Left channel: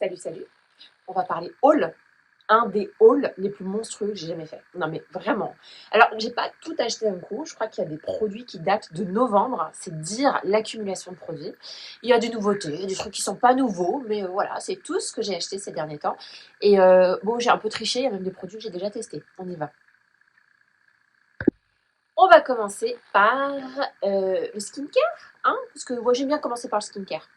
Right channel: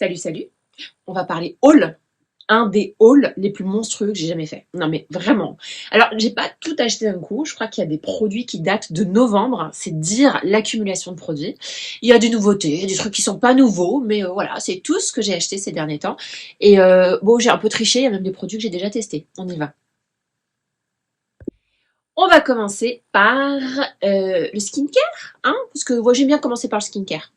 Salut, salut. On va parler haul. Un des hauls les plus monstrueux que j'ai jamais fait. Non mais vraiment. Alors, j'ai pas tout acheté d'un coup. Je crois qu'il y a des produits qui datent de novembre. C'est dire l'accumulation de produits. Il y a des nouveautés, des trucs qui sont pas nouveaux, mais voilà, c'est tout ce que j'ai acheté ces derniers temps. Et bon, j'ai un peu triché. Il y a même des produits que j'ai déjà testés. On y va. On va commencer par le skincare, hein, parce que moi j'aime bien commencer par le skincare.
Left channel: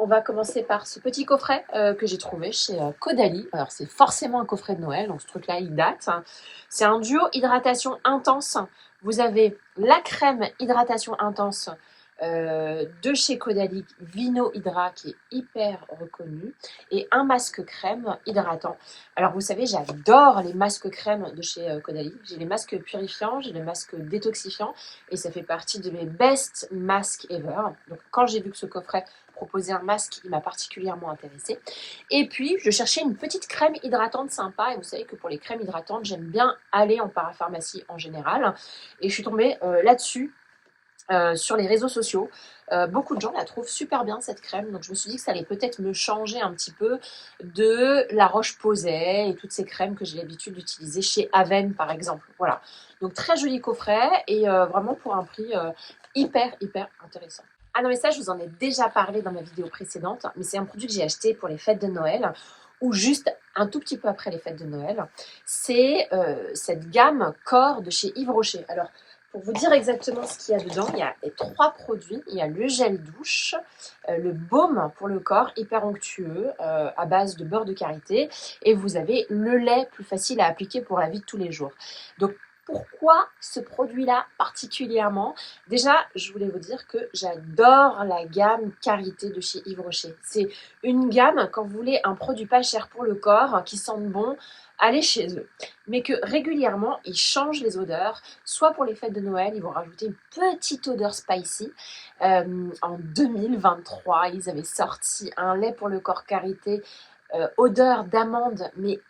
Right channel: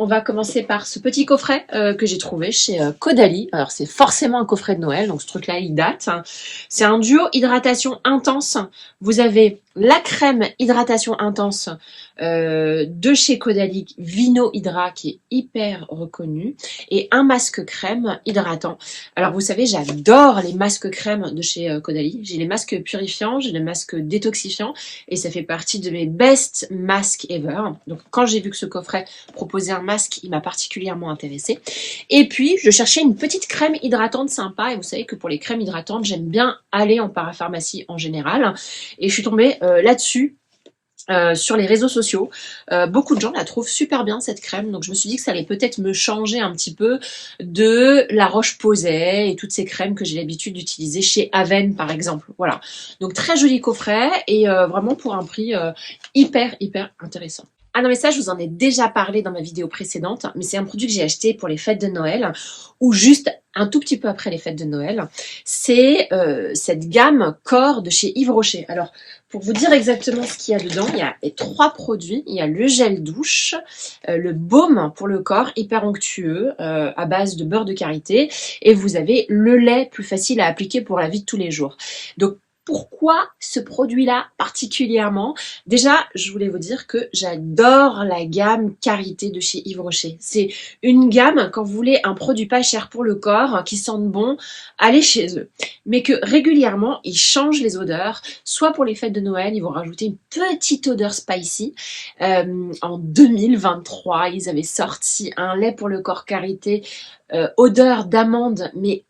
On va commencer par ce petit coffret que j'ai trouvé chez Caudalie. Alors c'est forcément un coffret de Noël, donc ce truc-là il date. C'est un duo hydratation intense. Vous avez la crème hydratation intense de chez Caudalie, Vino Hydra, qui est hyper reconnu, et un masque crème hydratant. Alors vous savez, j'adore les masques crème de chez Caudalie. J'ai les masques purifiants, j'ai les masques détoxifiants, et ça fait partie de mes best masks ever. Donc quand j'ai vu que ce coffret proposait un masque, il m'a particulièrement intéressée. Et puis je cherchais une petite crème hydratante sympa, et vous savez que pour les crèmes hydratantes, j'aime bien aller en parapharmacie en général. Et je suis tombée là-dessus. Sur les réseaux sociaux, beaucoup de gens la trouvent super bien cette crème, donc je me suis dit que ça allait peut-être me changer un petit peu de la Roche-Posay et toutes ces crèmes que j'ai l'habitude d'utiliser chez Aven par exemple. Voilà, donc très joli coffret et vraiment pour un prix hyper intéressant. Ah non mais ça je vous en ai déjà parlé dans ma vidéo précédente, mais c'est un produit que j'ai acheté pour les fêtes de Noël ou juste un tout petit peu après les fêtes de Noël. C'est cette gamme Corps de chez Yves Rocher. Alors pour vous dire exactement ce qu'il y a dedans, il y a 3 produits. Il y a le gel douche, le baume pour le corps, hyper onctueux, à base de beurre de karité. Et vous avez le lait plus facile à appliquer pour la vie de tous les jours. Donc, pourquoi ce produit-là particulièrement? Déjà, je voulais vous dire que j'adore la gamme Karité de chez Yves Rocher. C'est une gamme, quand vous voulez un produit pas cher pour le corps, qui sente bon, allez chez eux. Mais que régulièrement, ils changent les odeurs. Soit pour les fêtes de Noël, ils vont rajouter une petite odeur spicy. En 2023, ils avaient sorti un lait pour le corps Karité, odeur d'amande, mais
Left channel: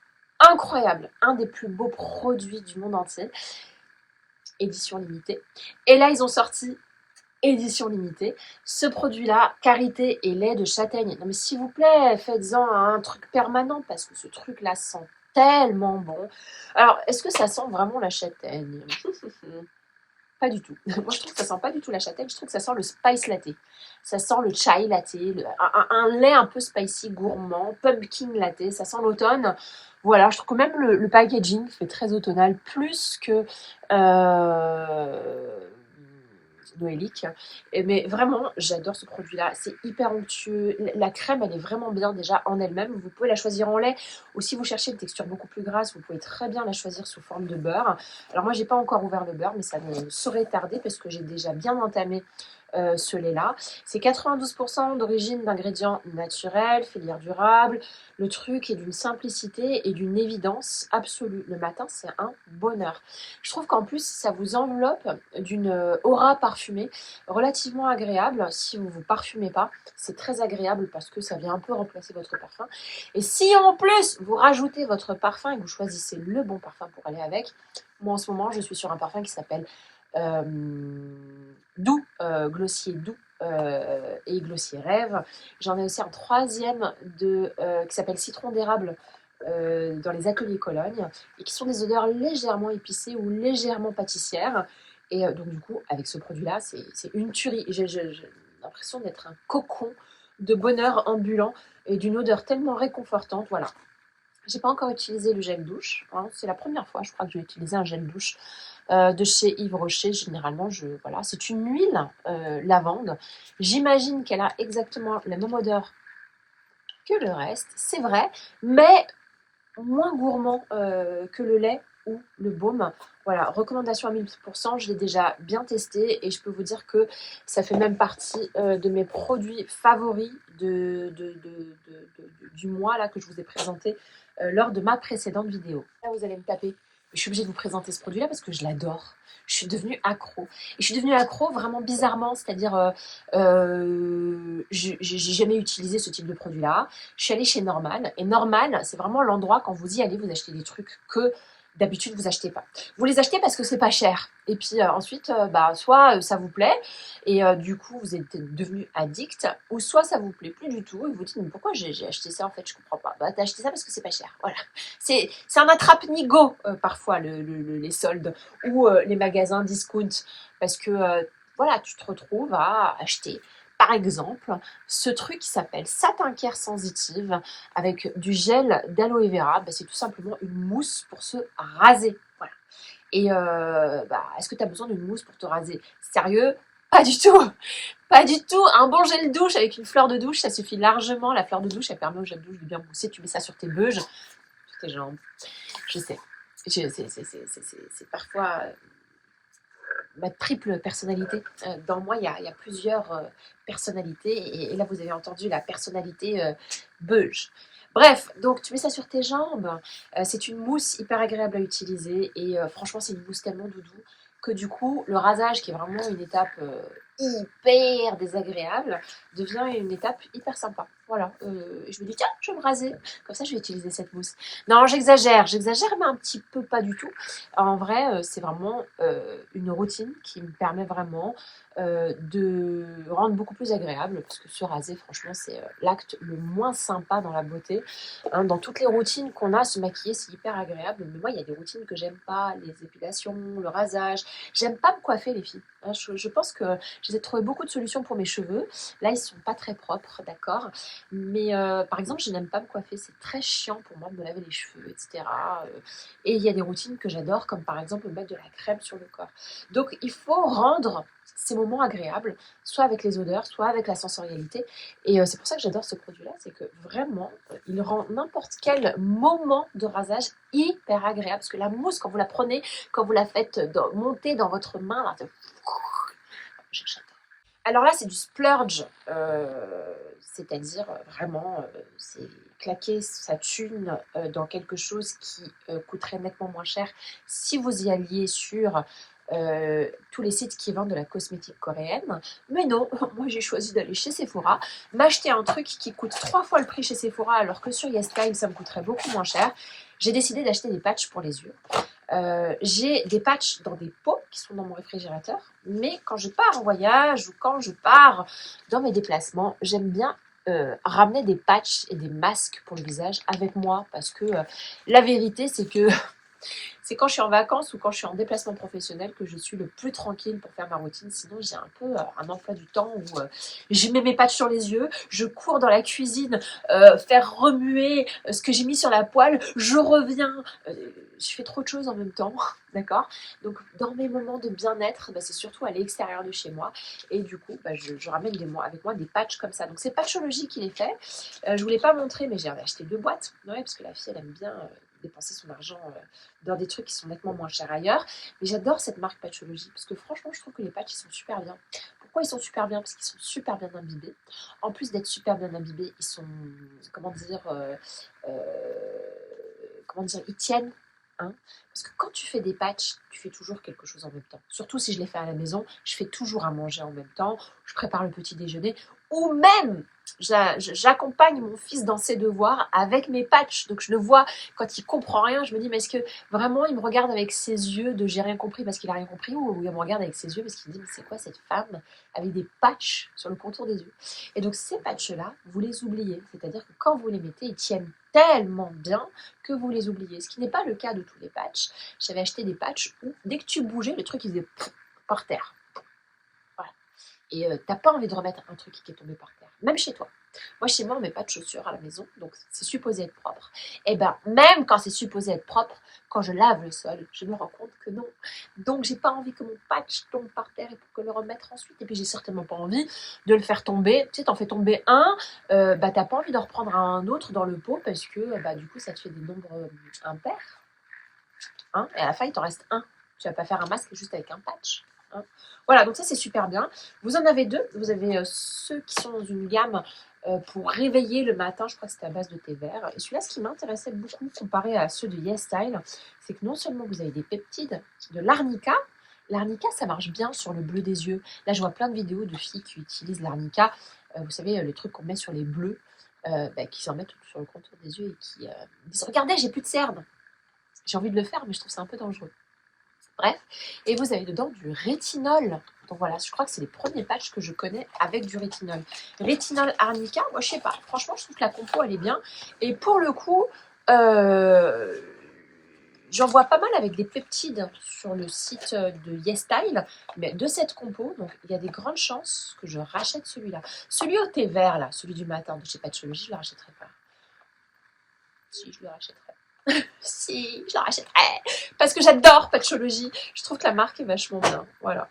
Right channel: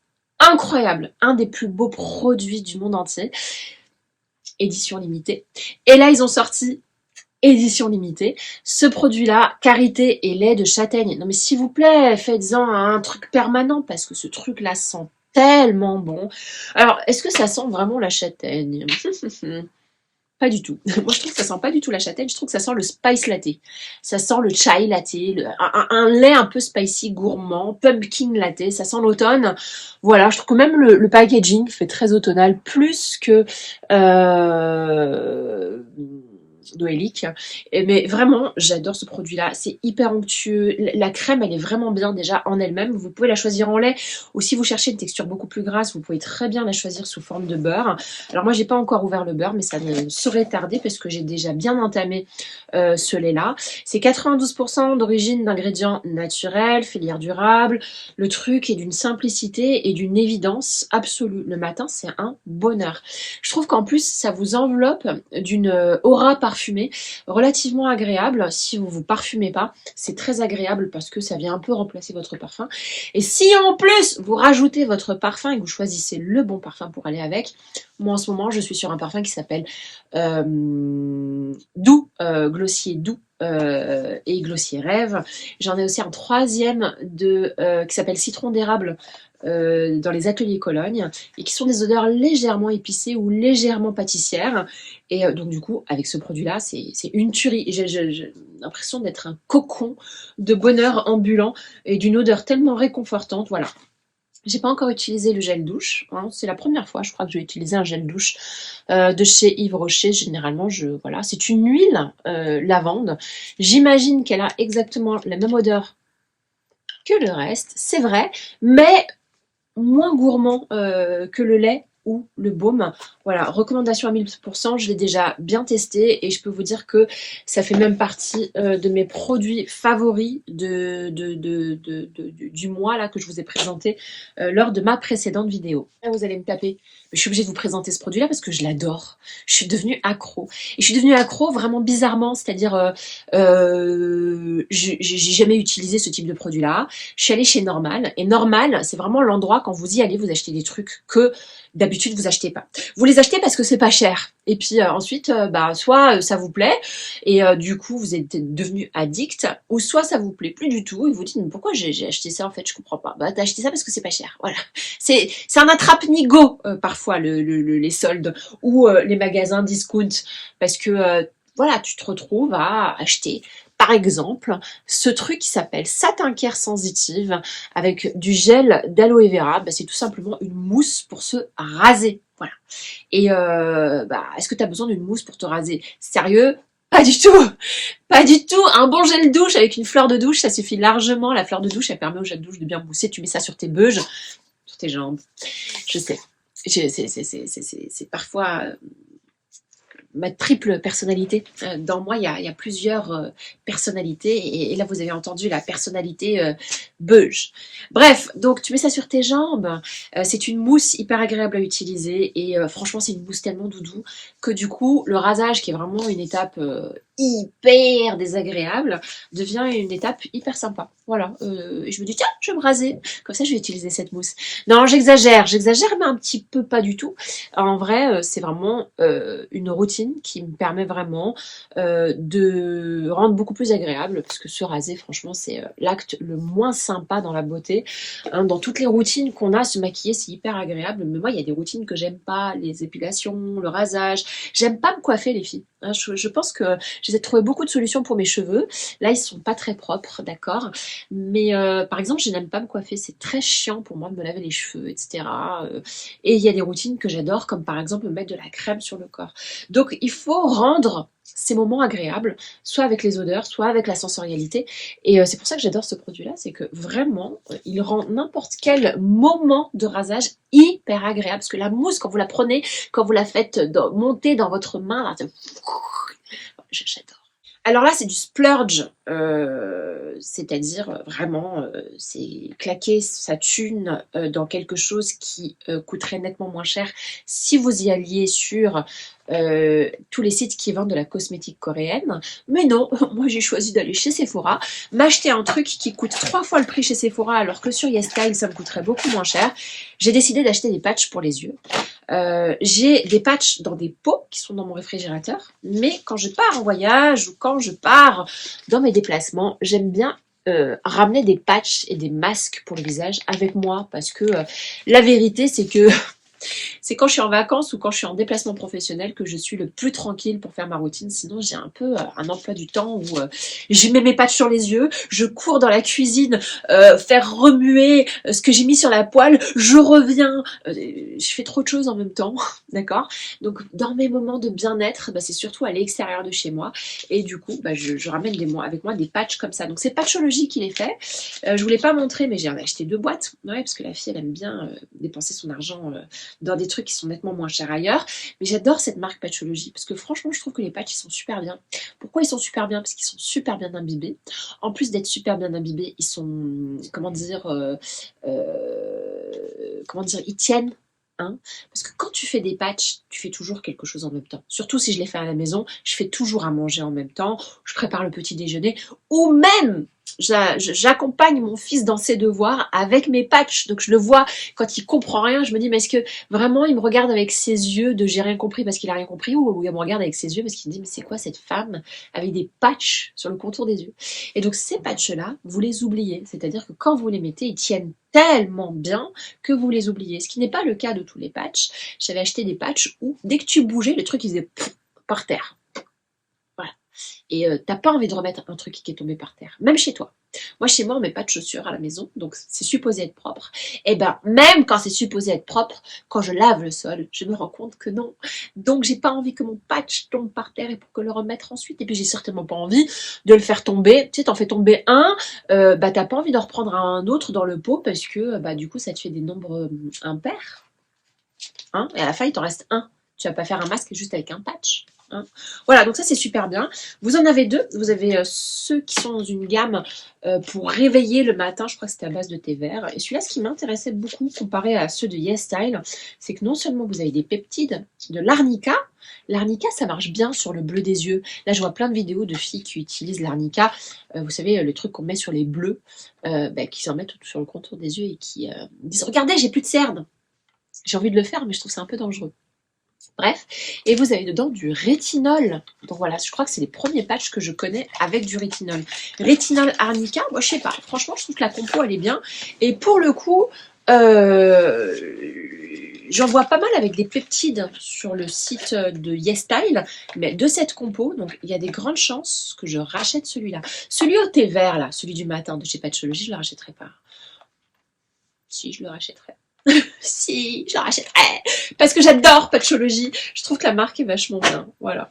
incroyable, un des plus beaux produits du monde entier, édition limitée. Et là, ils ont sorti édition limitée, ce produit-là, karité et lait de châtaigne. Non mais s'il vous plaît, faites-en un truc permanent, parce que ce truc-là sent tellement bon. Alors, est-ce que ça sent vraiment la châtaigne? Pas du tout. Moi, je trouve que ça sent pas du tout la châtaigne. Je trouve que ça sent le spice latte. Ça sent le chai latte, un lait un peu spicy, gourmand, pumpkin latte. Ça sent l'automne. Voilà, je trouve que même le packaging fait très automnal, plus que noélique. Mais vraiment, j'adore ce produit-là. C'est hyper onctueux. La crème, elle est vraiment bien déjà en elle-même. Vous pouvez la choisir en lait. Ou si vous cherchez une texture beaucoup plus grasse, vous pouvez très bien la choisir sous forme de beurre. Alors moi, j'ai pas encore ouvert le beurre, mais ça ne saurait tarder parce que j'ai déjà bien entamé ce lait-là. C'est 92% d'origine d'ingrédients naturels, filière durable. Le truc est d'une simplicité et d'une évidence absolue. Le matin, c'est un bonheur. Je trouve qu'en plus, ça vous enveloppe d'une aura parfumée relativement agréable. Si vous vous parfumez pas, c'est très agréable parce que ça vient un peu remplacer votre parfum. Et si en plus, vous rajoutez votre parfum et que vous choisissez le bon parfum pour aller avec, moi en ce moment, je suis sur un parfum qui s'appelle Doux, Glossier Doux. Et Glossier Rêve. J'en ai aussi un troisième qui s'appelle Citron d'érable dans les ateliers Cologne et qui sont des odeurs légèrement épicées ou légèrement pâtissières. Et donc du coup, avec ce produit-là, c'est une tuerie. J'ai l'impression d'être un cocon de bonheur ambulant et d'une odeur tellement réconfortante. Voilà. J'ai pas encore utilisé le gel douche, hein. C'est la première fois, je crois, que je vais utiliser un gel douche de chez Yves Rocher. Généralement, voilà, c'est une huile lavande. J'imagine qu'elle a exactement la même odeur que le reste, c'est vrai, mais moins gourmand que le lait ou le baume. Voilà, recommandation à 1000%, je l'ai déjà bien testé et je peux vous dire que ça fait même partie de mes produits favoris du mois là, que je vous ai présenté lors de ma précédente vidéo. Là, vous allez me taper. je suis obligée de vous présenter ce produit-là parce que je l'adore. Je suis devenue accro. Et je suis devenue accro vraiment bizarrement, c'est-à-dire, j'ai jamais utilisé ce type de produit-là. Je suis allée chez Normal, et Normal, c'est vraiment l'endroit quand vous y allez, vous achetez des trucs que d'habitude vous achetez pas. Vous les achetez parce que c'est pas cher. Et puis ensuite, bah, soit ça vous plaît, et du coup vous êtes devenu addict, ou soit ça vous plaît plus du tout, et vous dites, mais pourquoi j'ai acheté ça en fait, je comprends pas. Bah, t'as acheté ça parce que c'est pas cher, voilà. C'est un attrape-nigo, parfois, les soldes ou les magasins discount. Parce que, voilà, tu te retrouves à acheter, par exemple, ce truc qui s'appelle Satin Care Sensitive avec du gel d'aloe vera. Bah, c'est tout simplement une mousse pour se raser. Voilà. Et bah, est-ce que tu as besoin d'une mousse pour te raser? Sérieux? Pas du tout! Pas du tout! Un bon gel douche avec une fleur de douche, ça suffit largement. La fleur de douche, elle permet au gel douche de bien mousser. Tu mets ça sur tes beuges, sur tes jambes. Je sais. C'est parfois ma triple personnalité. Dans moi, il y a plusieurs personnalités. Et là, vous avez entendu la personnalité beuge. Bref, donc tu mets ça sur tes jambes. C'est une mousse hyper agréable à utiliser. Et franchement, c'est une mousse tellement doudou que du coup, le rasage, qui est vraiment une étape hyper désagréable, devient une étape hyper sympa. Voilà. Et je me dis, tiens, je vais me raser. Comme ça, je vais utiliser cette mousse. Non, j'exagère, mais un petit peu pas du tout. En vrai, c'est vraiment une routine qui me permet vraiment de rendre beaucoup plus agréable, parce que se raser, franchement, c'est l'acte le moins sympa dans la beauté. Hein, dans toutes les routines qu'on a, se maquiller, c'est hyper agréable, mais moi, il y a des routines que j'aime pas, les épilations, le rasage. J'aime pas me coiffer, les filles. Hein, je pense que j'essaie de trouver beaucoup de solutions pour mes cheveux. Là, ils sont pas très propres, d'accord, mais par exemple, je n'aime pas me coiffer, c'est très chiant pour moi de me laver les cheveux, etc. Et il y a des routines que j'adore, comme par exemple mettre de la crème sur le corps. Donc il faut rendre ces moments agréables, soit avec les odeurs, soit avec la sensorialité. Et c'est pour ça que j'adore ce produit-là, c'est que vraiment, il rend n'importe quel moment de rasage hyper agréable. Parce que la mousse, quand vous la prenez, quand vous la faites monter dans votre main, là, j'adore. Alors là, c'est du splurge, c'est-à-dire vraiment, c'est claquer sa thune dans quelque chose qui coûterait nettement moins cher si vous y alliez sur tous les sites qui vendent de la cosmétique coréenne. Mais non, moi j'ai choisi d'aller chez Sephora, m'acheter un truc qui coûte 3 fois le prix chez Sephora, alors que sur YesStyle, ça me coûterait beaucoup moins cher. J'ai décidé d'acheter des patchs pour les yeux. J'ai des patchs dans des pots qui sont dans mon réfrigérateur, mais quand je pars en voyage ou quand je pars dans mes déplacements, j'aime bien ramener des patchs et des masques pour le visage avec moi, parce que la vérité, c'est que c'est quand je suis en vacances ou quand je suis en déplacement professionnel que je suis le plus tranquille pour faire ma routine. Sinon, j'ai un peu un emploi du temps où je mets mes patchs sur les yeux, je cours dans la cuisine, faire remuer ce que j'ai mis sur la poêle, je reviens, je fais trop de choses en même temps, d'accord? Donc, dans mes moments de bien-être, bah, c'est surtout à l'extérieur de chez moi. Et du coup, bah, je ramène avec moi des patchs comme ça. Donc, c'est Patchology qui les fait. Je vous l'ai pas montré, mais j'ai acheté 2 boîtes. Ouais, parce que la fille, elle aime bien dépenser son argent dans des trucs qui sont nettement moins chers ailleurs. Mais j'adore cette marque Patchology parce que franchement, je trouve que les patchs, ils sont super bien. Pourquoi ils sont super bien? Parce qu'ils sont super bien imbibés. En plus d'être super bien imbibés, ils sont, comment dire, ils tiennent. Hein, parce que quand tu fais des patchs, tu fais toujours quelque chose en même temps. Surtout si je les fais à la maison, je fais toujours à manger en même temps, je prépare le petit déjeuner, ou même j'accompagne mon fils dans ses devoirs avec mes patchs. Donc je le vois quand il comprend rien, je me dis mais est-ce que vraiment il me regarde avec ses yeux de j'ai rien compris parce qu'il a rien compris, ou il me regarde avec ses yeux parce qu'il me dit mais c'est quoi cette femme avec des patchs sur le contour des yeux? Et donc ces patchs là, vous les oubliez, c'est-à-dire que quand vous les mettez, ils tiennent tellement bien que vous les oubliez, ce qui n'est pas le cas de tous les patchs. J'avais acheté des patchs où dès que tu bougeais, le truc il faisait par terre. Voilà. Et t'as pas envie de remettre un truc qui est tombé par terre, même chez toi. Moi, chez moi, on met pas de chaussures à la maison, donc c'est supposé être propre. Et ben, même quand c'est supposé être propre, quand je lave le sol, je me rends compte que non. Donc, j'ai pas envie que mon patch tombe par terre et pour que le remettre ensuite. Et puis, j'ai certainement pas envie de le faire tomber. Tu sais, t'en fais tomber un, bah t'as pas envie d'en reprendre un autre dans le pot parce que, bah du coup, ça te fait des nombres impairs. Hein, et à la fin, il t'en reste un. Tu vas pas faire un masque juste avec un patch. Hein. Voilà, donc ça c'est super bien. Vous en avez deux. Vous avez ceux qui sont dans une gamme pour réveiller le matin. Je crois que c'était à base de thé vert. Et celui-là, ce qui m'intéressait beaucoup comparé à ceux de YesStyle, c'est que non seulement vous avez des peptides, de l'arnica. L'arnica, ça marche bien sur le bleu des yeux. Là, je vois plein de vidéos de filles qui utilisent l'arnica. Vous savez, le truc qu'on met sur les bleus, qui s'en mettent sur le contour des yeux et qui disent « Regardez, j'ai plus de cernes !» J'ai envie de le faire, mais je trouve ça un peu dangereux. Bref, et vous avez dedans du rétinol. Donc voilà, je crois que c'est les premiers patchs que je connais avec du rétinol. Rétinol arnica, moi je sais pas, franchement je trouve que la compo elle est bien. Et pour le coup, j'en vois pas mal avec des peptides sur le site de YesStyle, mais de cette compo, donc il y a des grandes chances que je rachète celui-là. Celui au thé vert là, celui du matin de chez Patchology, je le rachèterai pas. Si, je le rachèterai. Si, je la rachèterai parce que j'adore Patchology. Je trouve que la marque est vachement bien. Voilà.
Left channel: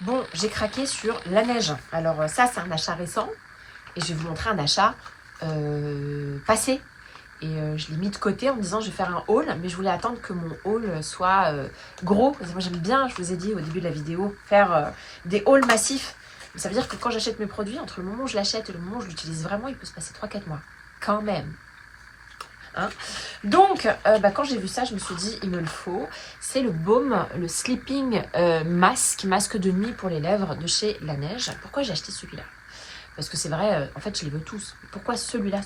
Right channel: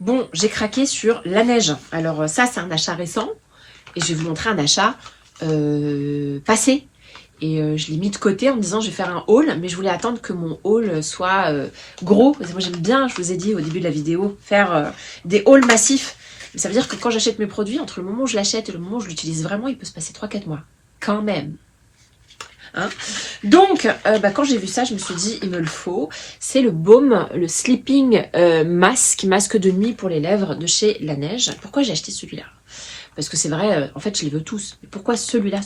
Bon, j'ai craqué sur la neige. Alors ça, c'est un achat récent. Et je vais vous montrer un achat passé. Et je l'ai mis de côté en me disant je vais faire un haul. Mais je voulais attendre que mon haul soit gros. Parce que moi, j'aime bien, je vous ai dit au début de la vidéo, faire des hauls massifs. Mais ça veut dire que quand j'achète mes produits, entre le moment où je l'achète et le moment où je l'utilise vraiment, il peut se passer 3-4 mois. Quand même. Hein. Donc, quand j'ai vu ça, je me suis dit, il me le faut. C'est le baume, le Sleeping masque de nuit pour les lèvres de chez La Neige. Pourquoi j'ai acheté celui-là? Parce que c'est vrai, en fait, je les veux tous. Mais pourquoi celui-là?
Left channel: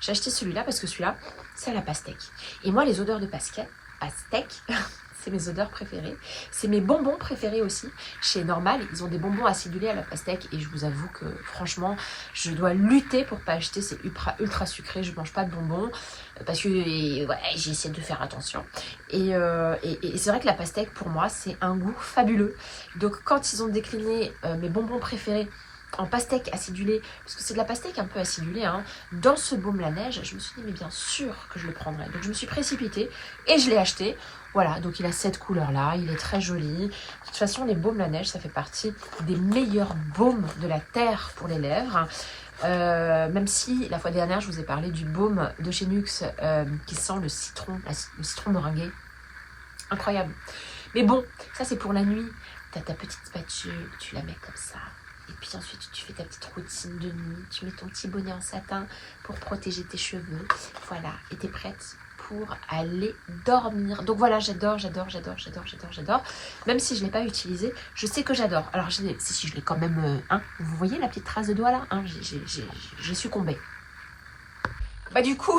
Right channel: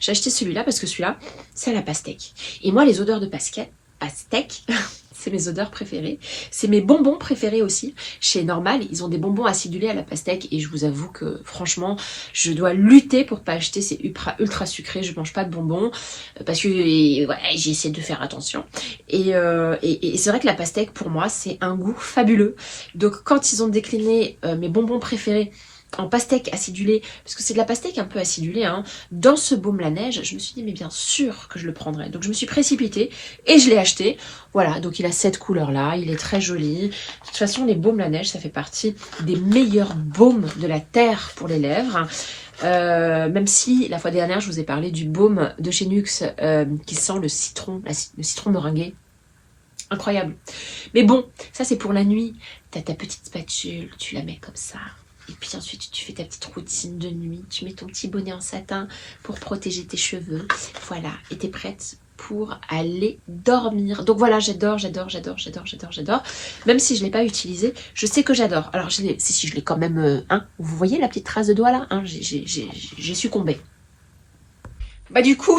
J'ai acheté celui-là parce que celui-là, c'est à la pastèque. Et moi, les odeurs de pastèque, c'est mes odeurs préférées. C'est mes bonbons préférés aussi. Chez Normal, ils ont des bonbons acidulés à la pastèque. Et je vous avoue que, franchement, je dois lutter pour pas acheter ces ultra sucrés. Je mange pas de bonbons parce que ouais, j'essaie de faire attention. Et c'est vrai que la pastèque, pour moi, c'est un goût fabuleux. Donc, quand ils ont décliné mes bonbons préférés en pastèque acidulée, parce que c'est de la pastèque un peu acidulée, hein, dans ce baume la neige, je me suis dit mais bien sûr que je le prendrais. Donc je me suis précipitée et je l'ai acheté. Voilà, donc il a cette couleur là, il est très joli. De toute façon, les baumes la neige, ça fait partie des meilleurs baumes de la terre pour les lèvres. Même si la fois dernière je vous ai parlé du baume de chez Nuxe qui sent le citron meringué. Incroyable. Mais bon, ça c'est pour la nuit. T'as ta petite spatule, tu la mets comme ça. Et puis ensuite, tu fais ta petite routine de nuit. Tu mets ton petit bonnet en satin pour protéger tes cheveux. Voilà, et t'es prête pour aller dormir. Donc voilà, j'adore. Même si je ne l'ai pas utilisé, je sais que j'adore. Alors, si je l'ai quand même... vous voyez la petite trace de doigt là, j'ai succombé. Bah du coup...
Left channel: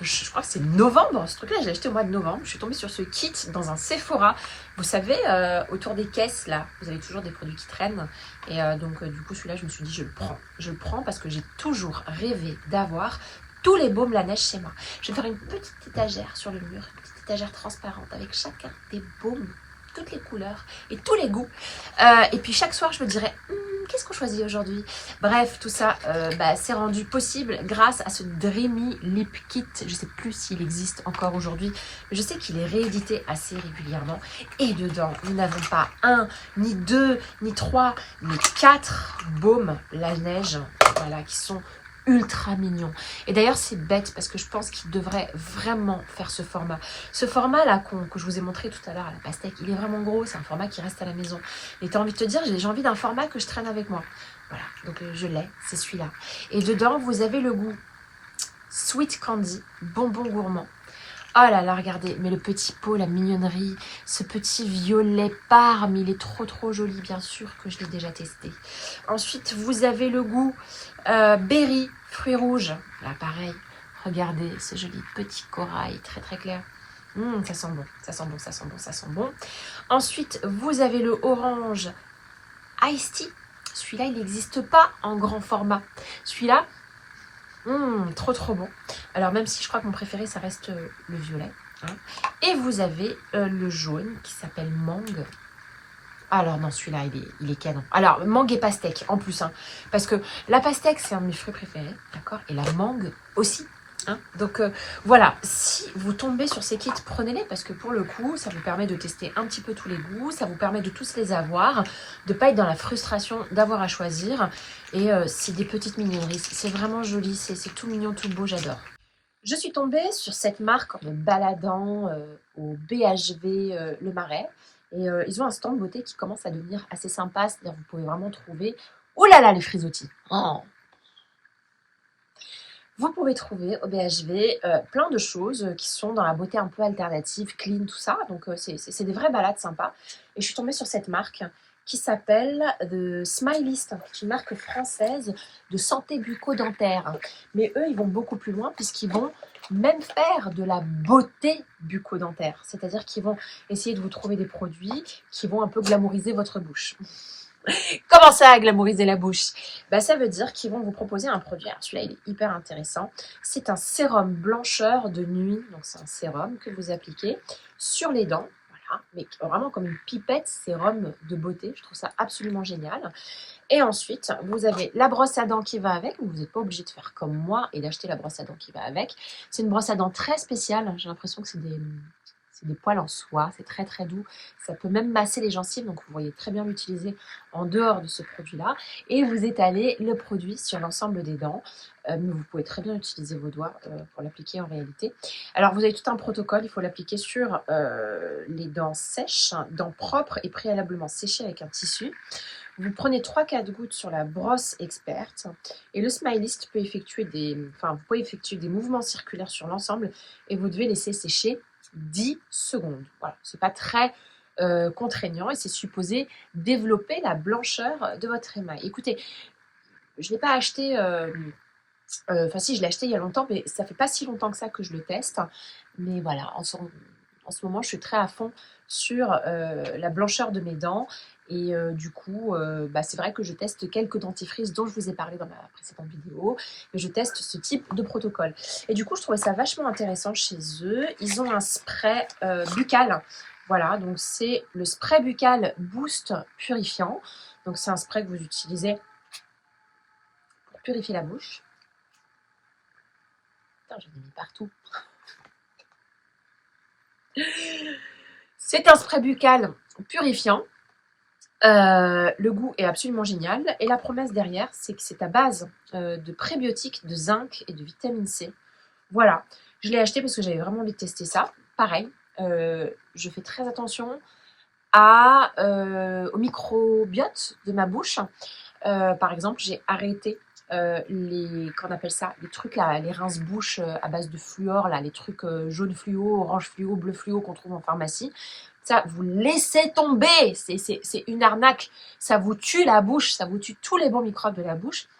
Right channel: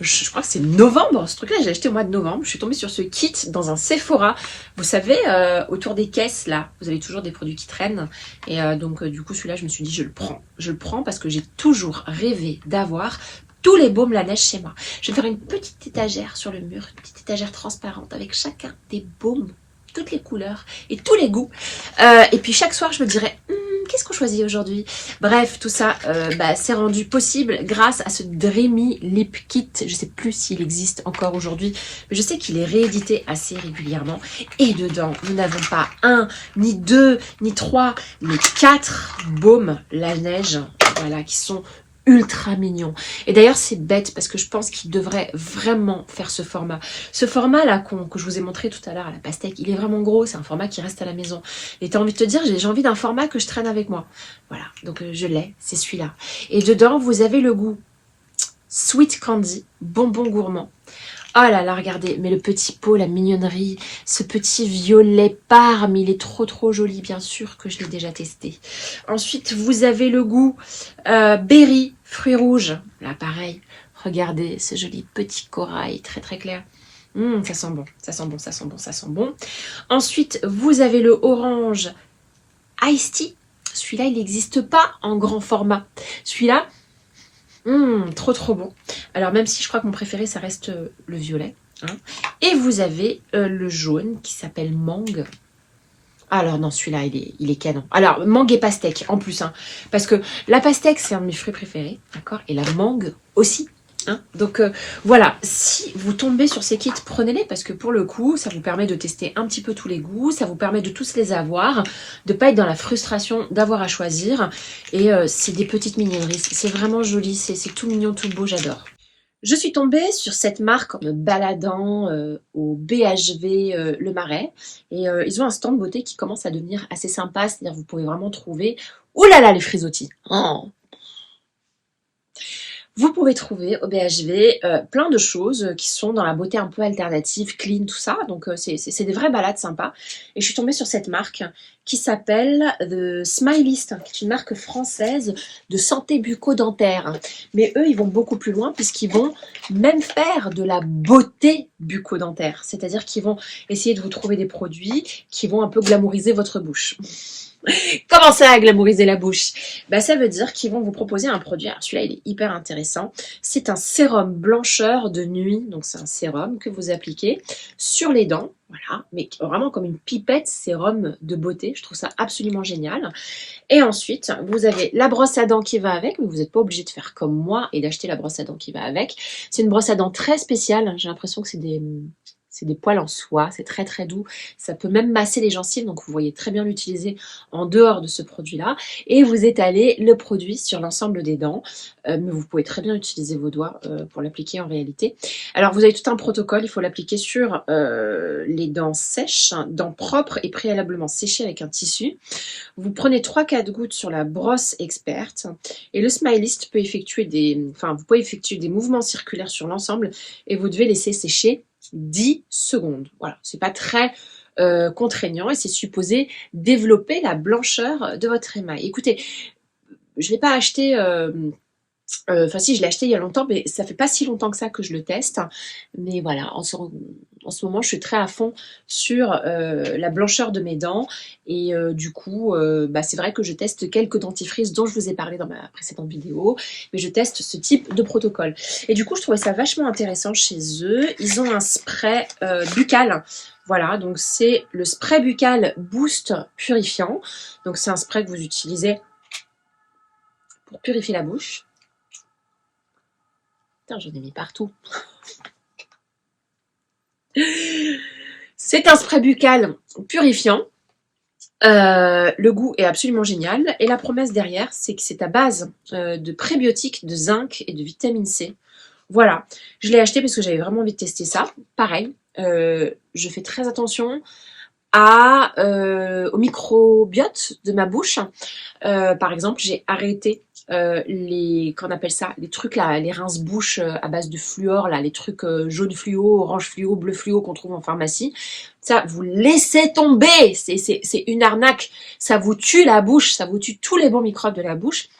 Je crois que c'est novembre, ce truc là j'ai acheté au mois de novembre. Je suis tombée sur ce kit dans un Sephora. Vous savez, autour des caisses là, vous avez toujours des produits qui traînent. Et donc du coup celui-là je me suis dit je le prends parce que j'ai toujours rêvé d'avoir tous les baumes la neige chez moi. Je vais faire une petite étagère sur le mur, une petite étagère transparente avec chacun des baumes, toutes les couleurs et tous les goûts. Et puis chaque soir je me dirais qu'est-ce qu'on choisit aujourd'hui? Bref, tout ça, c'est rendu possible grâce à ce Dreamy Lip Kit. Je ne sais plus s'il existe encore aujourd'hui, mais je sais qu'il est réédité assez régulièrement. Et dedans, nous n'avons pas 1, ni 2, ni 3, mais 4 baumes la neige, voilà, qui sont ultra mignon. Et d'ailleurs c'est bête parce que je pense qu'il devrait vraiment faire ce format. Ce format là que je vous ai montré tout à l'heure à la pastèque, il est vraiment gros, c'est un format qui reste à la maison. Et tu as envie de te dire j'ai envie d'un format que je traîne avec moi. Voilà, donc je l'ai, c'est celui-là. Et dedans vous avez le goût Sweet Candy, bonbon gourmand. Oh là là, regardez, mais le petit pot, la mignonnerie, ce petit violet parme, il est trop joli, bien sûr que je l'ai déjà testé. Ensuite, vous avez le goût berry, fruits rouges. Là, pareil, regardez ce joli petit corail très clair. Ça sent bon, ça sent bon. Ensuite, vous avez le orange iced tea. Celui-là, il n'existe pas en grand format. Celui-là, trop bon. Alors même si je crois que mon préféré ça reste le violet. Hein. Et vous avez le jaune qui s'appelle mangue. Alors non, celui-là il est canon. Alors mangue et pastèque en plus. Hein, parce que la pastèque c'est un de mes fruits préférés. D'accord. Et la mangue aussi. Hein. Donc voilà, si vous tombez sur ces kits, prenez-les parce que pour le coup, ça vous permet de tester un petit peu tous les goûts, ça vous permet de tous les avoir, de pas être dans la frustration d'avoir à choisir. Et c'est des petites mignonneries, c'est vraiment joli, c'est tout mignon, tout beau, j'adore. Je suis tombée sur cette marque en me baladant au BHV Le Marais. Et ils ont un stand beauté qui commence à devenir assez sympa. C'est-à-dire vous pouvez vraiment trouver... Oh là là, les frisottis. Oh. Vous pouvez trouver au BHV plein de choses qui sont dans la beauté un peu alternative, clean, tout ça. Donc c'est des vraies balades sympas. Et je suis tombée sur cette marque qui s'appelle The Smilist, qui est une marque française de santé bucco-dentaire. Mais eux, ils vont beaucoup plus loin puisqu'ils vont même faire de la beauté bucco-dentaire. C'est-à-dire qu'ils vont essayer de vous trouver des produits qui vont un peu glamouriser votre bouche. Comment ça, glamouriser la bouche? Bah, ça veut dire qu'ils vont vous proposer un produit. Alors celui-là, il est hyper intéressant. C'est un sérum blancheur de nuit. Donc c'est un sérum que vous appliquez sur les dents. Voilà, mais vraiment comme une pipette sérum de beauté. Je trouve ça absolument génial. Et ensuite, vous avez la brosse à dents qui va avec, mais vous n'êtes pas obligé de faire comme moi et d'acheter la brosse à dents qui va avec. C'est une brosse à dents très spéciale. J'ai l'impression que c'est des poils en soie, c'est très très doux. Ça peut même masser les gencives, donc vous voyez très bien l'utiliser en dehors de ce produit-là. Et vous étalez le produit sur l'ensemble des dents. Mais vous pouvez très bien utiliser vos doigts pour l'appliquer en réalité. Alors vous avez tout un protocole, il faut l'appliquer sur les dents sèches, dents propres et préalablement séchées avec un tissu. Vous prenez 3-4 gouttes sur la brosse experte et le Smilist peut effectuer vous pouvez effectuer des mouvements circulaires sur l'ensemble et vous devez laisser sécher 10 secondes. Voilà, c'est pas très contraignant et c'est supposé développer la blancheur de votre émail. Écoutez, je ne l'ai pas acheté... Enfin si, je l'ai acheté il y a longtemps, mais ça fait pas si longtemps que ça que je le teste. Mais voilà, en ce moment, je suis très à fond sur la blancheur de mes dents. Et du coup, c'est vrai que je teste quelques dentifrices dont je vous ai parlé dans ma précédente vidéo. Mais je teste ce type de protocole. Et du coup, je trouvais ça vachement intéressant chez eux. Ils ont un spray buccal. Voilà, donc c'est le spray buccal Boost Purifiant. Donc c'est un spray que vous utilisez pour purifier la bouche. Putain, j'en ai mis partout. C'est un spray buccal purifiant. Le goût est absolument génial. Et la promesse derrière, c'est que c'est à base de prébiotiques, de zinc et de vitamine C. Voilà, je l'ai acheté parce que j'avais vraiment envie de tester ça. Pareil, je fais très attention au microbiote de ma bouche. Par exemple, j'ai arrêté qu'on appelle ça, les trucs là, les rince-bouche à base de fluor, là, les trucs jaune fluo, orange fluo, bleu fluo qu'on trouve en pharmacie. Ça, vous laissez tomber, c'est une arnaque. Ça vous tue la bouche, ça vous tue tous les bons microbes de la bouche.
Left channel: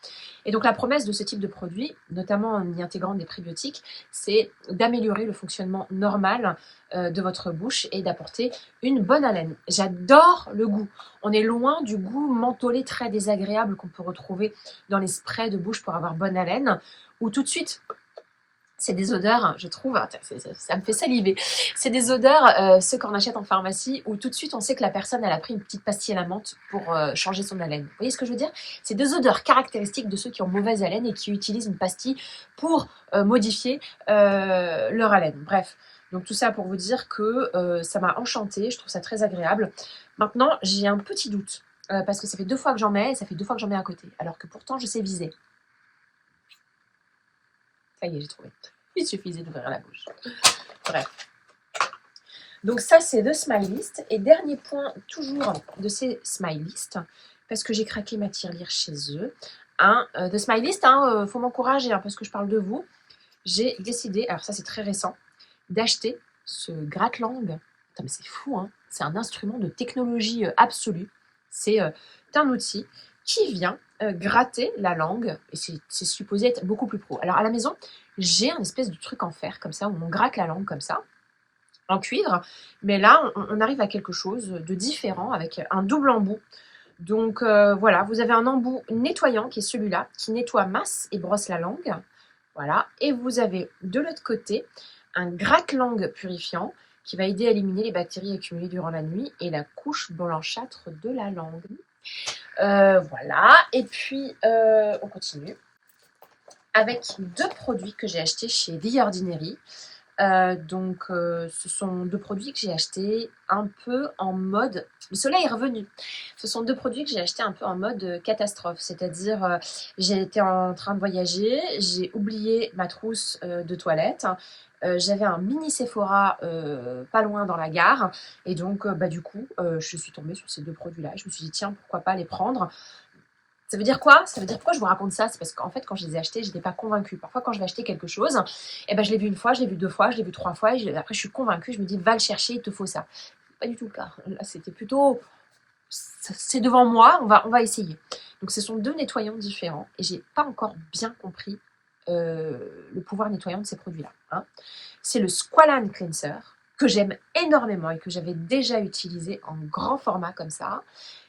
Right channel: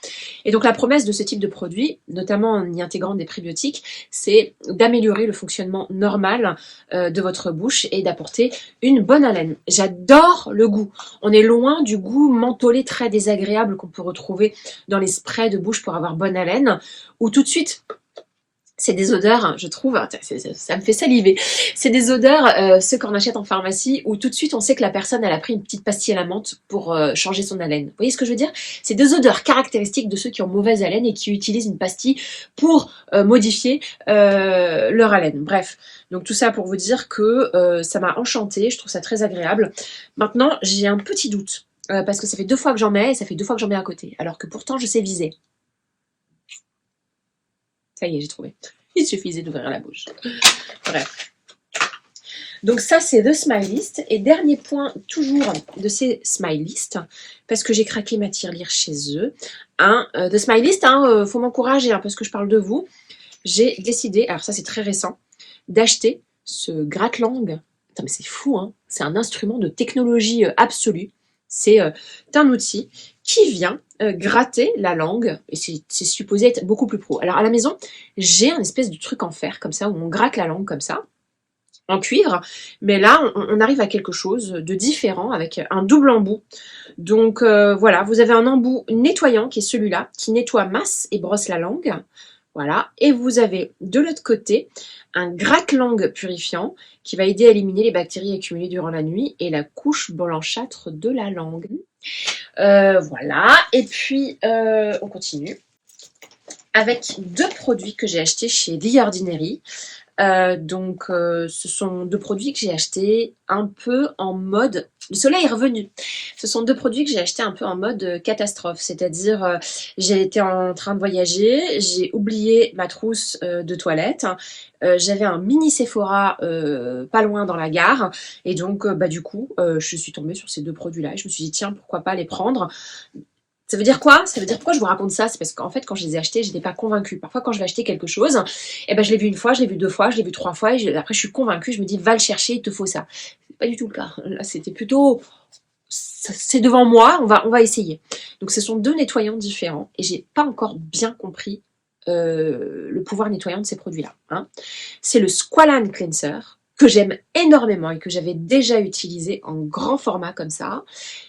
Et donc la promesse de ce type de produit, notamment en y intégrant des prébiotiques, c'est d'améliorer le fonctionnement normal de votre bouche et d'apporter une bonne haleine. J'adore le goût. On est loin du goût mentholé très désagréable qu'on peut retrouver dans les sprays de bouche pour avoir bonne haleine, où tout de suite... C'est des odeurs, je trouve, ça me fait saliver. C'est des odeurs, ceux qu'on achète en pharmacie, où tout de suite on sait que la personne elle a pris une petite pastille à la menthe pour changer son haleine. Vous voyez ce que je veux dire? C'est des odeurs caractéristiques de ceux qui ont mauvaise haleine et qui utilisent une pastille pour modifier leur haleine. Bref, donc tout ça pour vous dire que ça m'a enchantée, je trouve ça très agréable. Maintenant, j'ai un petit doute, parce que ça fait 2 fois que j'en mets et ça fait 2 fois que j'en mets à côté, alors que pourtant je sais viser. Ça y est, j'ai trouvé. Il suffisait d'ouvrir la bouche. Bref. Donc ça, c'est The Smilist. Et dernier point, toujours de ces Smilist, parce que j'ai craqué ma tirelire chez eux. The Smilist, faut m'encourager, parce que je parle de vous. J'ai décidé, alors ça c'est très récent, d'acheter ce gratte-langue. Putain, mais c'est fou, hein. C'est un instrument de technologie absolue. C'est un outil qui vient gratter la langue, et c'est supposé être beaucoup plus pro. Alors à la maison, j'ai un espèce de truc en fer, comme ça, où on gratte la langue comme ça, en cuivre, mais là, on arrive à quelque chose de différent, avec un double embout. Donc voilà, vous avez un embout nettoyant, qui est celui-là, qui nettoie, masse et brosse la langue. Voilà, et vous avez de l'autre côté un gratte-langue purifiant qui va aider à éliminer les bactéries accumulées durant la nuit et la couche blanchâtre de la langue. Voilà, et puis on continue avec 2 produits que j'ai achetés chez The Ordinary. Ce sont deux produits que j'ai achetés un peu en mode... Le soleil est revenu. Ce sont deux produits que j'ai achetés un peu en mode catastrophe. C'est-à-dire, j'ai été en train de voyager, j'ai oublié ma trousse de toilette. J'avais un mini Sephora pas loin dans la gare. Et donc, du coup, je suis tombée sur ces deux produits-là. Et je me suis dit, tiens, pourquoi pas les prendre. Ça veut dire quoi? Ça veut dire pourquoi je vous raconte ça? C'est parce qu'en fait, quand je les ai achetés, j'étais pas convaincue. Parfois, quand je vais acheter quelque chose, je l'ai vu une fois, je l'ai vu deux fois, je l'ai vu trois fois, et après, je suis convaincue, je me dis, va le chercher, il te faut ça. C'est pas du tout le cas. Là, c'était plutôt, c'est devant moi, on va essayer. Donc, ce sont deux nettoyants différents, et j'ai pas encore bien compris le pouvoir nettoyant de ces produits-là. Hein. C'est le Squalane Cleanser, que j'aime énormément et que j'avais déjà utilisé en grand format comme ça.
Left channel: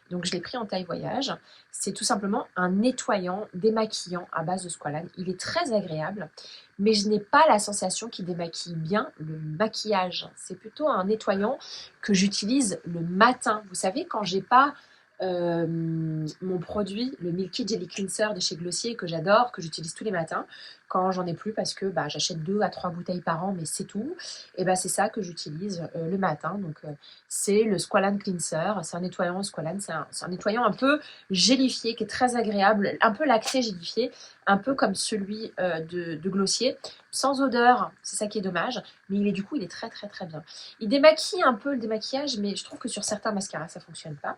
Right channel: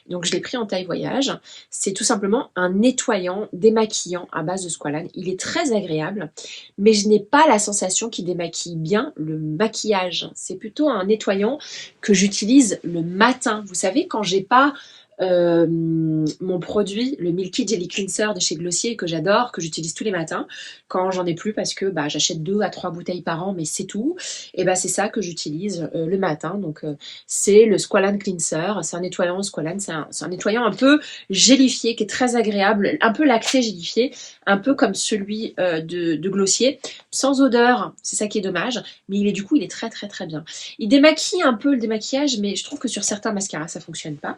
Donc je l'ai pris en taille voyage. C'est tout simplement un nettoyant démaquillant à base de squalane. Il est très agréable, mais je n'ai pas la sensation qu'il démaquille bien le maquillage. C'est plutôt un nettoyant que j'utilise le matin. Vous savez, quand j'ai pas mon produit, le Milky Jelly Cleanser de chez Glossier que j'adore, que j'utilise tous les matins, quand j'en ai plus parce que j'achète 2 à 3 bouteilles par an, mais c'est tout, et c'est ça que j'utilise le matin. Donc c'est le Squalane Cleanser, c'est un nettoyant Squalane, c'est un nettoyant un peu gélifié qui est très agréable, un peu lacté gélifié, un peu comme celui de Glossier, sans odeur, c'est ça qui est dommage, mais il est très très très bien. Il démaquille un peu le démaquillage, mais je trouve que sur certains mascaras ça fonctionne pas.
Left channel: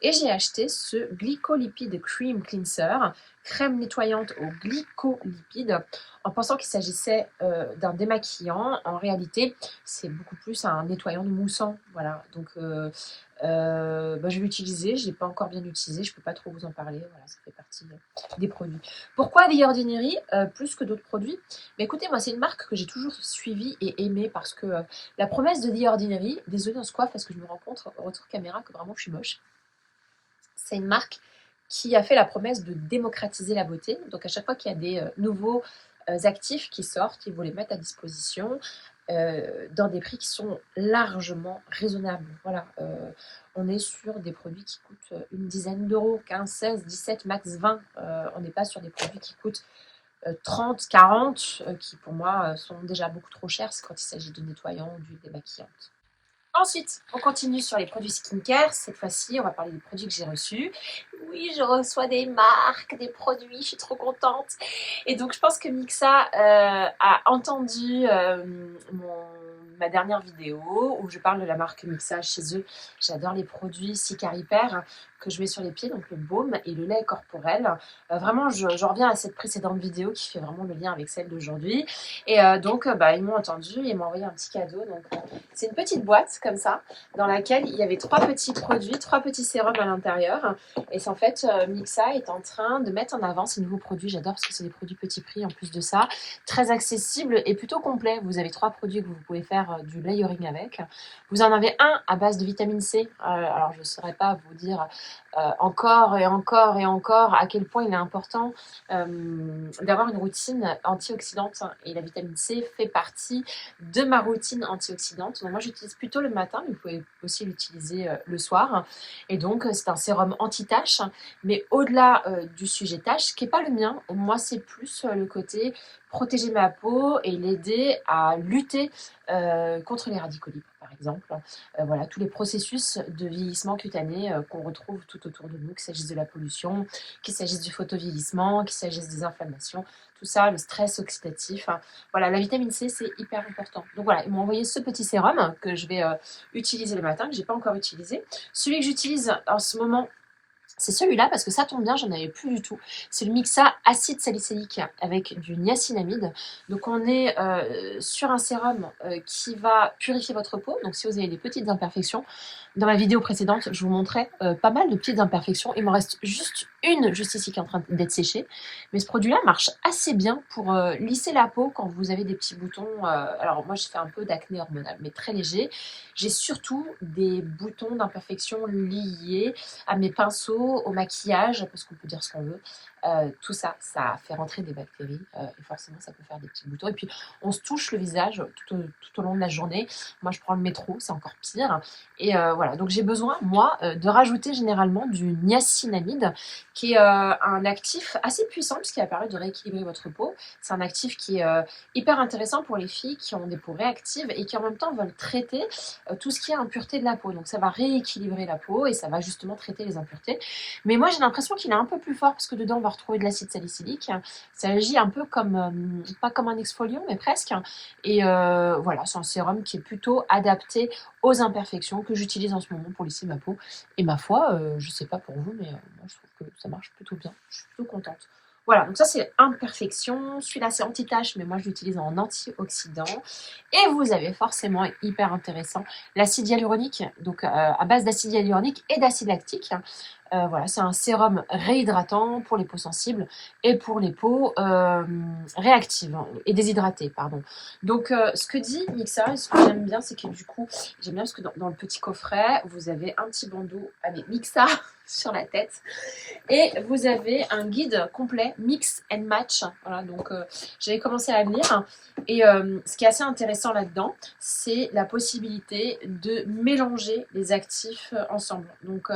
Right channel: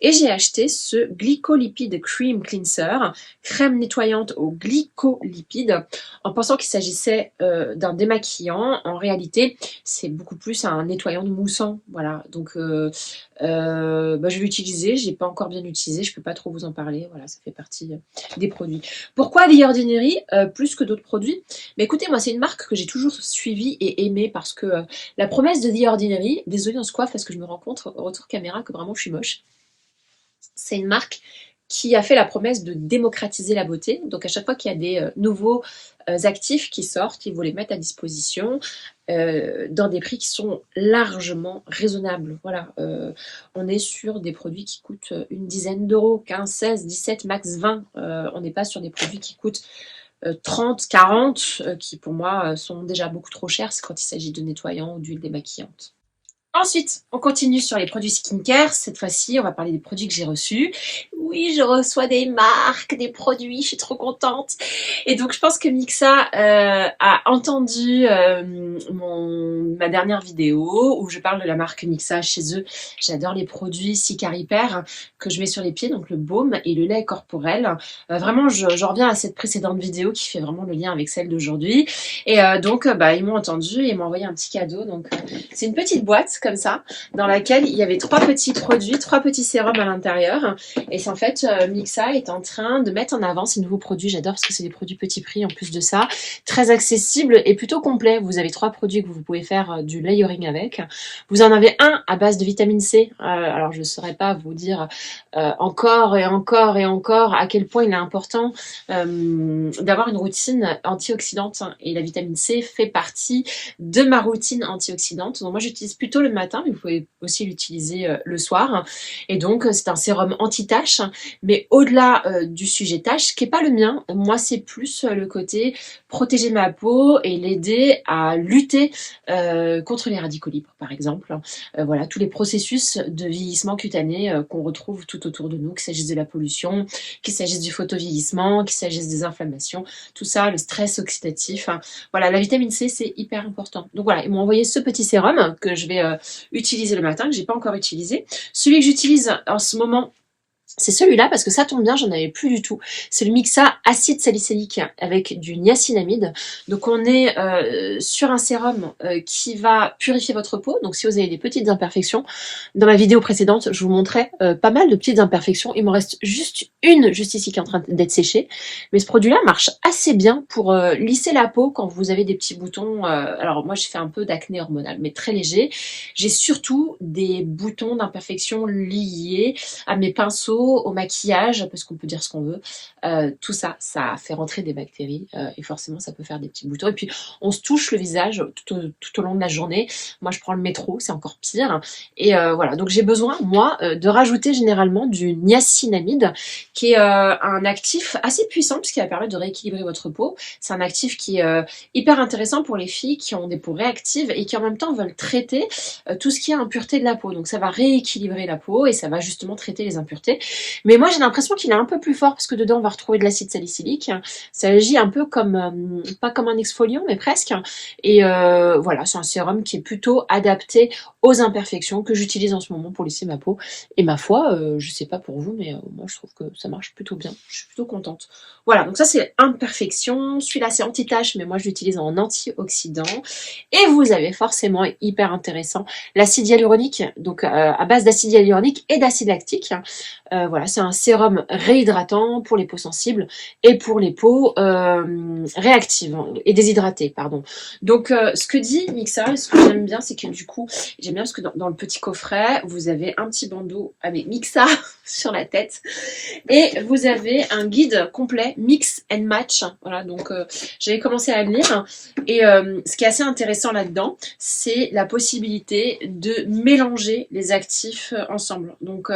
Et j'ai acheté ce Glycolipide Cream Cleanser, crème nettoyante au glycolipide, en pensant qu'il s'agissait d'un démaquillant. En réalité, c'est beaucoup plus un nettoyant de moussant. Voilà, donc je vais l'utiliser. Je ne l'ai pas encore bien utilisé, je ne peux pas trop vous en parler. Voilà, ça fait partie des produits. Pourquoi The Ordinary plus que d'autres produits? Mais écoutez, moi, c'est une marque que j'ai toujours suivie et aimée parce que la promesse de The Ordinary, désolée, on se coiffe parce que je me rends compte au retour caméra que vraiment je suis moche. C'est une marque qui a fait la promesse de démocratiser la beauté. Donc à chaque fois qu'il y a des nouveaux actifs qui sortent, ils vont les mettre à disposition dans des prix qui sont largement raisonnables. Voilà, on est sur des produits qui coûtent une dizaine d'euros, 15, 16, 17, max 20. On n'est pas sur des produits qui coûtent 30, 40, qui pour moi sont déjà beaucoup trop chers. C'est quand il s'agit de nettoyants ou d'huile démaquillante. Ensuite, on continue sur les produits skincare. Cette fois-ci, on va parler des produits que j'ai reçus. Oui, je reçois des marques, des produits, je suis trop contente. Et donc, je pense que Mixa a entendu ma dernière vidéo où je parle de la marque Mixa chez eux. J'adore les produits Cicarepair que je mets sur les pieds, donc le baume et le lait corporel. Vraiment, je reviens à cette précédente vidéo qui fait vraiment le lien avec celle d'aujourd'hui. Et ils m'ont entendu et m'ont envoyé un petit cadeau. Donc, c'est une petite boîte comme ça, dans laquelle il y avait 3 petits produits, 3 petits sérums à l'intérieur. Et c'est en fait, Mixa est en train de mettre en avant ces nouveaux produits. J'adore parce que c'est des produits petit prix en plus de ça. Très accessibles et plutôt complets. Vous avez 3 produits que vous pouvez faire du layering avec. Vous en avez un à base de vitamine C. Alors, je ne saurais pas vous dire encore et encore et encore à quel point il est important d'avoir une routine antioxydante. Et la vitamine C fait partie de ma routine antioxydante. Donc moi j'utilise plutôt le matin, mais vous pouvez aussi l'utiliser le soir. Et donc c'est un sérum anti-taches, mais au-delà du sujet taches, qui n'est pas le mien. Moi c'est plus le côté protéger ma peau et l'aider à lutter contre les radicaux libres, par exemple. Voilà, tous les processus de vieillissement cutané qu'on retrouve tout autour de nous, qu'il s'agisse de la pollution, qu'il s'agisse du photovieillissement, qu'il s'agisse des inflammations, tout ça, le stress oxydatif. Voilà, la vitamine C, c'est hyper important. Donc voilà, ils m'ont envoyé ce petit sérum que je vais utiliser le matin, que j'ai pas encore utilisé. Celui que j'utilise en ce moment, c'est celui-là parce que ça tombe bien, j'en avais plus du tout. C'est le Mixa acide salicylique avec du niacinamide. Donc on est sur un sérum qui va purifier votre peau. Donc si vous avez des petites imperfections, dans la vidéo précédente, je vous montrais pas mal de petites imperfections. Il m'en reste juste une juste ici qui est en train d'être séchée. Mais ce produit-là marche assez bien pour lisser la peau quand vous avez des petits boutons. Alors moi, je fais un peu d'acné hormonal, mais très léger. J'ai surtout des boutons d'imperfection liés à mes pinceaux peau, au maquillage, parce qu'on peut dire ce qu'on veut, tout ça, ça fait rentrer des bactéries et forcément ça peut faire des petits boutons. Et puis on se touche le visage tout au long de la journée. Moi je prends le métro, c'est encore pire. Et voilà, donc j'ai besoin, moi, de rajouter généralement du niacinamide, qui est un actif assez puissant, puisqu'il va permettre de rééquilibrer votre peau. C'est un actif qui est hyper intéressant pour les filles qui ont des peaux réactives et qui en même temps veulent traiter tout ce qui est impureté de la peau. Donc ça va rééquilibrer la peau et ça va justement traiter les impuretés. Mais moi j'ai l'impression qu'il est un peu plus fort, parce que dedans on va retrouver de l'acide salicylique. Ça agit un peu comme, pas comme un exfoliant, mais presque. Et voilà, c'est un sérum qui est plutôt adapté aux imperfections, que j'utilise en ce moment pour lisser ma peau. Et ma foi, je sais pas pour vous, mais moi je trouve que ça marche plutôt bien. Je suis plutôt contente. Voilà, donc ça c'est imperfection. Celui-là c'est anti-tache, mais moi je l'utilise en antioxydant. Et vous avez forcément, hyper intéressant, l'acide hyaluronique, donc à base d'acide hyaluronique et d'acide lactique. Voilà, c'est un sérum réhydratant pour les peaux sensibles et pour les peaux réactives et déshydratées, pardon. Donc ce que dit Mixa, ce que j'aime bien, c'est que du coup, j'aime bien parce que dans le petit coffret, vous avez un petit bandeau avec Mixa sur la tête et vous avez un guide complet mix and match. Voilà, donc j'avais commencé à le lire et ce qui est assez intéressant là-dedans, c'est la possibilité de mélanger les actifs ensemble. Donc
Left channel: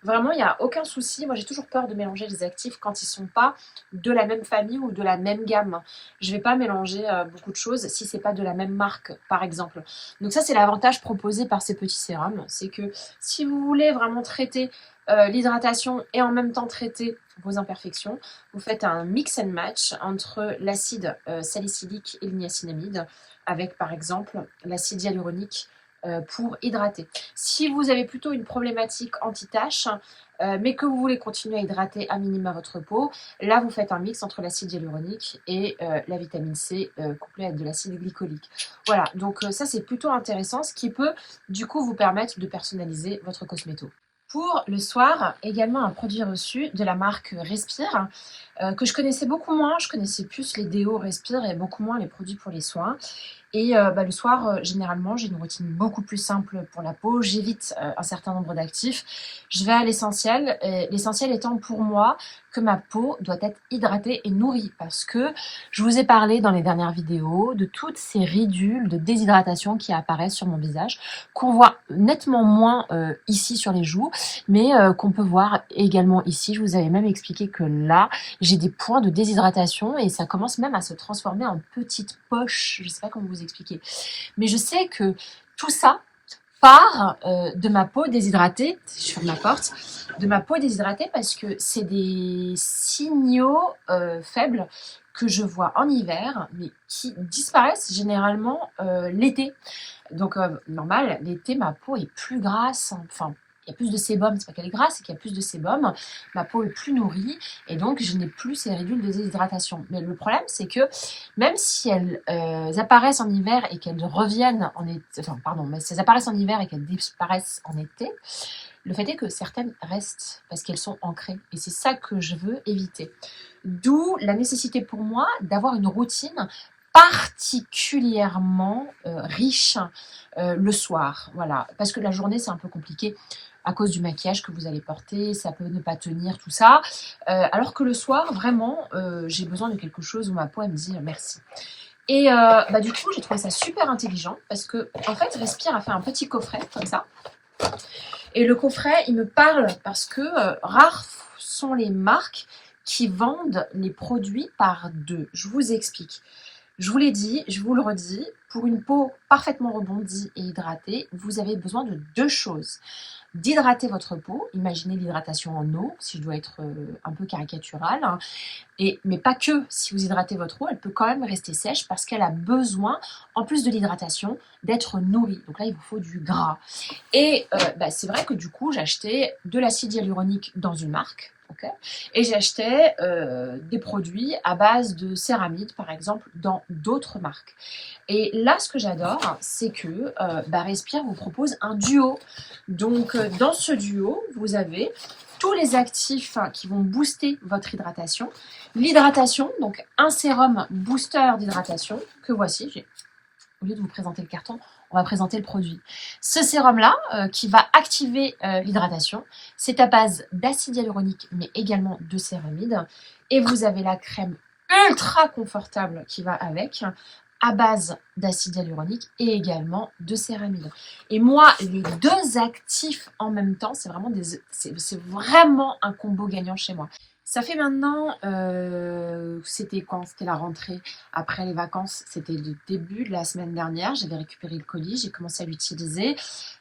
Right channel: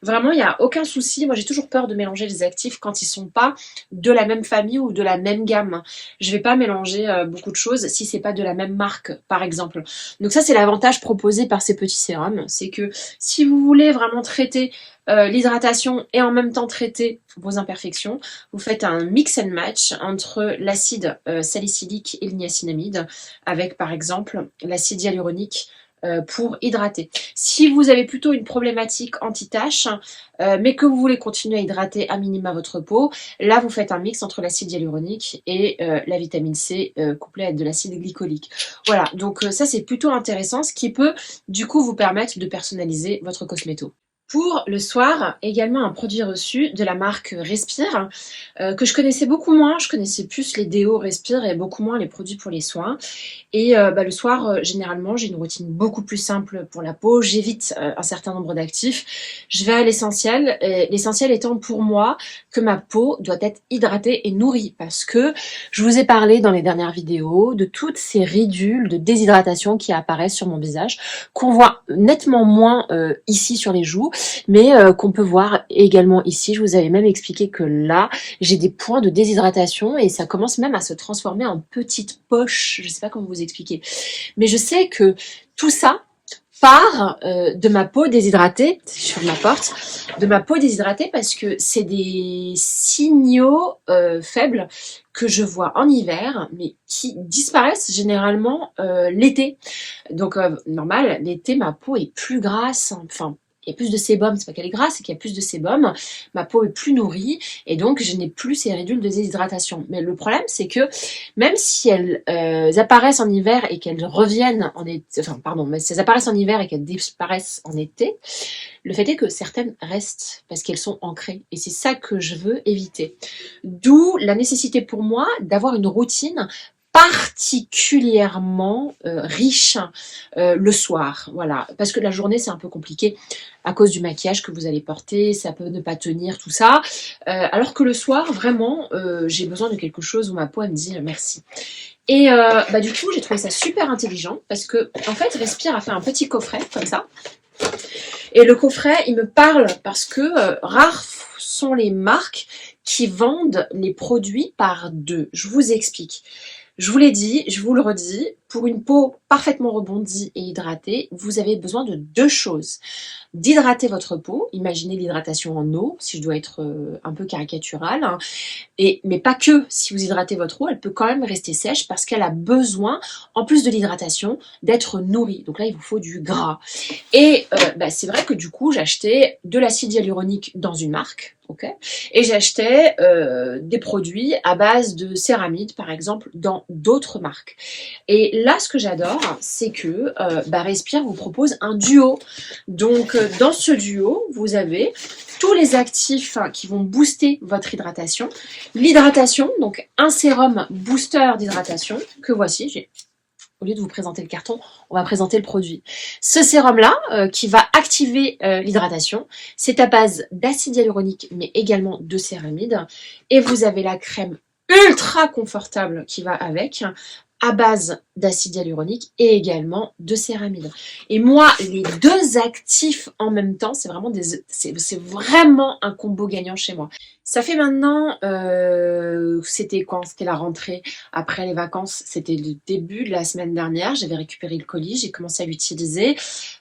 vraiment, il n'y a aucun souci. Moi, j'ai toujours peur de mélanger les actifs quand ils ne sont pas de la même famille ou de la même gamme. Je ne vais pas mélanger beaucoup de choses si ce n'est pas de la même marque, par exemple. Donc ça, c'est l'avantage proposé par ces petits sérums. C'est que si vous voulez vraiment traiter l'hydratation et en même temps traiter vos imperfections, vous faites un mix and match entre l'acide salicylique et le niacinamide avec par exemple l'acide hyaluronique pour hydrater. Si vous avez plutôt une problématique anti-tache, mais que vous voulez continuer à hydrater à minima votre peau, là vous faites un mix entre l'acide hyaluronique et la vitamine C couplée avec de l'acide glycolique. Voilà, donc ça c'est plutôt intéressant, ce qui peut du coup vous permettre de personnaliser votre cosméto. Pour le soir, également un produit reçu de la marque Respire, que je connaissais beaucoup moins. Je connaissais plus les déos Respire et beaucoup moins les produits pour les soins. Et le soir, généralement, j'ai une routine beaucoup plus simple pour la peau. J'évite un certain nombre d'actifs. Je vais à l'essentiel. L'essentiel étant pour moi que ma peau doit être hydratée et nourrie. Parce que je vous ai parlé dans les dernières vidéos de toutes ces ridules de déshydratation qui apparaissent sur mon visage, qu'on voit nettement moins ici sur les joues, mais qu'on peut voir également ici. Je vous avais même expliqué que là, j'ai des points de déshydratation et ça commence même à se transformer en petites poches. Je ne sais pas comment vous expliquer. Mais je sais que tout ça part de ma peau déshydratée, sur ma porte, de ma peau déshydratée parce que c'est des signaux faibles que je vois en hiver, mais qui disparaissent généralement l'été. Donc normal, l'été, ma peau est plus grasse, enfin, il y a plus de sébum, c'est pas qu'elle est grasse, c'est qu'il y a plus de sébum, ma peau est plus nourrie et donc je n'ai plus ces ridules de déshydratation. Mais le problème, c'est que même si elles apparaissent en hiver et qu'elles reviennent en été, enfin pardon, mais si elles apparaissent en hiver et qu'elles disparaissent en été, le fait est que certaines restent parce qu'elles sont ancrées et c'est ça que je veux éviter. D'où la nécessité pour moi d'avoir une routine particulièrement riche le soir, voilà, parce que la journée c'est un peu compliqué à cause du maquillage que vous allez porter, ça peut ne pas tenir, tout ça, alors que le soir, vraiment, j'ai besoin de quelque chose où ma peau elle me dit merci. Et du coup, j'ai trouvé ça super intelligent, parce que, en fait, Respire a fait un petit coffret, comme ça, et le coffret, il me parle, parce que rares sont les marques qui vendent les produits par deux. Je vous explique. Je vous l'ai dit, je vous le redis, pour une peau parfaitement rebondie et hydratée, vous avez besoin de deux choses. D'hydrater votre peau, imaginez l'hydratation en eau, si je dois être un peu caricaturale, hein, mais pas que, si vous hydratez votre eau, elle peut quand même rester sèche parce qu'elle a besoin, en plus de l'hydratation, d'être nourrie. Donc là, il vous faut du gras. Et c'est vrai que du coup, j'achetais de l'acide hyaluronique dans une marque, ok, et j'achetais des produits à base de céramide, par exemple, dans d'autres marques. Et là, ce que j'adore, c'est que Respire vous propose un duo. Donc, dans ce duo, vous avez tous les actifs qui vont booster votre hydratation. L'hydratation, donc un sérum booster d'hydratation, que voici, j'ai au lieu de vous présenter le carton, on va présenter le produit. Ce sérum-là, qui va activer l'hydratation, c'est à base d'acide hyaluronique, mais également de céramide. Et vous avez la crème ultra confortable qui va avec, à base d'acide hyaluronique et également de céramide. Et moi, les deux actifs en même temps, c'est vraiment un combo gagnant chez moi. Ça fait maintenant, c'était quand? C'était la rentrée après les vacances, c'était le début de la semaine dernière. J'avais récupéré le colis, j'ai commencé à l'utiliser.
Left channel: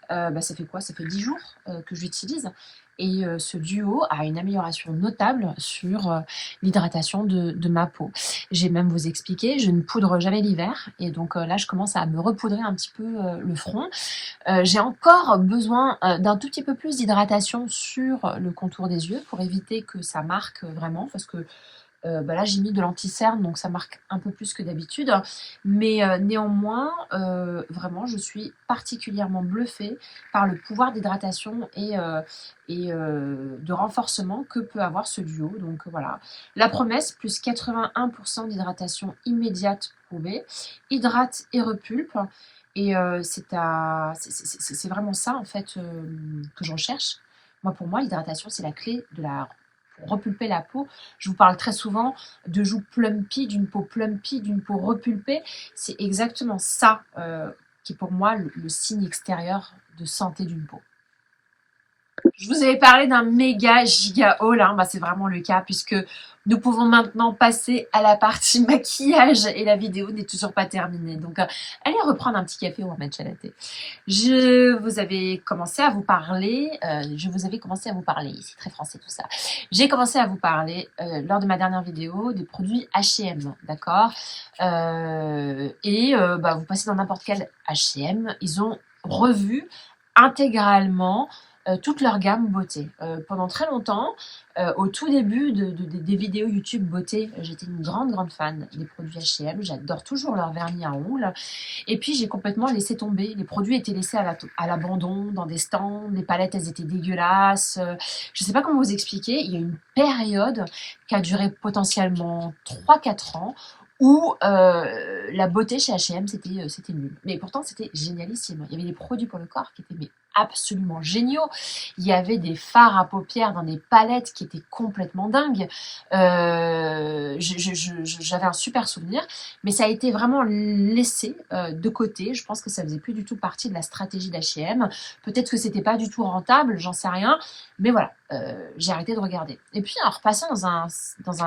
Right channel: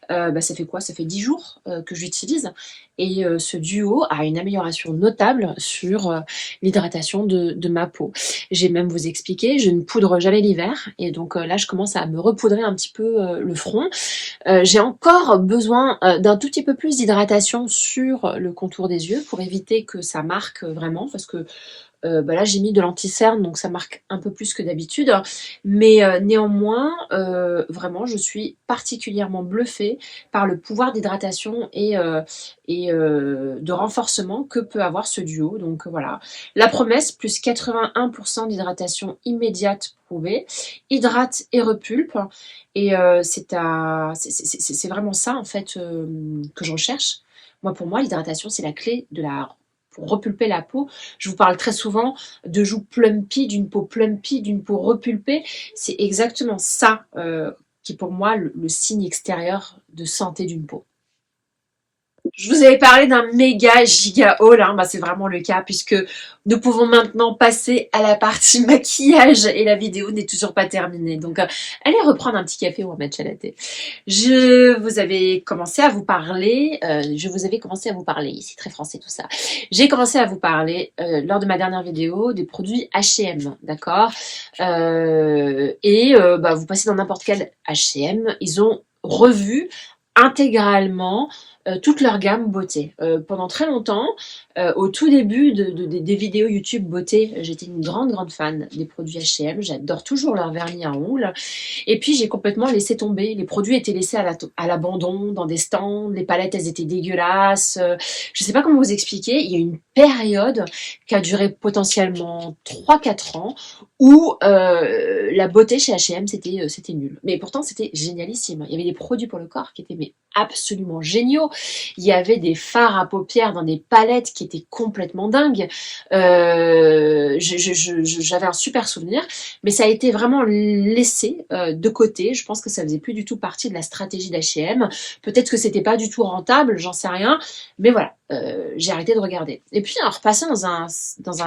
Ça fait quoi? Ça fait 10 jours que je l'utilise. Et ce duo a une amélioration notable sur l'hydratation de ma peau. J'ai même vous expliqué, je ne poudre jamais l'hiver. Et donc là, je commence à me repoudrer un petit peu le front. J'ai encore besoin d'un tout petit peu plus d'hydratation sur le contour des yeux pour éviter que ça marque vraiment. Parce que là, j'ai mis de l'anti-cerne, donc ça marque un peu plus que d'habitude. Mais néanmoins, vraiment, je suis particulièrement bluffée par le pouvoir d'hydratation et de renforcement que peut avoir ce duo. Donc voilà, la promesse, plus 81% d'hydratation immédiate prouvée, hydrate et repulpe. Et c'est vraiment ça, en fait, que je recherche. Pour moi, l'hydratation, c'est la clé pour repulper la peau. Je vous parle très souvent de joues plumpy, d'une peau plumpy, d'une peau repulpée. C'est exactement ça qui est pour moi le signe extérieur de santé d'une peau. Je vous avais parlé d'un méga giga haul, hein. C'est vraiment le cas puisque nous pouvons maintenant passer à la partie maquillage et la vidéo n'est toujours pas terminée. Donc allez reprendre un petit café ou un matcha latte. Je vous avais commencé à vous parler, c'est très français tout ça. J'ai commencé à vous parler lors de ma dernière vidéo des produits H&M, d'accord. Vous passez dans n'importe quel H&M, ils ont revu intégralement toute leur gamme beauté. Pendant très longtemps, au tout début des vidéos YouTube beauté, j'étais une grande fan des produits H&M. J'adore toujours leur vernis à ongles. Et puis j'ai complètement laissé tomber. Les produits étaient laissés à l'abandon, dans des stands. Les palettes, elles étaient dégueulasses. Je ne sais pas comment vous expliquer. Il y a une période qui a duré potentiellement 3-4 ans où la beauté chez H&M, c'était nul. Mais pourtant, c'était génialissime. Il y avait des produits pour le corps qui étaient absolument géniaux. Il y avait des fards à paupières dans des palettes qui étaient complètement dingues. J'avais un super souvenir, mais ça a été vraiment laissé de côté. Je pense que ça faisait plus du tout partie de la stratégie d'H&M. Peut-être que c'était pas du tout rentable, j'en sais rien. Mais voilà, j'ai arrêté de regarder. Et puis, en repassant dans un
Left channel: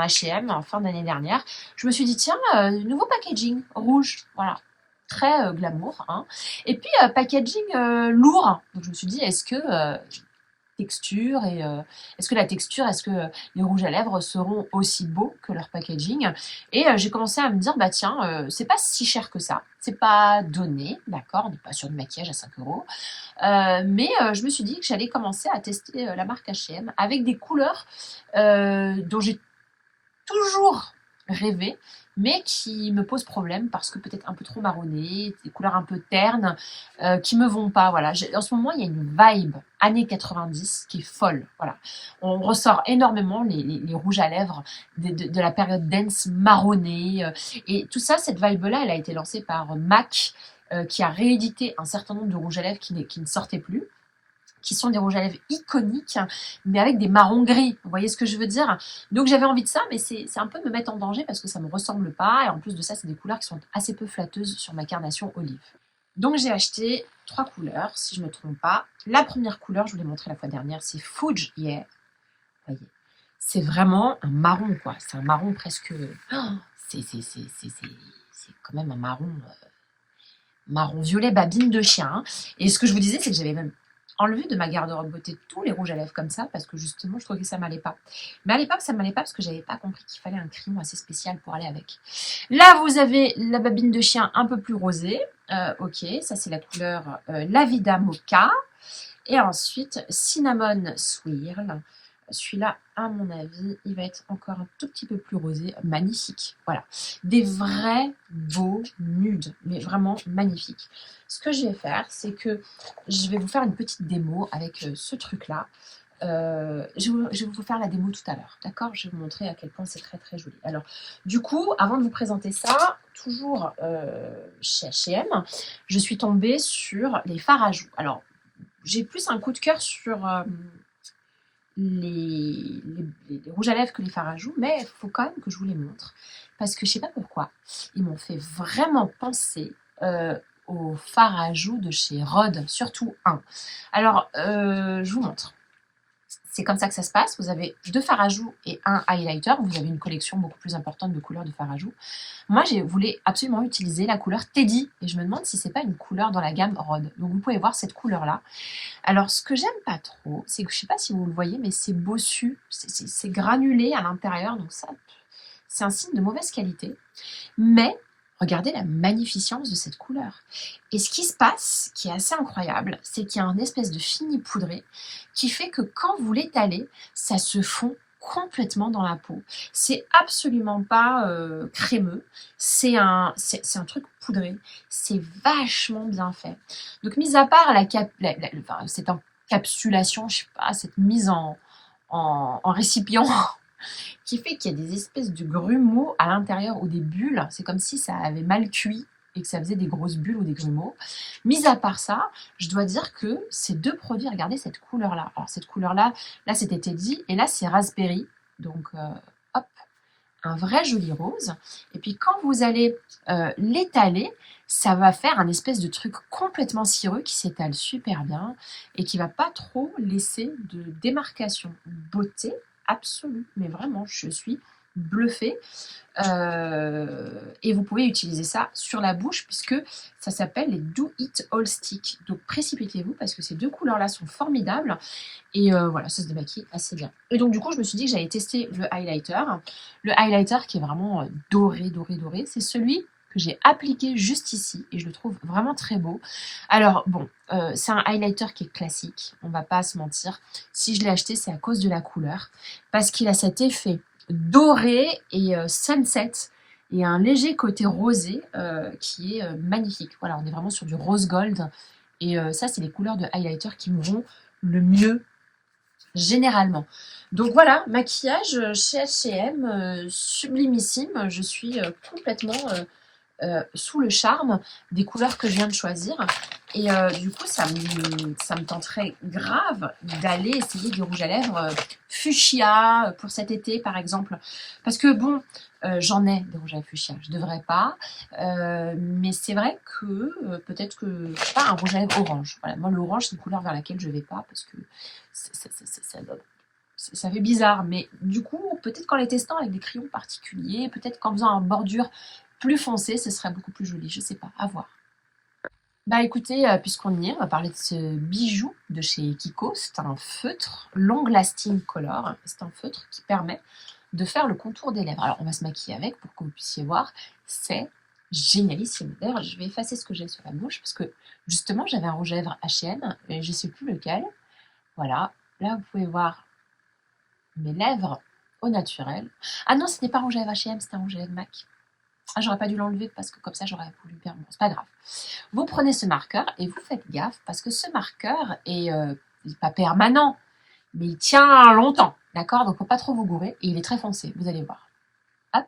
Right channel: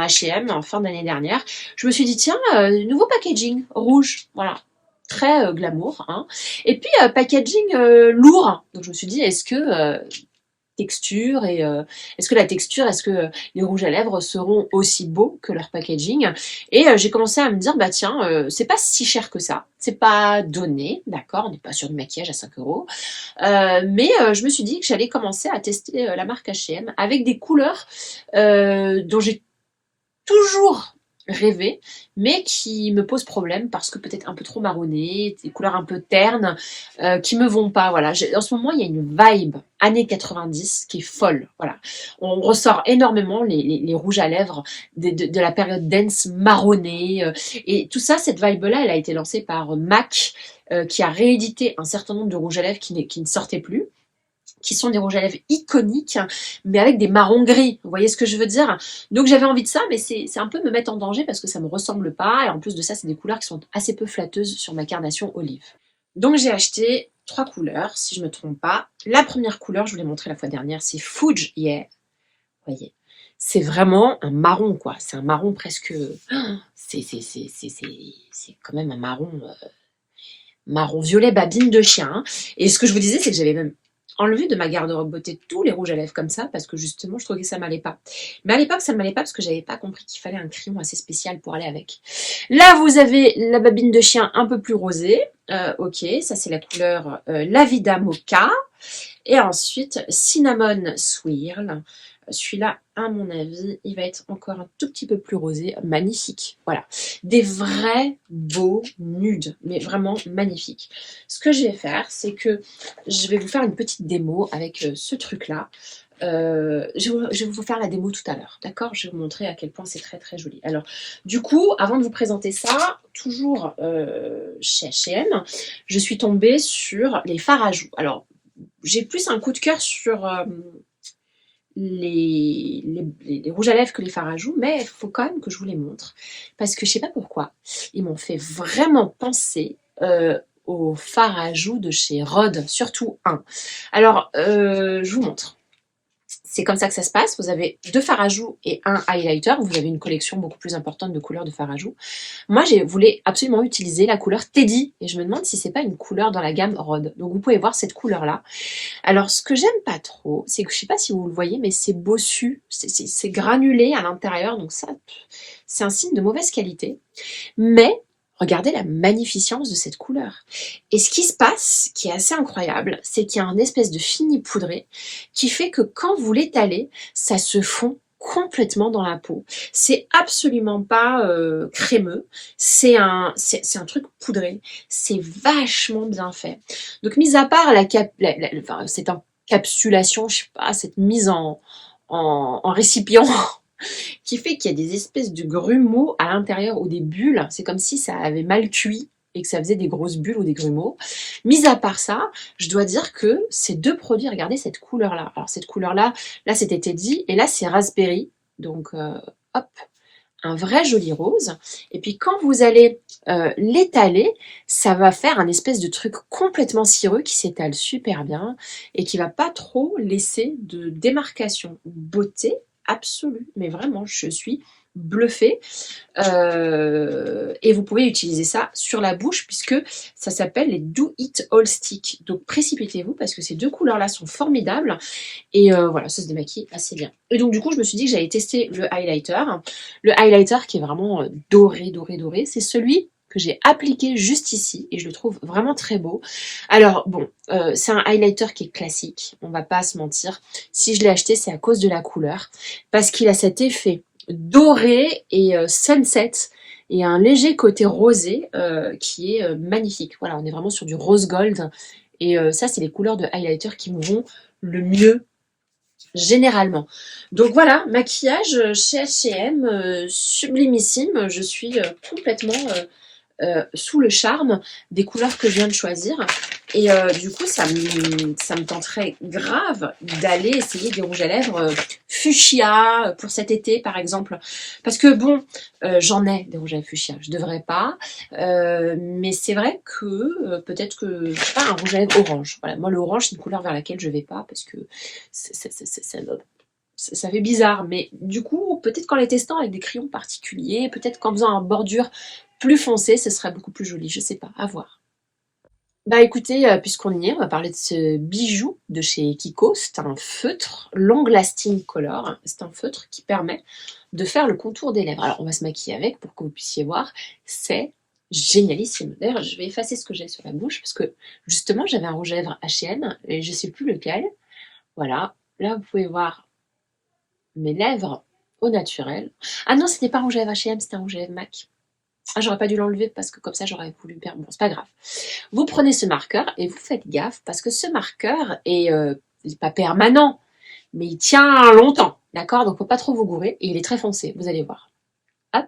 H&M en fin d'année dernière, je me suis dit, tiens, nouveau packaging, rouge, voilà. Très glamour, hein. Et puis packaging lourd. Donc je me suis dit, est-ce que la texture, est-ce que les rouges à lèvres seront aussi beaux que leur packaging? Et j'ai commencé à me dire, c'est pas si cher que ça, c'est pas donné, d'accord, on n'est pas sur du maquillage à 5 euros, mais je me suis dit que j'allais commencer à tester la marque H&M avec des couleurs dont j'ai toujours rêvé, mais qui me posent problème parce que peut-être un peu trop marronnées, des couleurs un peu ternes, qui me vont pas. Voilà. En ce moment, il y a une vibe années 90 qui est folle. Voilà. On ressort énormément les rouges à lèvres de la période dance marronnée. Et tout ça, cette vibe-là, elle a été lancée par MAC, qui a réédité un certain nombre de rouges à lèvres qui ne sortaient plus, qui sont des rouges à lèvres iconiques, mais avec des marrons gris. Vous voyez ce que je veux dire? Donc j'avais envie de ça, mais c'est un peu me mettre en danger parce que ça me ressemble pas. Et en plus de ça, c'est des couleurs qui sont assez peu flatteuses sur ma carnation olive. Donc j'ai acheté 3 couleurs, si je me trompe pas. La première couleur, je vous l'ai montré la fois dernière, c'est Fuge Yeah. Vous voyez, c'est vraiment un marron, quoi. C'est un marron presque... C'est quand même un marron violet babine de chien, hein. Et ce que je vous disais, c'est que j'avais même enlevé de ma garde-robe beauté tous les rouges à lèvres comme ça parce que justement je trouvais que ça m'allait pas. Mais à l'époque ça m'allait pas parce que j'avais pas compris qu'il fallait un crayon assez spécial pour aller avec. Là vous avez la babine de chien un peu plus rosée. Ok, ça c'est la couleur La Vida Mocha. Et ensuite Cinnamon Swirl. Celui-là, à mon avis, il va être encore un tout petit peu plus rosé. Magnifique. Voilà. Des vrais beaux nudes, mais vraiment magnifiques. Ce que je vais faire, c'est que je vais vous faire une petite démo avec ce truc-là. Je vais vous faire la démo tout à l'heure, d'accord? Je vais vous montrer à quel point c'est très très joli. Alors, du coup, avant de vous présenter ça, toujours chez H&M, je suis tombée sur les fards à joues. Alors, j'ai plus un coup de cœur sur les rouges à lèvres que les fards à joues, mais il faut quand même que je vous les montre. Parce que je sais pas pourquoi, ils m'ont fait vraiment penser aux fards à joues de chez Rhode, surtout un. Alors, je vous montre. C'est comme ça que ça se passe. Vous avez 2 fards à joues et un highlighter. Vous avez une collection beaucoup plus importante de couleurs de fards à joues. Moi, je voulais absolument utiliser la couleur Teddy. Et je me demande si c'est pas une couleur dans la gamme Rhode. Donc, vous pouvez voir cette couleur-là. Alors, ce que j'aime pas trop, c'est que je sais pas si vous le voyez, mais c'est bossu. C'est granulé à l'intérieur. Donc, ça, c'est un signe de mauvaise qualité. Mais regardez la magnificence de cette couleur. Et ce qui se passe, qui est assez incroyable, c'est qu'il y a un espèce de fini poudré qui fait que quand vous l'étalez, ça se fond complètement dans la peau. C'est absolument pas crémeux, c'est un truc poudré. C'est vachement bien fait. Donc, mis à part enfin, cette encapsulation, je sais pas, cette mise en récipient qui fait qu'il y a des espèces de grumeaux à l'intérieur ou des bulles. C'est comme si ça avait mal cuit et que ça faisait des grosses bulles ou des grumeaux. Mis à part ça, je dois dire que ces 2 produits, regardez cette couleur-là. Alors cette couleur-là, là c'était Teddy et là c'est Raspberry. Donc hop, un vrai joli rose. Et puis quand vous allez l'étaler, ça va faire un espèce de truc complètement cireux qui s'étale super bien et qui va pas trop laisser de démarcation. Beauté absolue, mais vraiment, je suis bluffée. Et vous pouvez utiliser ça sur la bouche puisque ça s'appelle les Do It All Stick. Donc précipitez-vous parce que ces 2 couleurs-là sont formidables. Et voilà, ça se démaquille assez bien. Et donc du coup, je me suis dit que j'allais tester le highlighter. Le highlighter qui est vraiment doré, doré, doré. C'est celui que j'ai appliqué juste ici et je le trouve vraiment très beau. Alors bon, c'est un highlighter qui est classique, on va pas se mentir. Si je l'ai acheté, c'est à cause de la couleur, parce qu'il a cet effet doré et sunset et un léger côté rosé qui est magnifique. Voilà, on est vraiment sur du rose gold et ça, c'est les couleurs de highlighter qui me vont le mieux généralement. Donc voilà, maquillage chez H&M, sublimissime. Je suis complètement sous le charme des couleurs que je viens de choisir. Et du coup, ça me tenterait grave d'aller essayer des rouges à lèvres fuchsia pour cet été, par exemple. Parce que bon, j'en ai des rouges à lèvres fuchsia. Je devrais pas. Mais c'est vrai que peut-être que, je sais pas, un rouge à lèvres orange. Voilà, moi, l'orange, c'est une couleur vers laquelle je vais pas parce que ça fait bizarre. Mais du coup, peut-être qu'en les testant avec des crayons particuliers, peut-être qu'en faisant une bordure plus foncé, ce serait beaucoup plus joli, je sais pas, à voir. Bah écoutez, puisqu'on y est, on va parler de ce bijou de chez Kiko. C'est un feutre Long Lasting Color. C'est un feutre qui permet de faire le contour des lèvres. Alors on va se maquiller avec pour que vous puissiez voir. C'est génialissime. D'ailleurs, je vais effacer ce que j'ai sur la bouche parce que justement, j'avais un rouge à lèvres H&M et je sais plus lequel. Voilà, là vous pouvez voir mes lèvres au naturel. Ah non, c'était pas un rouge à lèvres H&M, c'était un rouge à lèvres MAC. Ah, j'aurais pas dû l'enlever parce que comme ça j'aurais voulu perdre. Bon, c'est pas grave. Vous prenez ce marqueur et vous faites gaffe parce que ce marqueur est pas permanent, mais il tient longtemps, d'accord? Donc faut pas trop vous gourer et il est très foncé, vous allez voir. Hop.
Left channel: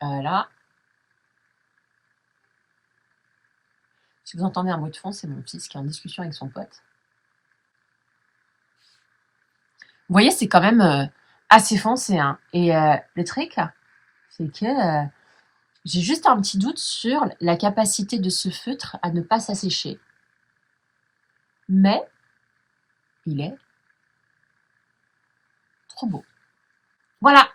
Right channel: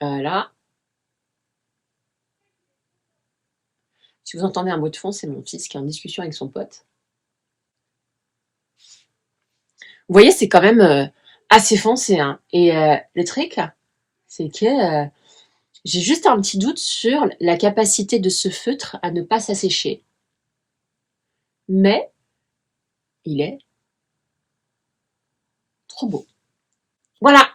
Voilà. Si vous entendez un bruit de fond, c'est mon fils qui est en discussion avec son pote. Vous voyez, c'est quand même assez foncé, hein. Et le truc, c'est que j'ai juste un petit doute sur la capacité de ce feutre à ne pas s'assécher. Mais il est trop beau. Voilà.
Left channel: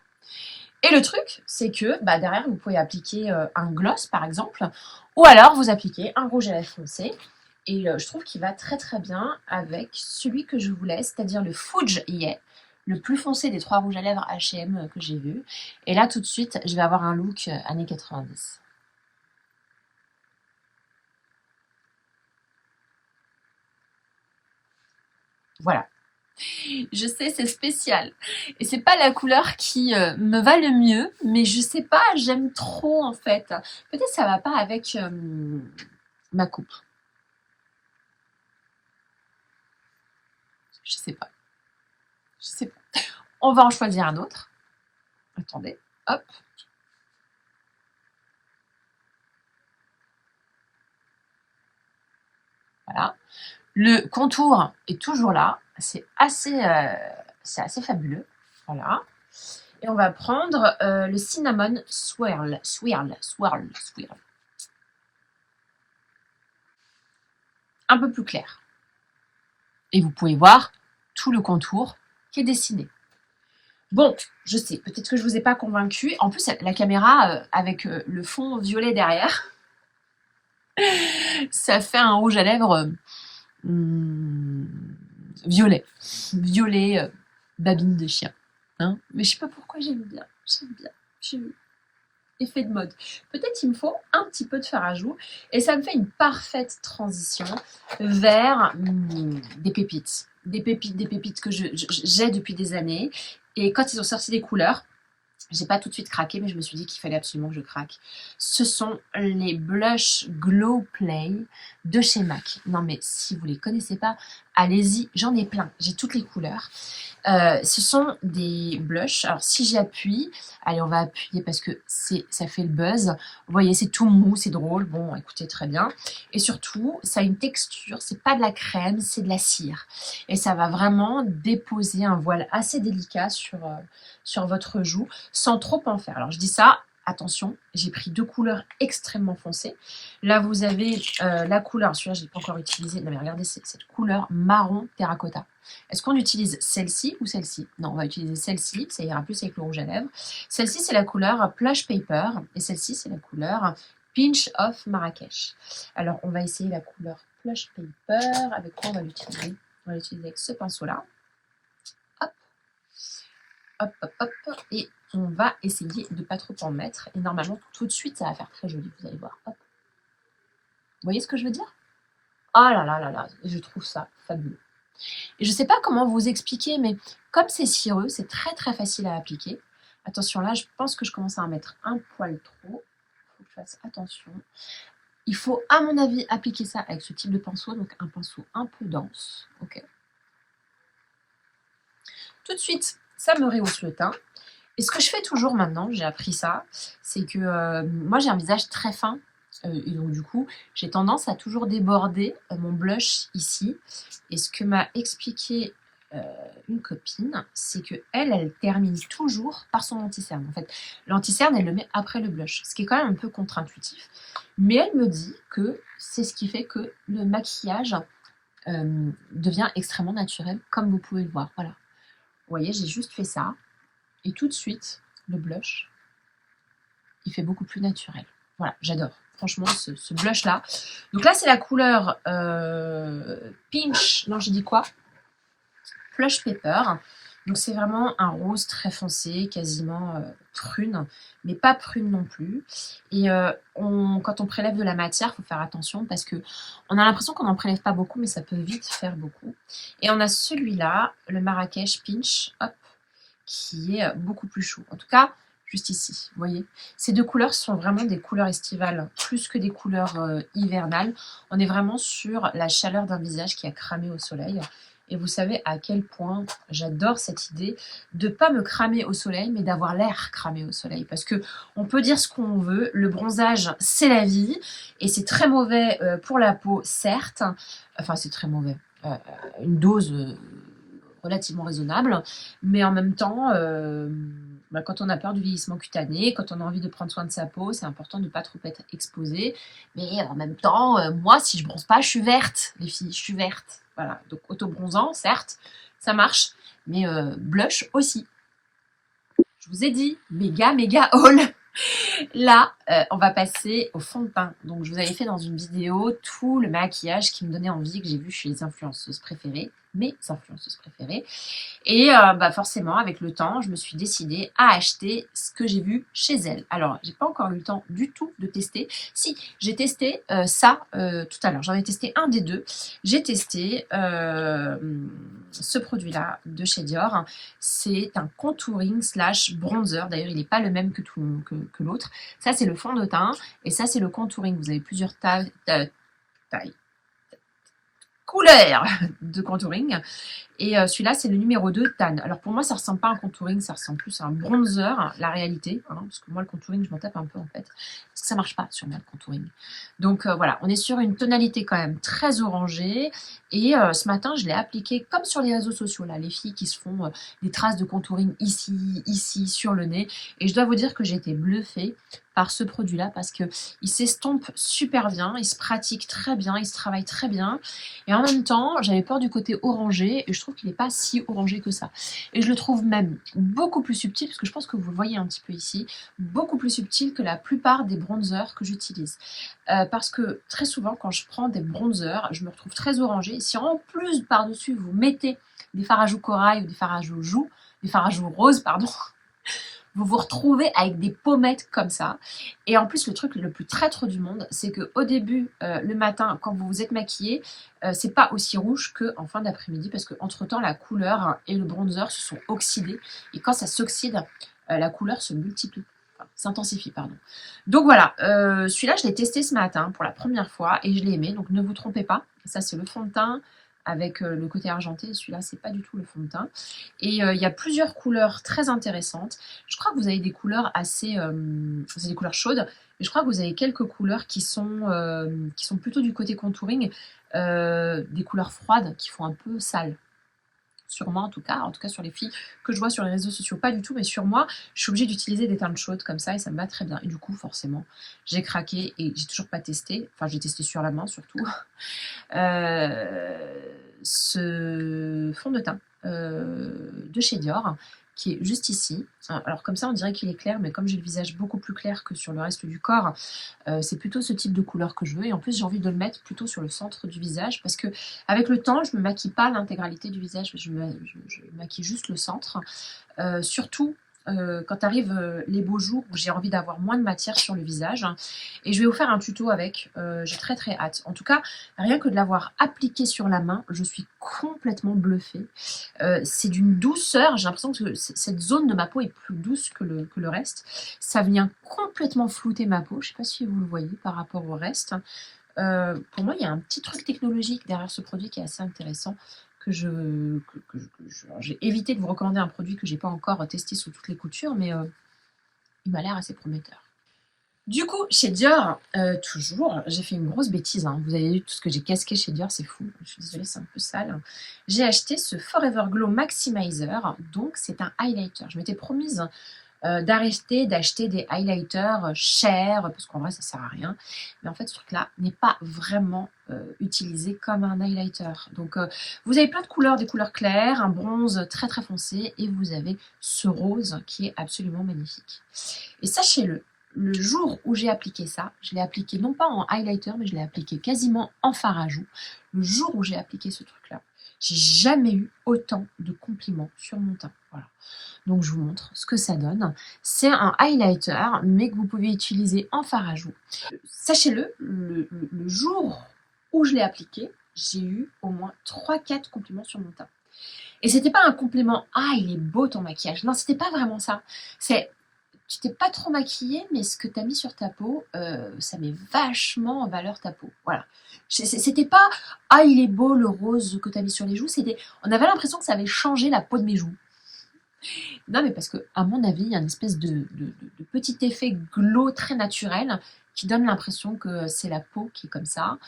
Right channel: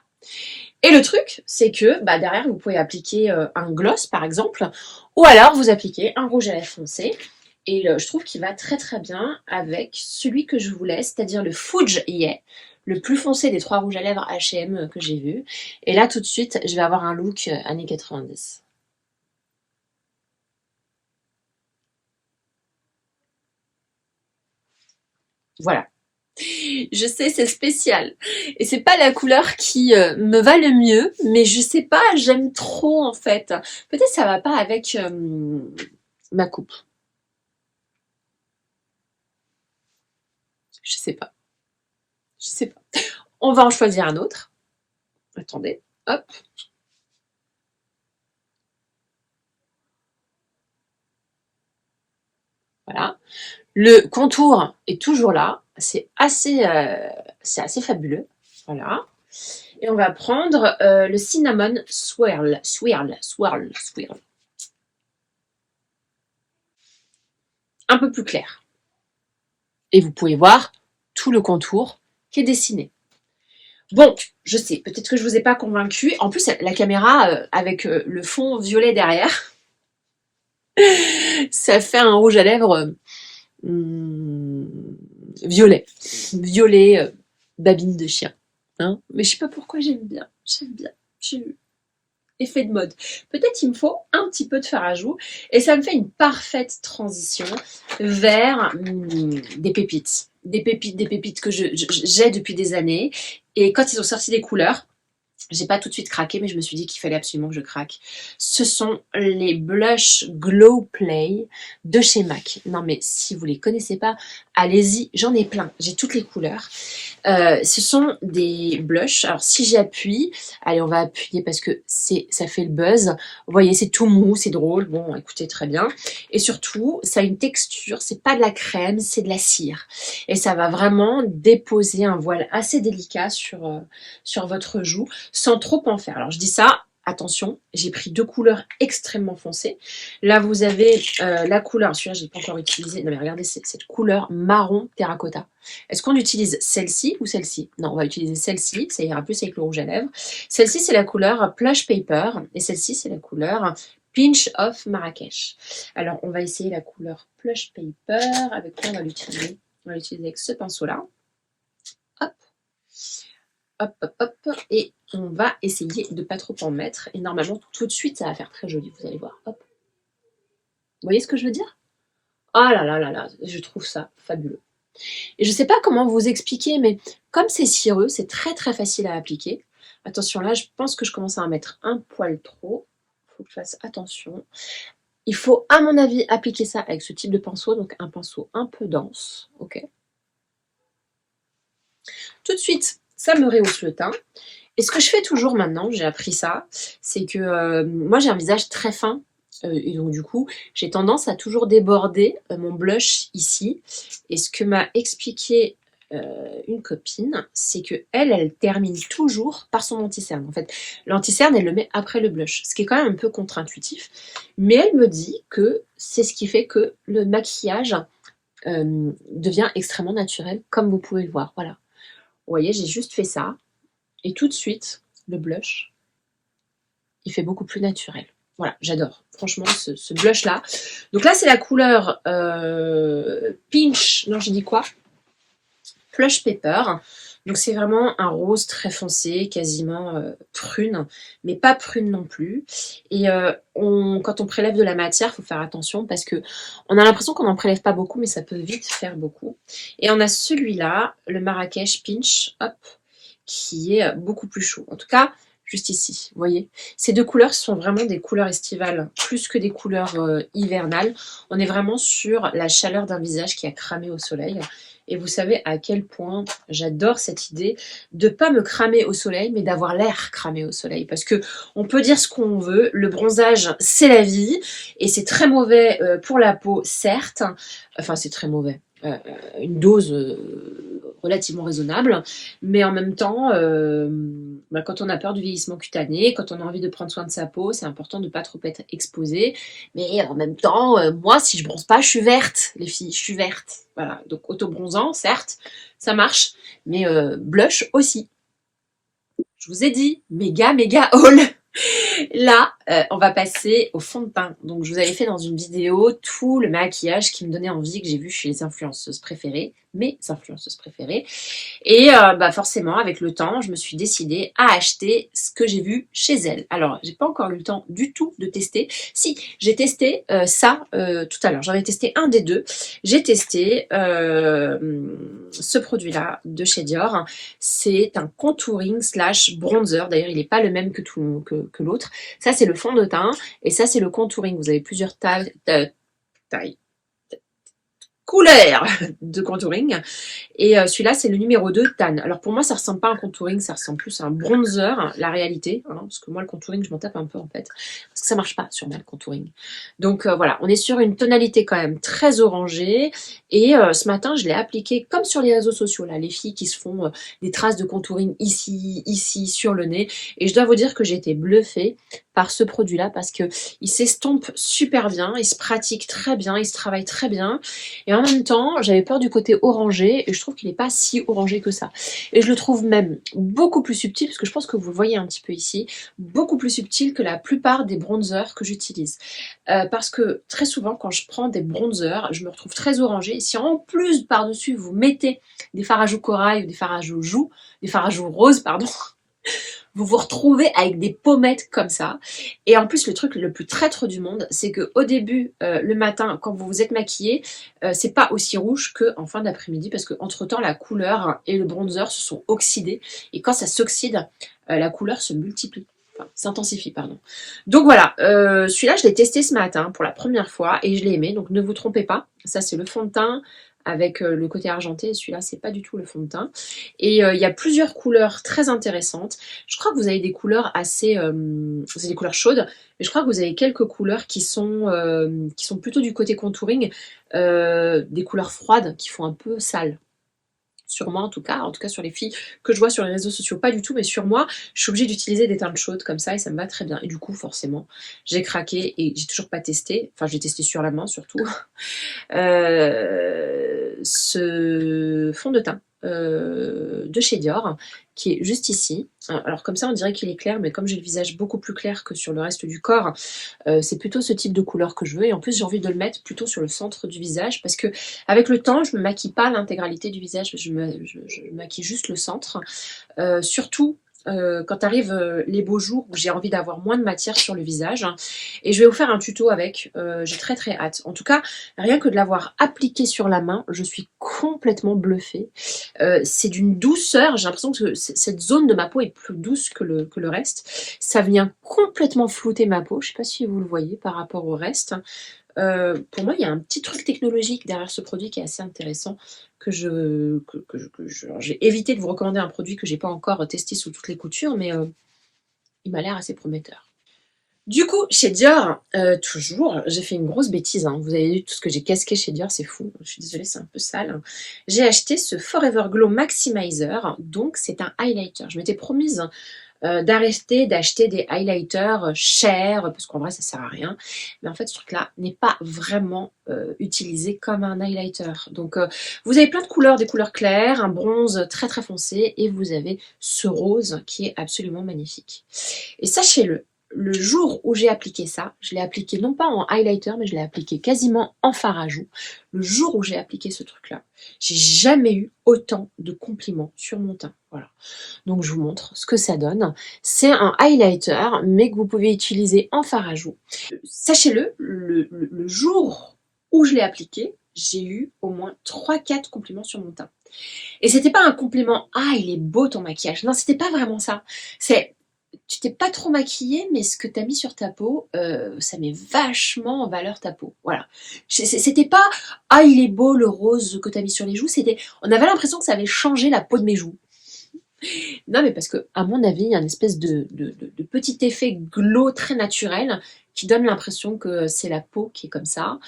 Et le truc, c'est que bah, derrière, vous pouvez appliquer un gloss, par exemple, ou alors vous appliquez un rouge à lèvres foncé. Et je trouve qu'il va très très bien avec celui que je vous laisse, c'est-à-dire le Fudge Yeah, le plus foncé des 3 rouges à lèvres H&M que j'ai vu. Et là, tout de suite, je vais avoir un look années 90. Voilà. Je sais, c'est spécial. Et c'est pas la couleur qui me va le mieux, mais je sais pas, j'aime trop en fait. Peut-être ça va pas avec ma coupe. Je sais pas. Je sais pas. On va en choisir un autre. Attendez, hop. Voilà. Le contour est toujours là. C'est assez fabuleux. Voilà. Et on va prendre le cinnamon swirl. Un peu plus clair. Et vous pouvez voir tout le contour qui est dessiné. Bon, je sais, peut-être que je ne vous ai pas convaincu. En plus, la caméra, avec le fond violet derrière, ça fait un rouge à lèvres violet. Violet, babine de chien. Hein, mais je sais pas pourquoi j'aime bien. Effet de mode. Peut-être il me faut un petit peu de fard à joues et ça me fait une parfaite transition vers des pépites. Des pépites que j'ai depuis des années. Et quand ils ont sorti des couleurs, j'ai pas tout de suite craqué, mais je me suis dit qu'il fallait absolument que je craque. Ce sont les blush Glow Play de chez MAC. Non mais si vous les connaissez pas, allez-y, j'en ai plein, j'ai toutes les couleurs. Ce sont des blushs. Alors si j'appuie, allez on va appuyer parce que ça fait le buzz. Vous voyez c'est tout mou, c'est drôle. Bon écoutez très bien. Et surtout ça a une texture, c'est pas de la crème, c'est de la cire. Et ça va vraiment déposer un voile assez délicat sur votre joue sans trop en faire. Alors je dis ça, attention, j'ai pris deux couleurs extrêmement foncées. Là vous avez la couleur, celui-là je n'ai pas encore utilisé. Non mais regardez cette couleur marron terracotta. Est-ce qu'on utilise celle-ci ou celle-ci? Non, on va utiliser celle-ci, ça ira plus avec le rouge à lèvres. Celle-ci, c'est la couleur Plush Paper et celle-ci, c'est la couleur Pinch of Marrakech. Alors, on va essayer la couleur Plush Paper. Avec quoi on va l'utiliser? On va l'utiliser avec ce pinceau-là. Hop. Hop, hop, hop. Et on va essayer de ne pas trop en mettre. Et normalement, tout de suite, ça va faire très joli, vous allez voir. Hop. Vous voyez ce que je veux dire? Oh là là là là, je trouve ça fabuleux. Et je ne sais pas comment vous expliquer, mais comme c'est cireux, c'est très très facile à appliquer. Attention, là, je pense que je commence à en mettre un poil trop. Il faut que je fasse attention. Il faut, à mon avis, appliquer ça avec ce type de pinceau, donc un pinceau un peu dense. Ok. Tout de suite, ça me rehausse le teint. Et ce que je fais toujours maintenant, j'ai appris ça, c'est que moi, j'ai un visage très fin. Et donc du coup, j'ai tendance à toujours déborder mon blush ici. Et ce que m'a expliqué une copine, c'est que elle termine toujours par son anti-cerne. En fait, l'anti-cerne, elle le met après le blush, ce qui est quand même un peu contre-intuitif. Mais elle me dit que c'est ce qui fait que le maquillage devient extrêmement naturel, comme vous pouvez le voir. Voilà. Vous voyez, j'ai juste fait ça. Et tout de suite, le blush, il fait beaucoup plus naturel. Voilà, j'adore. Franchement, ce blush-là. Donc là, c'est la couleur Pinch. Non, je dis quoi? Plush Paper. Donc c'est vraiment un rose très foncé, quasiment prune, mais pas prune non plus. Et quand on prélève de la matière, il faut faire attention parce que on a l'impression qu'on n'en prélève pas beaucoup, mais ça peut vite faire beaucoup. Et on a celui-là, le Marrakech Pinch, hop, qui est beaucoup plus chaud. En tout cas, juste ici, vous voyez. Ces deux couleurs sont vraiment des couleurs estivales, plus que des couleurs hivernales. On est vraiment sur la chaleur d'un visage qui a cramé au soleil. Et vous savez à quel point j'adore cette idée de ne pas me cramer au soleil, mais d'avoir l'air cramé au soleil. Parce que on peut dire ce qu'on veut, le bronzage, c'est la vie. Et c'est très mauvais pour la peau, certes. Enfin, c'est très mauvais. Une dose relativement raisonnable, mais en même temps, quand on a peur du vieillissement cutané, quand on a envie de prendre soin de sa peau, c'est important de ne pas trop être exposé. Mais en même temps, moi, si je bronze pas, je suis verte, les filles, je suis verte. Voilà, donc auto-bronzant, certes, ça marche, mais blush aussi. Je vous ai dit, méga haul. Là, on va passer au fond de teint. Donc, je vous avais fait dans une vidéo tout le maquillage qui me donnait envie, que j'ai vu chez les influenceuses préférées, mes influenceuses préférées. Et forcément, avec le temps, je me suis décidée à acheter ce que j'ai vu chez elles. Alors, j'ai pas encore eu le temps du tout de tester. Si, j'ai testé ça tout à l'heure. J'en ai testé un des deux. J'ai testé ce produit-là de chez Dior. C'est un contouring / bronzer. D'ailleurs, il n'est pas le même que l'autre. Ça, c'est le fond de teint et ça, c'est le contouring. Vous avez plusieurs tailles. couleur de contouring. Et celui-là, c'est le numéro 2, Tan. Alors pour moi, ça ressemble pas à un contouring, ça ressemble plus à un bronzer, la réalité. Hein, parce que moi, le contouring, je m'en tape un peu en fait. Parce que ça marche pas sur moi, le contouring. Donc voilà, on est sur une tonalité quand même très orangée. Et ce matin, je l'ai appliqué comme sur les réseaux sociaux, là, les filles qui se font des traces de contouring ici, sur le nez. Et je dois vous dire que j'ai été bluffée par ce produit-là parce que il s'estompe super bien, il se pratique très bien, il se travaille très bien. Et en même temps, j'avais peur du côté orangé et je trouve qu'il n'est pas si orangé que ça. Et je le trouve même beaucoup plus subtil, parce que je pense que vous le voyez un petit peu ici, beaucoup plus subtil que la plupart des bronzers que j'utilise. Parce que très souvent, quand je prends des bronzers, je me retrouve très orangée. Et si en plus, par-dessus, vous mettez des fards à joues corail ou des fards à joues des fards à joues roses, pardon, vous vous retrouvez avec des pommettes comme ça. Et en plus, le truc le plus traître du monde, c'est qu'au début, le matin, quand vous vous êtes maquillé, c'est pas aussi rouge qu'en fin d'après-midi, parce qu'entre-temps, la couleur et le bronzer se sont oxydés. Et quand ça s'oxyde, la couleur se multiplie. Enfin, s'intensifie, pardon. Donc voilà, celui-là, je l'ai testé ce matin pour la première fois et je l'ai aimé. Donc ne vous trompez pas, ça c'est le fond de teint avec le côté argenté. Celui-là, c'est pas du tout le fond de teint. Et il y a plusieurs couleurs très intéressantes. Je crois que vous avez des couleurs assez... c'est des couleurs chaudes, mais je crois que vous avez quelques couleurs qui sont plutôt du côté contouring, des couleurs froides qui font un peu sale. Sur moi en tout cas sur les filles que je vois sur les réseaux sociaux, pas du tout, mais sur moi, je suis obligée d'utiliser des teintes chaudes comme ça et ça me va très bien. Et du coup, forcément, j'ai craqué et j'ai toujours pas testé, enfin j'ai testé sur la main surtout, ce fond de teint de chez Dior qui est juste ici. Alors comme ça on dirait qu'il est clair, mais comme j'ai le visage beaucoup plus clair que sur le reste du corps, c'est plutôt ce type de couleur que je veux. Et en plus j'ai envie de le mettre plutôt sur le centre du visage parce que avec le temps je me maquille pas l'intégralité du visage, je maquille juste le centre. Surtout quand arrivent les beaux jours où j'ai envie d'avoir moins de matière sur le visage. Et je vais vous faire un tuto avec, j'ai très très hâte. En tout cas, rien que de l'avoir appliqué sur la main, je suis complètement bluffée. C'est d'une douceur, j'ai l'impression que cette zone de ma peau est plus douce que le reste. Ça vient complètement flouter ma peau, je ne sais pas si vous le voyez par rapport au reste. Pour moi, il y a un petit truc technologique derrière ce produit qui est assez intéressant. J'ai évité de vous recommander un produit que j'ai pas encore testé sous toutes les coutures, mais il m'a l'air assez prometteur. Du coup, chez Dior, toujours, j'ai fait une grosse bêtise. Hein. Vous avez vu tout ce que j'ai casqué chez Dior, c'est fou. Je suis désolée, c'est un peu sale. J'ai acheté ce Forever Glow Maximizer, donc c'est un highlighter. Je m'étais promise d'arrêter d'acheter des highlighters chers, parce qu'en vrai ça sert à rien. Mais en fait ce truc-là n'est pas vraiment utilisé comme un highlighter. Donc vous avez plein de couleurs, des couleurs claires, un bronze très très foncé, et vous avez ce rose qui est absolument magnifique. Et sachez-le, le jour où j'ai appliqué ça, je l'ai appliqué non pas en highlighter, mais je l'ai appliqué quasiment en fard à joues. Le jour où j'ai appliqué ce truc-là, j'ai jamais eu autant de compliments sur mon teint. Voilà. Donc je vous montre ce que ça donne. C'est un highlighter, mais que vous pouvez utiliser en fard à joues. Sachez-le, le jour où je l'ai appliqué, j'ai eu au moins 3-4 compliments sur mon teint. Et c'était pas un compliment « Ah, il est beau ton maquillage ». Non, c'était pas vraiment ça. C'est « Tu t'es pas trop maquillée, mais ce que tu as mis sur ta peau, ça met vachement en valeur ta peau. » Voilà. C'était pas « Ah, il est beau le rose que tu as mis sur les joues ». On avait l'impression que ça avait changé la peau de mes joues. Non, mais parce que, à mon avis, il y a une espèce de petit effet glow très naturel qui donne l'impression que c'est la peau qui est comme ça.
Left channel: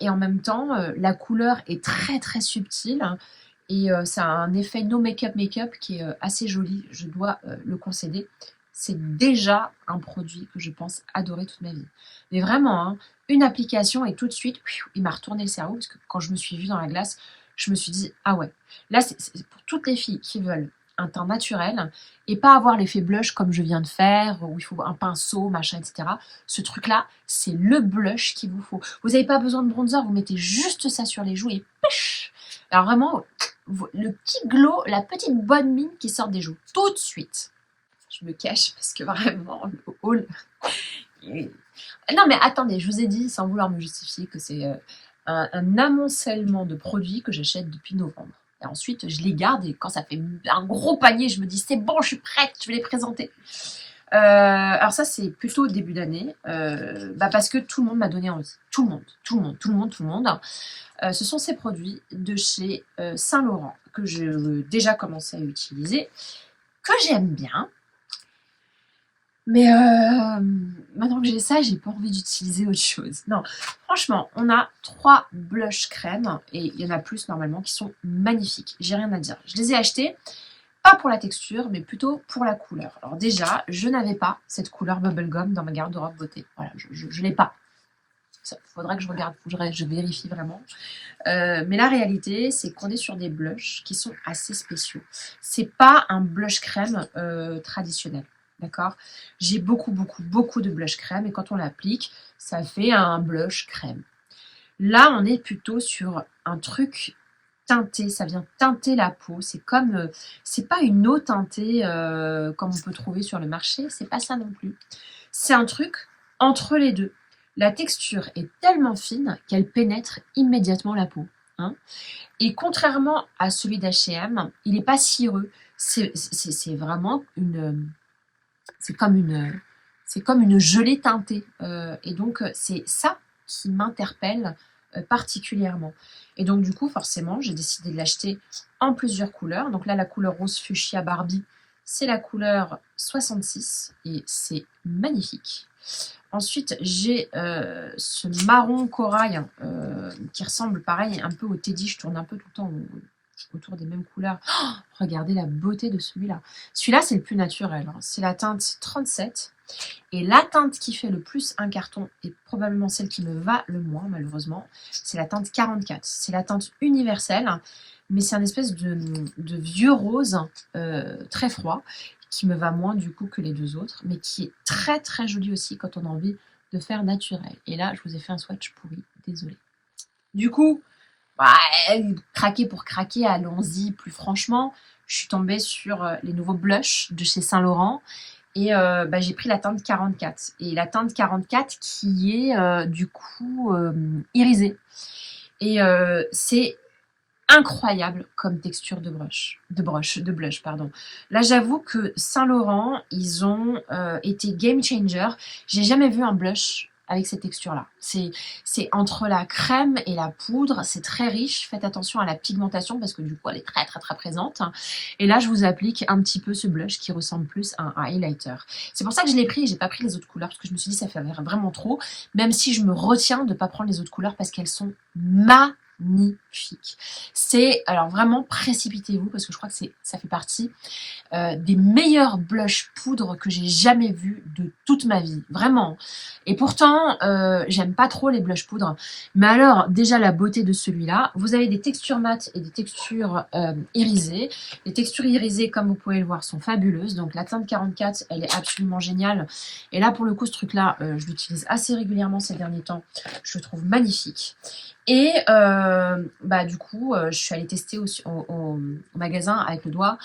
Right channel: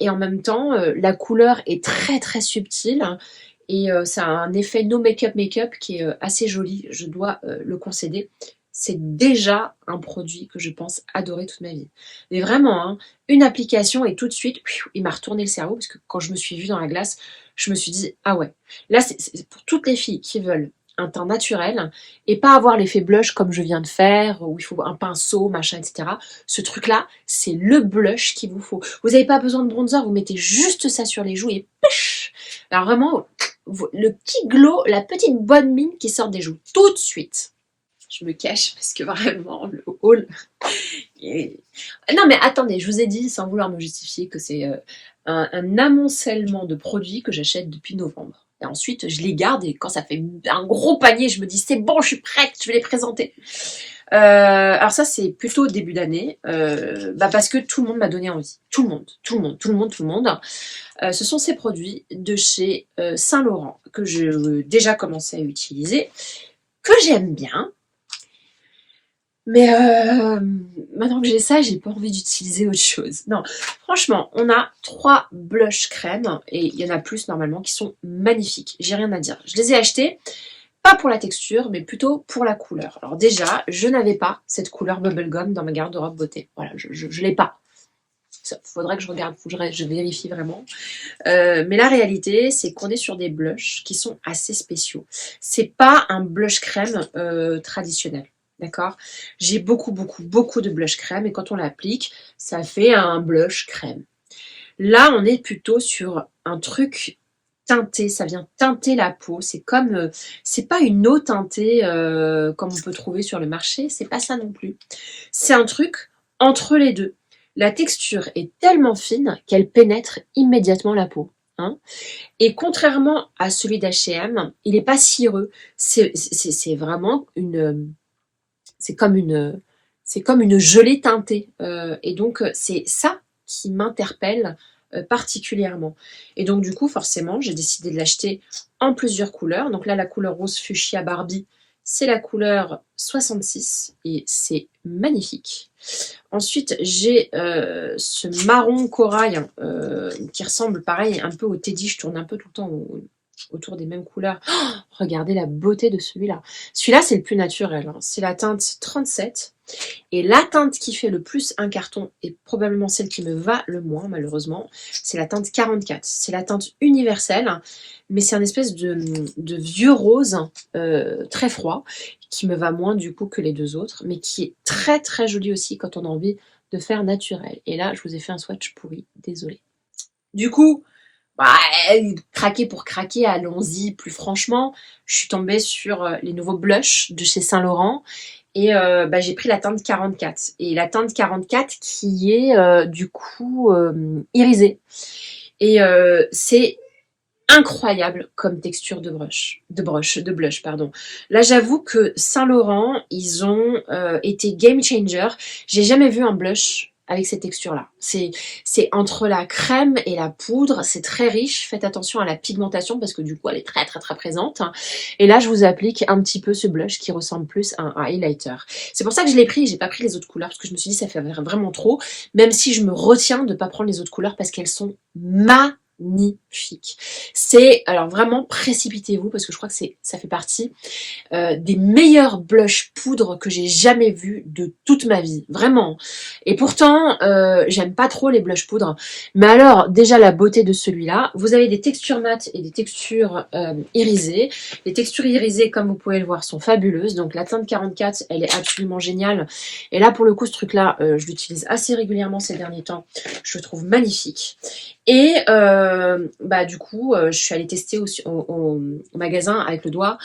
Et en même temps, la couleur est très très subtile et ça a un effet no make-up qui est assez joli, je dois le concéder. C'est déjà un produit que je pense adorer toute ma vie. Mais vraiment, hein, une application et tout de suite, il m'a retourné le cerveau parce que quand je me suis vue dans la glace, je me suis dit « Ah ouais, là c'est pour toutes les filles qui veulent un teint naturel et pas avoir l'effet blush comme je viens de faire où il faut un pinceau, machin, etc. Ce truc-là, c'est le blush qu'il vous faut. Vous n'avez pas besoin de bronzer, vous mettez juste ça sur les joues et pêche. Alors vraiment, le petit glow, la petite bonne mine qui sort des joues tout de suite. Je me cache parce que vraiment, le haul... Non mais attendez, je vous ai dit, sans vouloir me justifier, que c'est un amoncellement de produits que j'achète depuis novembre. Et ensuite, je les garde et quand ça fait un gros panier, je me dis c'est bon, je suis prête, je vais les présenter. Alors ça, c'est plutôt début d'année, parce que tout le monde m'a donné envie. Tout le monde, tout le monde, tout le monde, tout le monde. Ce sont ces produits de chez Saint-Laurent que j'ai déjà commencé à utiliser, que j'aime bien. Mais maintenant que j'ai ça, j'ai pas envie d'utiliser autre chose. Non, franchement, on a 3 blush crème, et il y en a plus normalement, qui sont magnifiques. J'ai rien à dire. Je les ai achetés, pas pour la texture, mais plutôt pour la couleur. Alors déjà, je n'avais pas cette couleur bubblegum dans ma garde-robe beauté. Voilà, je l'ai pas. Il faudrait que je regarde, je vérifie vraiment. Mais la réalité, c'est qu'on est sur des blushs qui sont assez spéciaux. C'est pas un blush crème traditionnel. D'accord? J'ai beaucoup de blush crème, et quand on l'applique, ça fait un blush crème. Là, on est plutôt sur un truc teinté, ça vient teinter la peau. C'est comme, c'est pas une eau teintée comme on peut trouver sur le marché, c'est pas ça non plus. C'est un truc entre les deux. La texture est tellement fine qu'elle pénètre immédiatement la peau. Hein. Et contrairement à celui d'H&M, il n'est pas cireux. C'est vraiment une, c'est comme une gelée teintée. Et donc c'est ça qui m'interpelle particulièrement. Et donc du coup, forcément, j'ai décidé de l'acheter en plusieurs couleurs. Donc là, la couleur rose fuchsia Barbie, c'est la couleur 66 et c'est magnifique. Ensuite, j'ai ce marron corail qui ressemble pareil un peu au Teddy. Je tourne un peu tout le temps autour des mêmes couleurs. Oh, regardez la beauté de celui-là. Celui-là, c'est le plus naturel. Hein. C'est la teinte 37. Et la teinte qui fait le plus un carton, et probablement celle qui me va le moins, malheureusement, c'est la teinte 44. C'est la teinte universelle, mais c'est un espèce de vieux rose très froid, qui me va moins du coup que les deux autres, mais qui est très très joli aussi quand on a envie de faire naturel. Et là, je vous ai fait un swatch pourri, désolé. Du coup, craquer pour craquer, allons-y plus franchement. Je suis tombée sur les nouveaux blushs de chez Saint-Laurent. Et j'ai pris la teinte 44. Et la teinte 44 qui est du coup irisée. Et c'est incroyable comme texture de blush, pardon. Là, j'avoue que Saint-Laurent, ils ont été game changer. J'ai jamais vu un blush avec cette texture-là. C'est entre la crème et la poudre, c'est très riche. Faites attention à la pigmentation parce que du coup, elle est très très très présente. Et là, je vous applique un petit peu ce blush qui ressemble plus à un highlighter. C'est pour ça que je l'ai pris. J'ai pas pris les autres couleurs parce que je me suis dit ça fait vraiment trop. Même si je me retiens de pas prendre les autres couleurs parce qu'elles sont magnifique. C'est, alors vraiment, précipitez-vous parce que je crois que ça fait partie des meilleurs blush poudre que j'ai jamais vu de toute ma vie. Vraiment. Et pourtant, j'aime pas trop les blush poudre. Mais alors, déjà la beauté de celui-là, vous avez des textures mates et des textures irisées. Les textures irisées, comme vous pouvez le voir, sont fabuleuses. Donc la teinte 44, elle est absolument géniale. Et là, pour le coup, ce truc-là, je l'utilise assez régulièrement ces derniers temps. Je le trouve magnifique. Et du coup, je suis allée tester au magasin avec le doigt,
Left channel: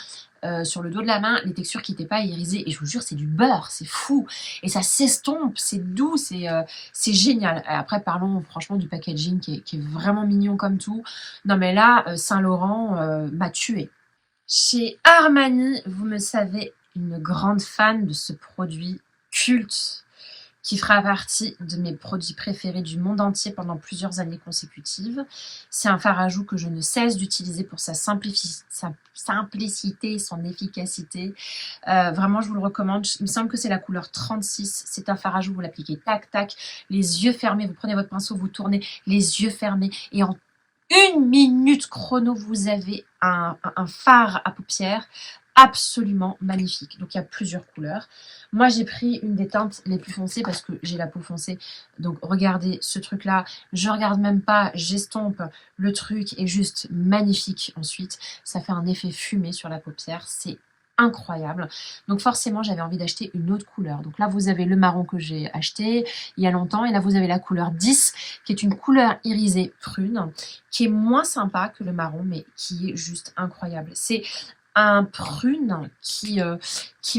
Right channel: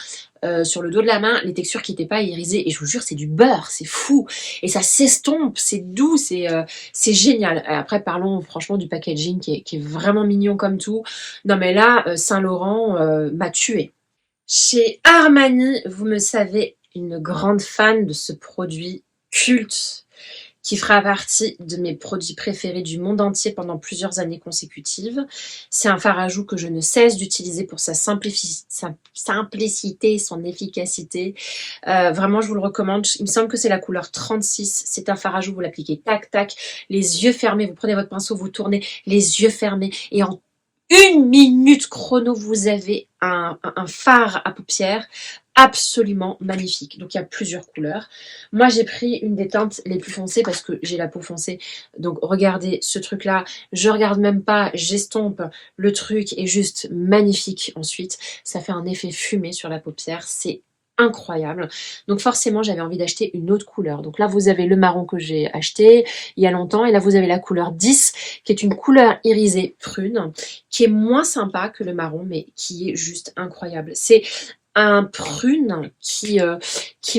sur le dos de la main, les textures qui n'étaient pas irisées. Et je vous jure, c'est du beurre, c'est fou. Et ça s'estompe, c'est doux, c'est génial. Après, parlons franchement du packaging qui est vraiment mignon comme tout. Non mais là, Saint-Laurent m'a tuée. Chez Armani, vous me savez, une grande fan de ce produit culte qui fera partie de mes produits préférés du monde entier pendant plusieurs années consécutives. C'est un fard à joues que je ne cesse d'utiliser pour sa simplicité, son efficacité. Vraiment, je vous le recommande. Il me semble que c'est la couleur 36. C'est un fard à joues, vous l'appliquez tac, tac, les yeux fermés. Vous prenez votre pinceau, vous tournez les yeux fermés et en 1 minute chrono, vous avez un fard à paupières absolument magnifique. Donc il y a plusieurs couleurs. Moi j'ai pris une des teintes les plus foncées parce que j'ai la peau foncée. Donc regardez ce truc là, je regarde même pas, j'estompe, le truc est juste magnifique ensuite. Ça fait un effet fumé sur la paupière, c'est incroyable. Donc forcément j'avais envie d'acheter une autre couleur. Donc là vous avez le marron que j'ai acheté il y a longtemps et là vous avez la couleur 10 qui est une couleur irisée prune qui est moins sympa que le marron mais qui est juste incroyable. C'est un prune qui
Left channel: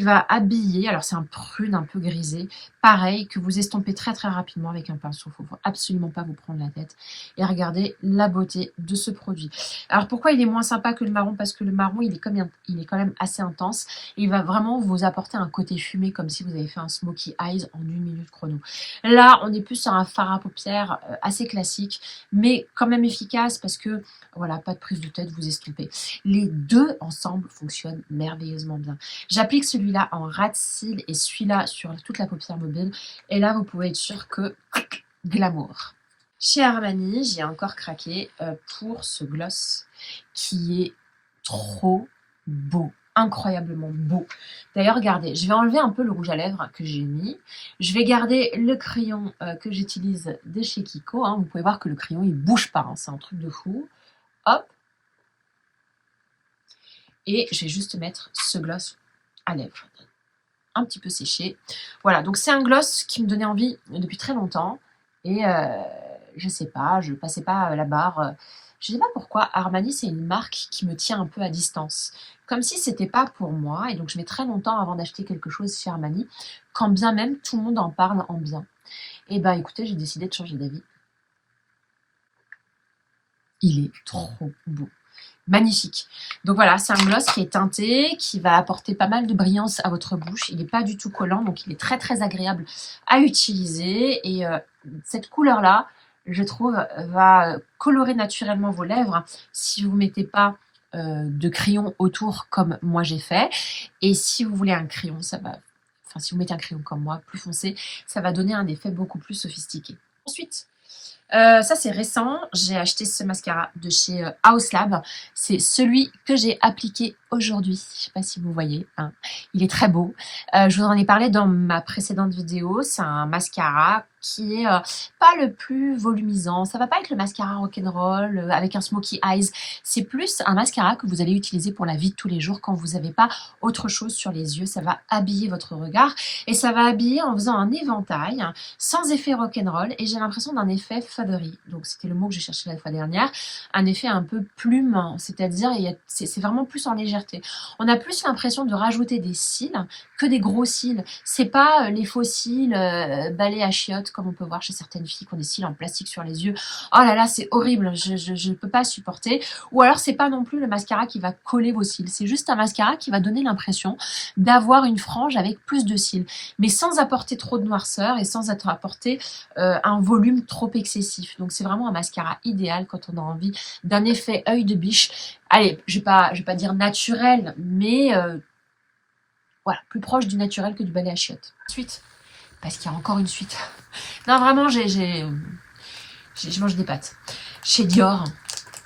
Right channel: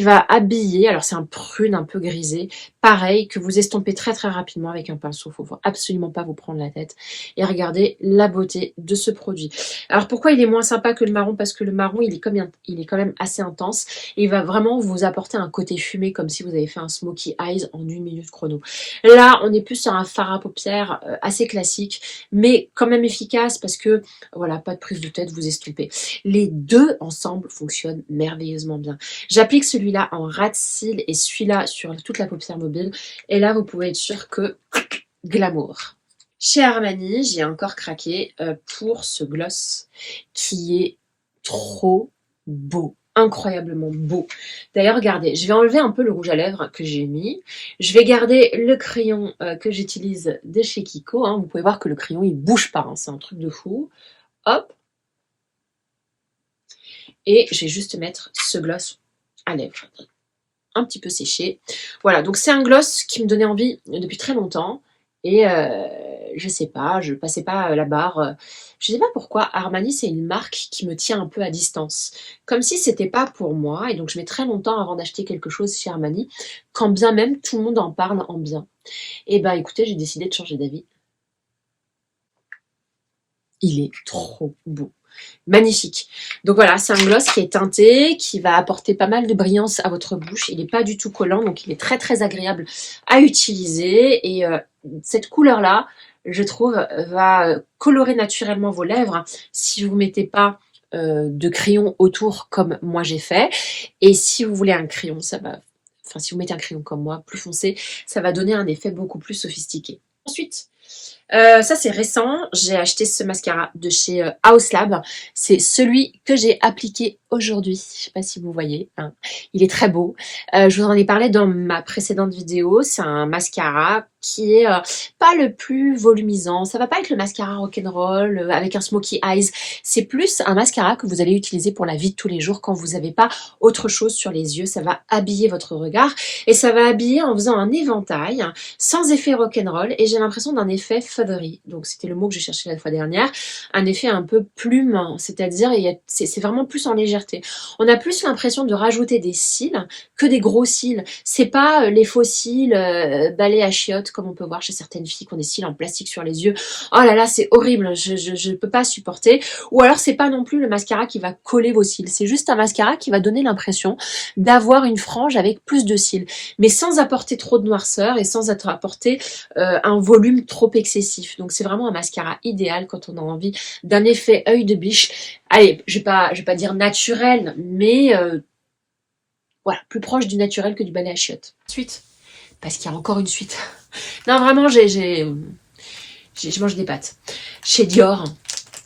va habiller, alors c'est un prune un peu grisé, pareil, que vous estompez très très rapidement avec un pinceau, faut absolument pas vous prendre la tête. Et regardez la beauté de ce produit. Alors pourquoi il est moins sympa que le marron? Parce que le marron, il est quand même assez intense, et il va vraiment vous apporter un côté fumé, comme si vous avez fait un smoky eyes en 1 minute chrono. Là, on est plus sur un fard à paupières assez classique, mais quand même efficace, parce que, voilà, pas de prise de tête, vous estompez. Les deux ensemble fonctionnent merveilleusement bien. J'applique celui-là en ras de cils et celui-là sur toute la paupière mobile. Et là, vous pouvez être sûr que glamour. Chez Armani, j'ai encore craqué pour ce gloss qui est trop beau. Incroyablement beau. D'ailleurs, regardez, je vais enlever un peu le rouge à lèvres que j'ai mis. Je vais garder le crayon que j'utilise de chez Kiko. Vous pouvez voir que le crayon, il bouge pas. C'est un truc de fou. Hop. Et je vais juste mettre ce gloss à lèvres. Un petit peu séché. Voilà, donc c'est un gloss qui me donnait envie depuis très longtemps. Et je sais pas, je passais pas la barre. Je sais pas pourquoi Armani, c'est une marque qui me tient un peu à distance. Comme si c'était pas pour moi. Et donc je mets très longtemps avant d'acheter quelque chose chez Armani. Quand bien même tout le monde en parle en bien. Et ben écoutez, j'ai décidé de changer d'avis. Il est trop beau. Magnifique. Donc voilà, c'est un gloss qui est teinté, qui va apporter pas mal de brillance à votre bouche. Il n'est pas du tout collant, donc il est très très agréable à utiliser. Et cette couleur-là, je trouve, va colorer naturellement vos lèvres si vous ne mettez pas de crayon autour comme moi j'ai fait. Et si vous voulez un crayon, ça va... Enfin, si vous mettez un crayon comme moi, plus foncé, ça va donner un effet beaucoup plus sophistiqué. Ensuite, ça c'est récent, j'ai acheté ce mascara de chez House Lab. C'est celui que j'ai appliqué aujourd'hui. Je sais pas si vous voyez, il est très beau. Je vous en ai parlé dans ma précédente vidéo. C'est un mascara qui est pas le plus volumisant. Ça va pas être le mascara rock'n'roll avec un smoky eyes. C'est plus un mascara que vous allez utiliser pour la vie de tous les jours quand vous n'avez pas autre chose sur les yeux. Ça va habiller votre regard et ça va habiller en faisant un éventail sans effet rock'n'roll, et j'ai l'impression d'un effet feathery. Donc c'était le mot que j'ai cherché la fois dernière. Un effet un peu plume, c'est-à-dire c'est vraiment plus en légèreté. On a plus l'impression de rajouter des cils que des gros cils. C'est pas les faux cils balais à chiottes comme on peut voir chez certaines filles qui ont des cils en plastique sur les yeux. Oh là là, c'est horrible, je peux pas supporter. Ou alors c'est pas non plus le mascara qui va coller vos cils. C'est juste un mascara qui va donner l'impression d'avoir une frange avec plus de cils, mais sans apporter trop de noirceur et sans apporter un volume trop excessif. Donc c'est vraiment un mascara idéal quand on a envie d'un effet œil de biche. Allez, je vais pas dire naturel, mais voilà, plus proche du naturel que du balai à chiottes. Suite, parce qu'il y a encore une suite. Non, vraiment, je mange des pâtes. Chez Dior,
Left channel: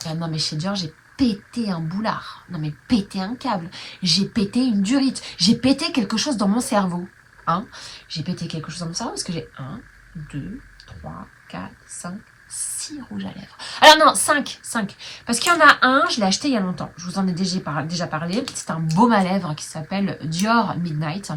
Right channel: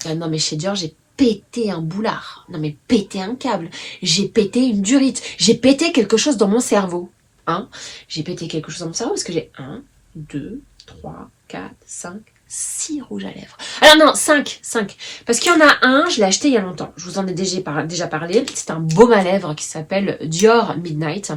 non mais chez Dior, j'ai pété un boulard. Non mais pété un câble. J'ai pété une durite. J'ai pété quelque chose dans mon cerveau. J'ai pété quelque chose dans mon cerveau parce que j'ai 1, 2, 3, 4, 5, 6 rouges à lèvres. Alors non, 5. Parce qu'il y en a un, je l'ai acheté il y a longtemps. Je vous en ai déjà parlé. C'est un baume à lèvres qui s'appelle Dior Midnight,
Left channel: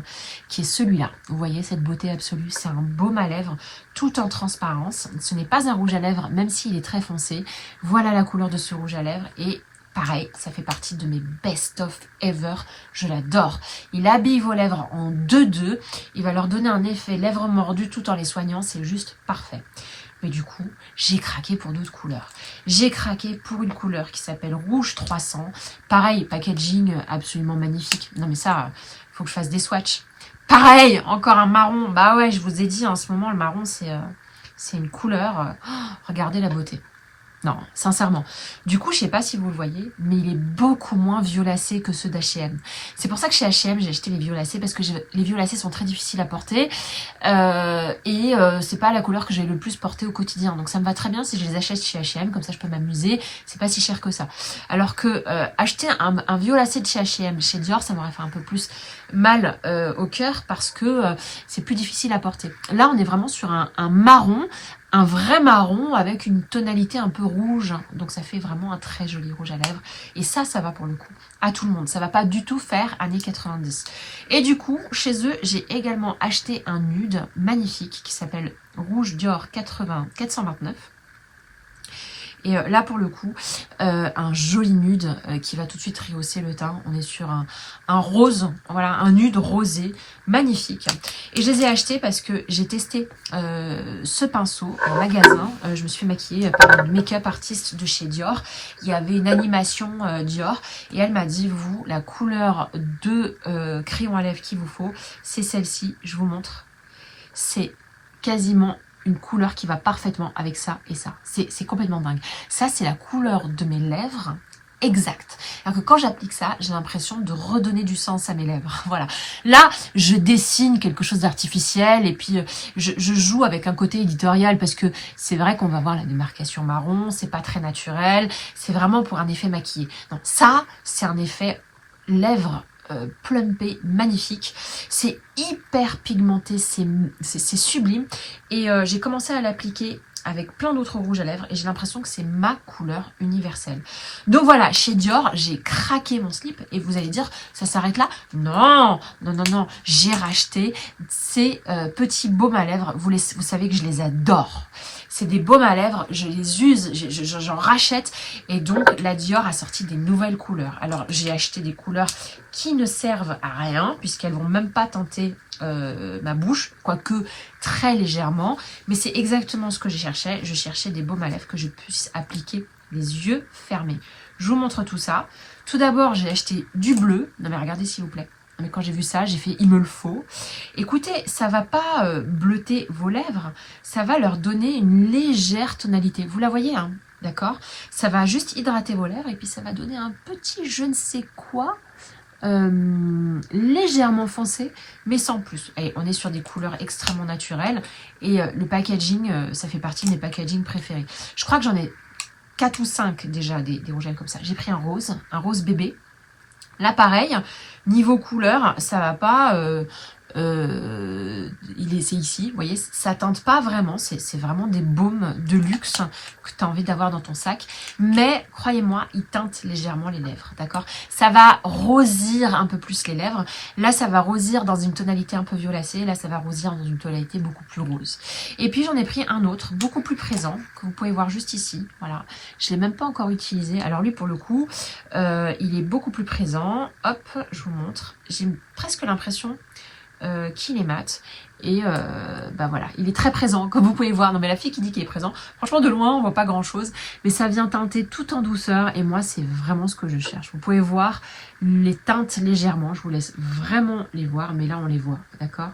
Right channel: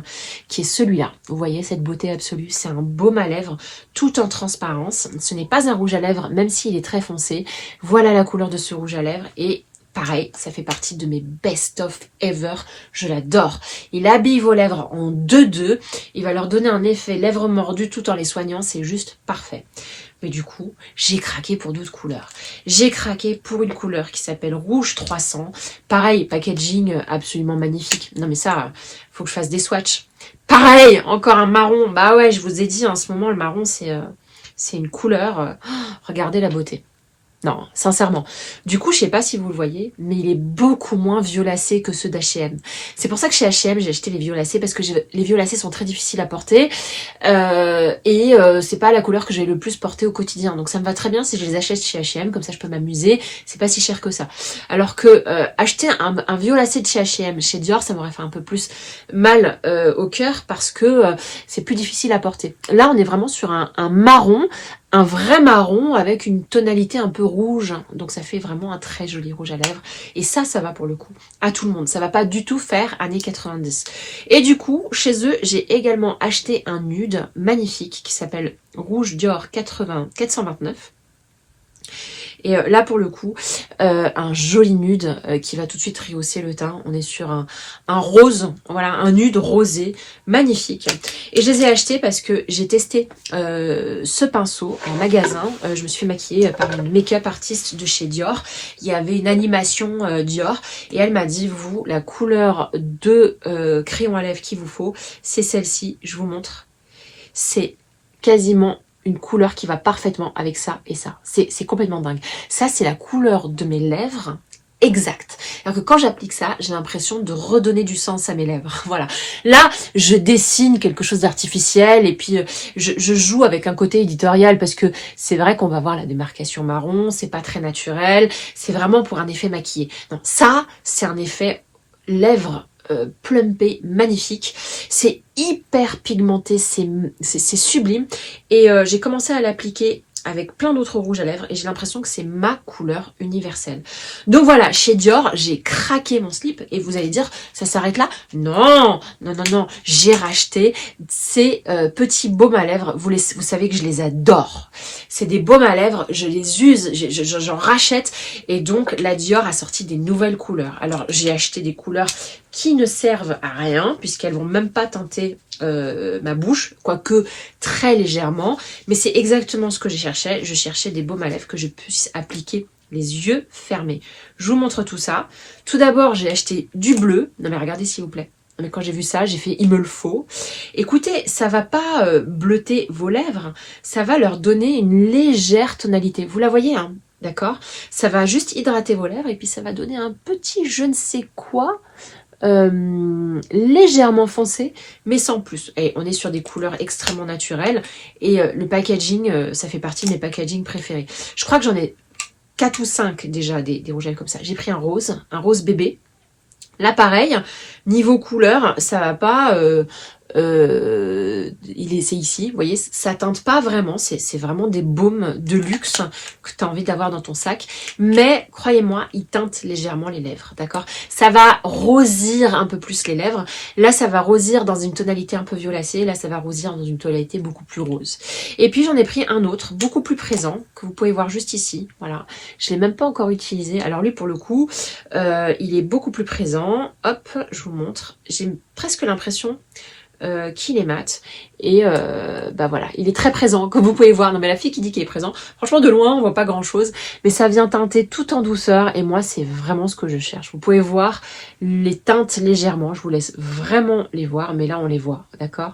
qui est celui-là. Vous voyez cette beauté absolue. C'est un baume à lèvres tout en transparence. Ce n'est pas un rouge à lèvres, même s'il est très foncé. Voilà la couleur de ce rouge à lèvres. Et pareil, ça fait partie de mes best-of ever. Je l'adore. Il habille vos lèvres en 2-2. Il va leur donner un effet lèvres mordues tout en les soignant. C'est juste parfait. Mais du coup, j'ai craqué pour d'autres couleurs. J'ai craqué pour une couleur qui s'appelle Rouge 300. Pareil, packaging absolument magnifique. Non mais ça, faut que je fasse des swatchs. Pareil, encore un marron. Bah ouais, je vous ai dit, en ce moment, le marron, c'est une couleur. Regardez la beauté. Non, sincèrement. Du coup, je sais pas si vous le voyez, mais il est beaucoup moins violacé que ceux d'H&M. C'est pour ça que chez H&M, j'ai acheté les violacés, parce que les violacés sont très difficiles à porter. C'est pas la couleur que je vais le plus porter au quotidien. Donc ça me va très bien si je les achète chez H&M, comme ça je peux m'amuser. C'est pas si cher que ça. Alors que acheter un violacé de chez H&M, chez Dior, ça m'aurait fait un peu plus mal au cœur, parce que c'est plus difficile à porter. Là, on est vraiment sur un marron, un vrai marron avec une tonalité un peu rouge, donc ça fait vraiment un très joli rouge à lèvres, et ça va pour le coup à tout le monde, ça va pas du tout faire années 90. Et du coup, chez eux, j'ai également acheté un nude magnifique qui s'appelle Rouge Dior 429, Et là pour le coup, un joli nude qui va tout de suite rehausser le teint. On est sur un rose, voilà, un nude rosé, magnifique. Et je les ai achetés parce que j'ai testé ce pinceau en magasin. Je me suis fait maquiller par une make-up artiste de chez Dior. Il y avait une animation Dior et elle m'a dit, vous, la couleur de crayon à lèvres qu'il vous faut, c'est celle-ci. Je vous montre. C'est quasiment une couleur qui va parfaitement avec ça et ça. C'est complètement dingue. Ça, c'est la couleur de mes lèvres exacte. Alors que quand j'applique ça, j'ai l'impression de redonner du sens à mes lèvres. Voilà. Là, je dessine quelque chose d'artificiel et puis je joue avec un côté éditorial parce que c'est vrai qu'on va voir la démarcation marron, c'est pas très naturel, c'est vraiment pour un effet maquillé. Non, ça, c'est un effet lèvres plumpé, magnifique. C'est hyper pigmenté, c'est sublime. Et j'ai commencé à l'appliquer avec plein d'autres rouges à lèvres et j'ai l'impression que c'est ma couleur universelle. Donc voilà, chez Dior, j'ai craqué mon slip et vous allez dire, ça s'arrête là? Non, non, non, non, j'ai racheté ces petits baumes à lèvres. Vous savez que je les adore. C'est des baumes à lèvres, je les use, j'en rachète et donc la Dior a sorti des nouvelles couleurs. Alors j'ai acheté des couleurs qui ne servent à rien puisqu'elles vont même pas teinter ma bouche, quoique très légèrement, mais c'est exactement ce que je cherchais. Je cherchais des baumes à lèvres que je puisse appliquer les yeux fermés. Je vous montre tout ça. Tout d'abord, j'ai acheté du bleu. Non mais regardez s'il vous plaît. Mais quand j'ai vu ça, j'ai fait il me le faut. Écoutez, ça va pas bleuter vos lèvres, ça va leur donner une légère tonalité. Vous la voyez, hein? D'accord? Ça va juste hydrater vos lèvres et puis ça va donner un petit je ne sais quoi légèrement foncé mais sans plus. Et on est sur des couleurs extrêmement naturelles et le packaging, ça fait partie de mes packaging préférés. Je crois que j'en ai 4 ou 5 déjà des rouges à lèvres comme ça. J'ai pris un rose bébé. Là pareil, niveau couleur, ça va pas c'est ici, vous voyez, ça teinte pas vraiment, c'est vraiment des baumes de luxe que tu as envie d'avoir dans ton sac, mais croyez-moi, ils teintent légèrement les lèvres, d'accord? Ça va rosir un peu plus les lèvres, là ça va rosir dans une tonalité un peu violacée, là ça va rosir dans une tonalité beaucoup plus rose. Et puis j'en ai pris un autre, beaucoup plus présent, que vous pouvez voir juste ici, voilà, je l'ai même pas encore utilisé, alors lui pour le coup, il est beaucoup plus présent, hop, je vous montre, j'ai presque l'impression qu'il est mat et bah voilà, il est très présent comme vous pouvez voir. Non mais la fille qui dit qu'il est présent, franchement de loin on voit pas grand chose mais ça vient teinter tout en douceur et moi c'est vraiment ce que je cherche. Vous pouvez voir les teintes légèrement, je vous laisse vraiment les voir mais là on les voit, d'accord?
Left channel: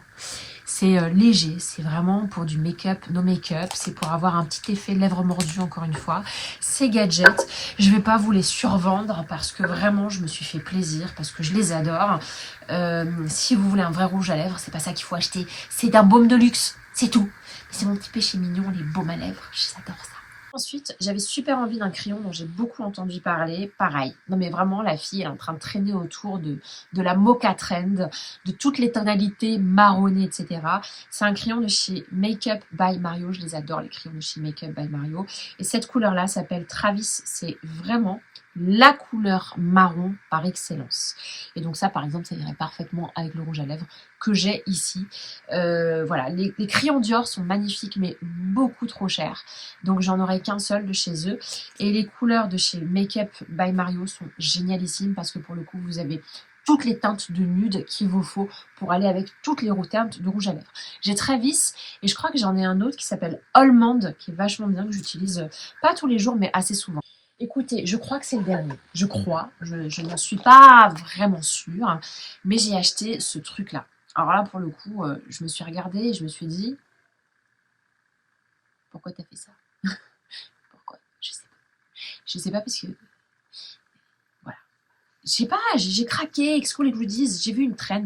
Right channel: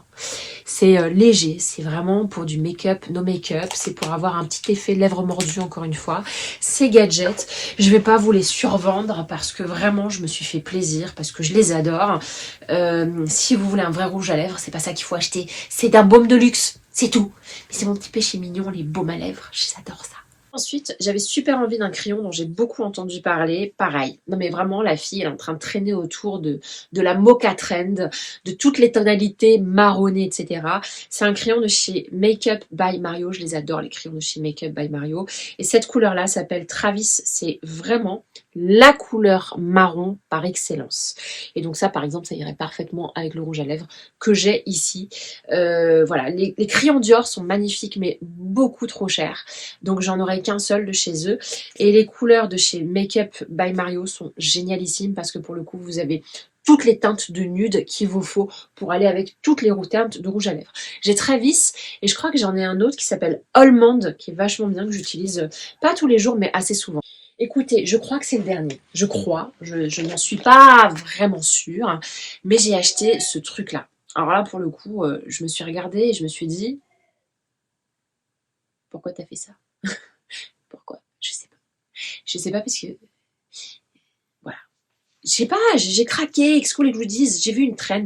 C'est léger, c'est vraiment pour du make-up, no make-up, c'est pour avoir un petit effet lèvres mordues encore une fois. Ces gadgets, je vais pas vous les survendre parce que vraiment je me suis fait plaisir, parce que je les adore. Si vous voulez un vrai rouge à lèvres, c'est pas ça qu'il faut acheter, c'est un baume de luxe, c'est tout. Mais c'est mon petit péché mignon, les baumes à lèvres, j'adore ça. Ensuite, j'avais super envie d'un crayon dont j'ai beaucoup entendu parler. Pareil, non mais vraiment, la fille, elle est en train de traîner autour de la Mocha Trend, de toutes les tonalités marronnées, etc. C'est un crayon de chez Makeup by Mario. Je les adore, les crayons de chez Makeup by Mario. Et cette couleur-là s'appelle Travis. C'est vraiment la couleur marron par excellence. Et donc ça, par exemple, ça irait parfaitement avec le rouge à lèvres que j'ai ici. Voilà, les crayons Dior sont magnifiques, mais beaucoup trop chers. Donc j'en aurai qu'un seul de chez eux. Et les couleurs de chez Makeup by Mario sont génialissimes parce que pour le coup, vous avez toutes les teintes de nude qu'il vous faut pour aller avec toutes les teintes de rouge à lèvres. J'ai Travis et je crois que j'en ai un autre qui s'appelle Almond, qui est vachement bien, que j'utilise pas tous les jours, mais assez souvent. Écoutez, je crois que c'est le dernier. Je crois, je n'en suis pas vraiment sûre, mais j'ai acheté ce truc-là. Alors là, pour le coup, je me suis regardée et je me suis dit, pourquoi t'as fait ça? Pourquoi? Je sais pas. Je sais pas parce que, voilà. Je sais pas, j'ai craqué, Exco les Goodies, j'ai vu une trend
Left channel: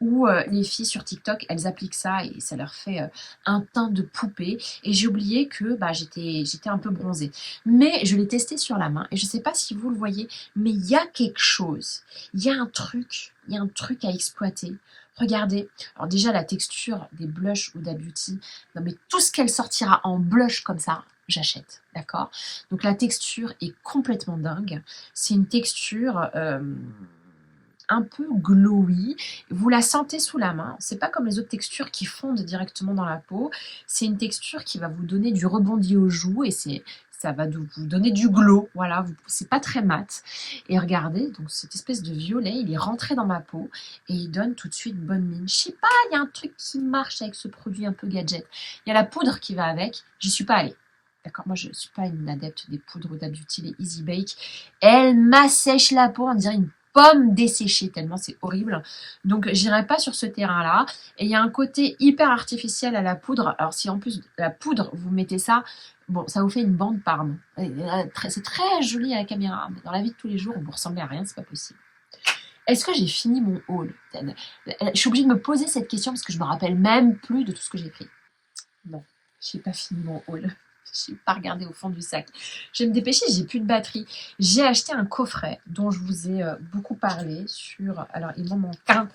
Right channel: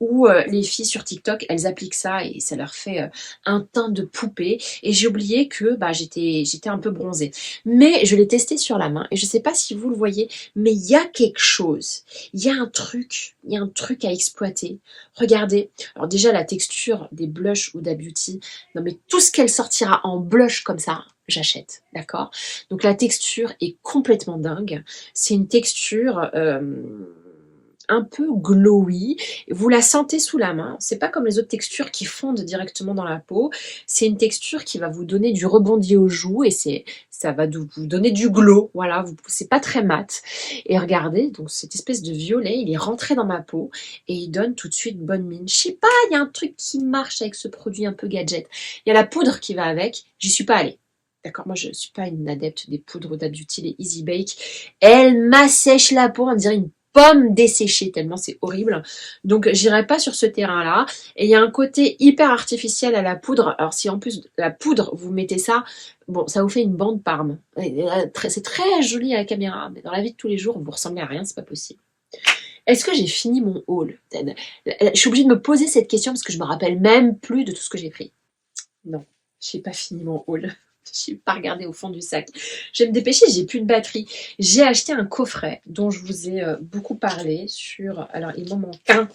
où les filles sur TikTok, elles appliquent ça et ça leur fait un teint de poupée. Et j'ai oublié que bah, j'étais un peu bronzée. Mais je l'ai testé sur la main et je sais pas si vous le voyez, mais il y a quelque chose. Il y a un truc à exploiter. Regardez, alors déjà la texture des blushs ou Huda Beauty, non mais tout ce qu'elle sortira en blush comme ça, j'achète, d'accord? Donc la texture est complètement dingue. C'est une texture un peu glowy. Vous la sentez sous la main. C'est pas comme les autres textures qui fondent directement dans la peau. C'est une texture qui va vous donner du rebondi aux joues et c'est ça va vous donner du glow, voilà, c'est pas très mat. Et regardez, donc cette espèce de violet, il est rentré dans ma peau et il donne tout de suite bonne mine. Je sais pas, il y a un truc qui marche avec ce produit un peu gadget. Il y a la poudre qui va avec, j'y suis pas allée. D'accord, moi je suis pas une adepte des poudres d'Adoutil et Easy Bake. Elle m'assèche la peau, on dirait une pomme desséchée, tellement c'est horrible. Donc j'irai pas sur ce terrain-là. Et il y a un côté hyper artificiel à la poudre. Alors si en plus de la poudre, vous mettez ça, bon, ça vous fait une bande parme. C'est très joli à la caméra, mais dans la vie de tous les jours, vous ressemblez à rien, c'est pas possible. Est-ce que j'ai fini mon haul? Je suis obligée de me poser cette question parce que je me rappelle même plus de tout ce que j'ai pris. Non, j'ai pas fini mon haul. Je n'ai pas regardé au fond du sac. Je vais me dépêcher, j'ai plus de batterie. J'ai acheté un coffret dont je vous ai beaucoup parlé sur... Alors, il m'en manque un.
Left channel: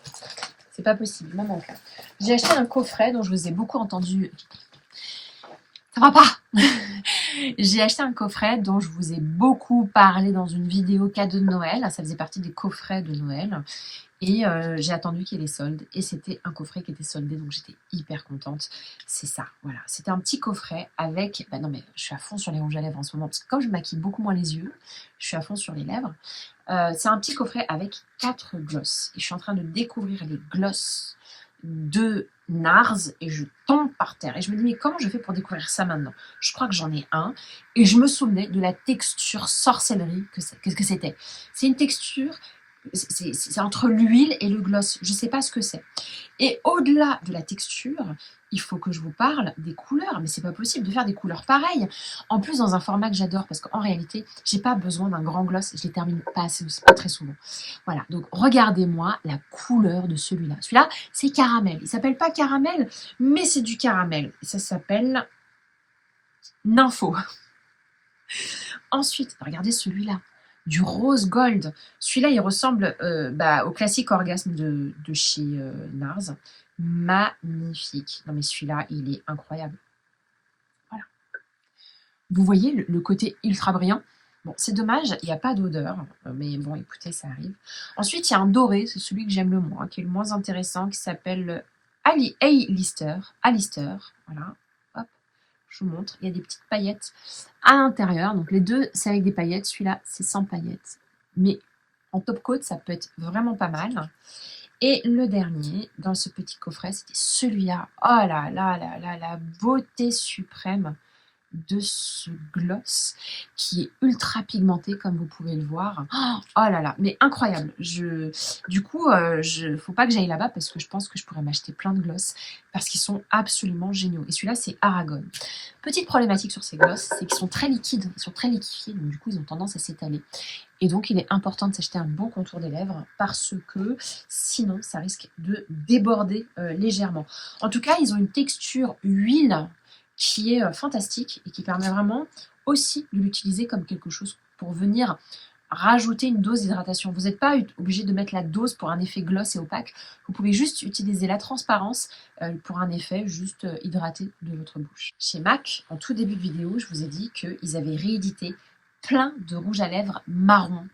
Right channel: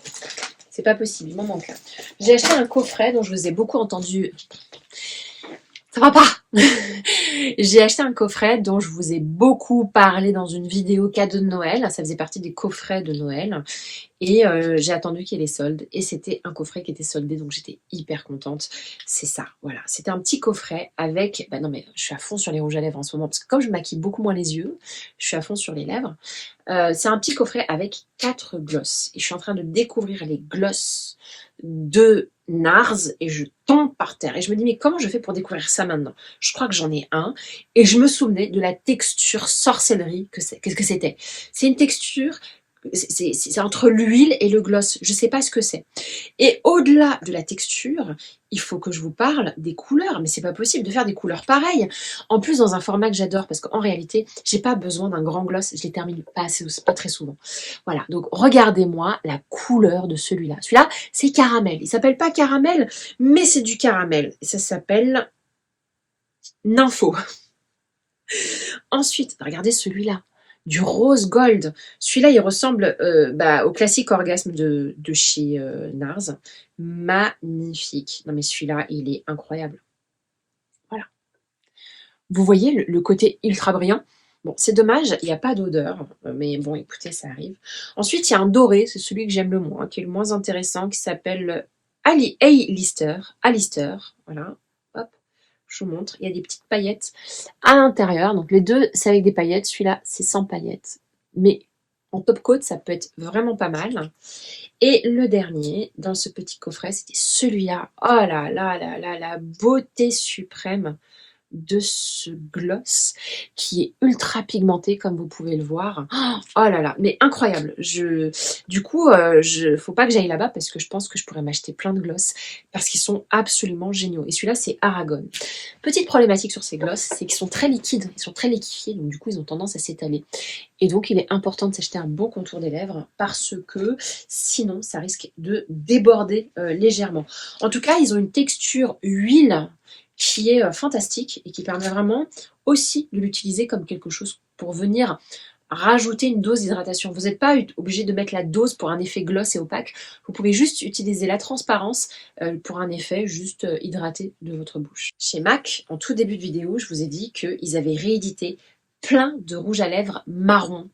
C'est pas possible, il m'en manque un. J'ai acheté un coffret dont je vous ai beaucoup entendu... Ça va pas. J'ai acheté un coffret dont je vous ai beaucoup parlé dans une vidéo cadeau de Noël. Ça faisait partie des coffrets de Noël. Et j'ai attendu qu'il y ait les soldes. Et c'était un coffret qui était soldé, donc j'étais hyper contente. C'est ça, voilà. C'était un petit coffret avec... Bah non, mais je suis à fond sur les rouges à lèvres en ce moment, parce que comme je maquille beaucoup moins les yeux, je suis à fond sur les lèvres. C'est un petit coffret avec 4 glosses. Et je suis en train de découvrir les glosses de NARS et je tombe par terre. Et je me dis, mais comment je fais pour découvrir ça maintenant? Je crois que j'en ai un. Et je me souvenais de la texture sorcellerie qu'est-ce que c'était. C'est une texture... C'est entre l'huile et le gloss. Je ne sais pas ce que c'est. Et au-delà de la texture, il faut que je vous parle des couleurs. Mais c'est pas possible de faire des couleurs pareilles. En plus, dans un format que j'adore, parce qu'en réalité, j'ai pas besoin d'un grand gloss. Je les termine pas très souvent. Voilà. Donc, regardez-moi la couleur de celui-là. Celui-là, c'est caramel. Il s'appelle pas caramel, mais c'est du caramel. Ça s'appelle Nympho. Ensuite, regardez celui-là. Du rose gold. Celui-là, il ressemble au classique orgasme de chez NARS. Magnifique. Non mais celui-là, il est incroyable. Voilà. Vous voyez le côté ultra brillant? Bon, c'est dommage, il n'y a pas d'odeur, mais bon, écoutez, ça arrive. Ensuite, il y a un doré, c'est celui que j'aime le moins, qui est le moins intéressant, qui s'appelle A-Lister. A-Lister, voilà. Hop, je vous montre. Il y a des petites paillettes à l'intérieur. Donc les deux, c'est avec des paillettes. Celui-là, c'est sans paillettes. Mais en top coat, ça peut être vraiment pas mal. Et le dernier, dans ce petit coffret, c'était celui-là. Oh là là là là, la beauté suprême de ce gloss qui est ultra pigmenté comme vous pouvez le voir. Oh là là, mais incroyable. Du coup, faut pas que j'aille là-bas parce que je pense que je pourrais m'acheter plein de gloss parce qu'ils sont absolument géniaux. Et celui-là, c'est Aragon. Petite problématique sur ces gloss, c'est qu'ils sont très liquides, ils sont très liquéfiés, donc du coup, ils ont tendance à s'étaler. Et donc, il est important de s'acheter un bon contour des lèvres parce que sinon, ça risque de déborder légèrement. En tout cas, ils ont une texture huile qui est fantastique et qui permet vraiment aussi de l'utiliser comme quelque chose pour venir rajouter une dose d'hydratation. Vous n'êtes pas obligé de mettre la dose pour un effet gloss et opaque. Vous pouvez juste utiliser la transparence pour un effet juste hydraté de votre bouche. Chez MAC, en tout début de vidéo, je vous ai dit qu'ils avaient réédité plein de rouges à lèvres marron,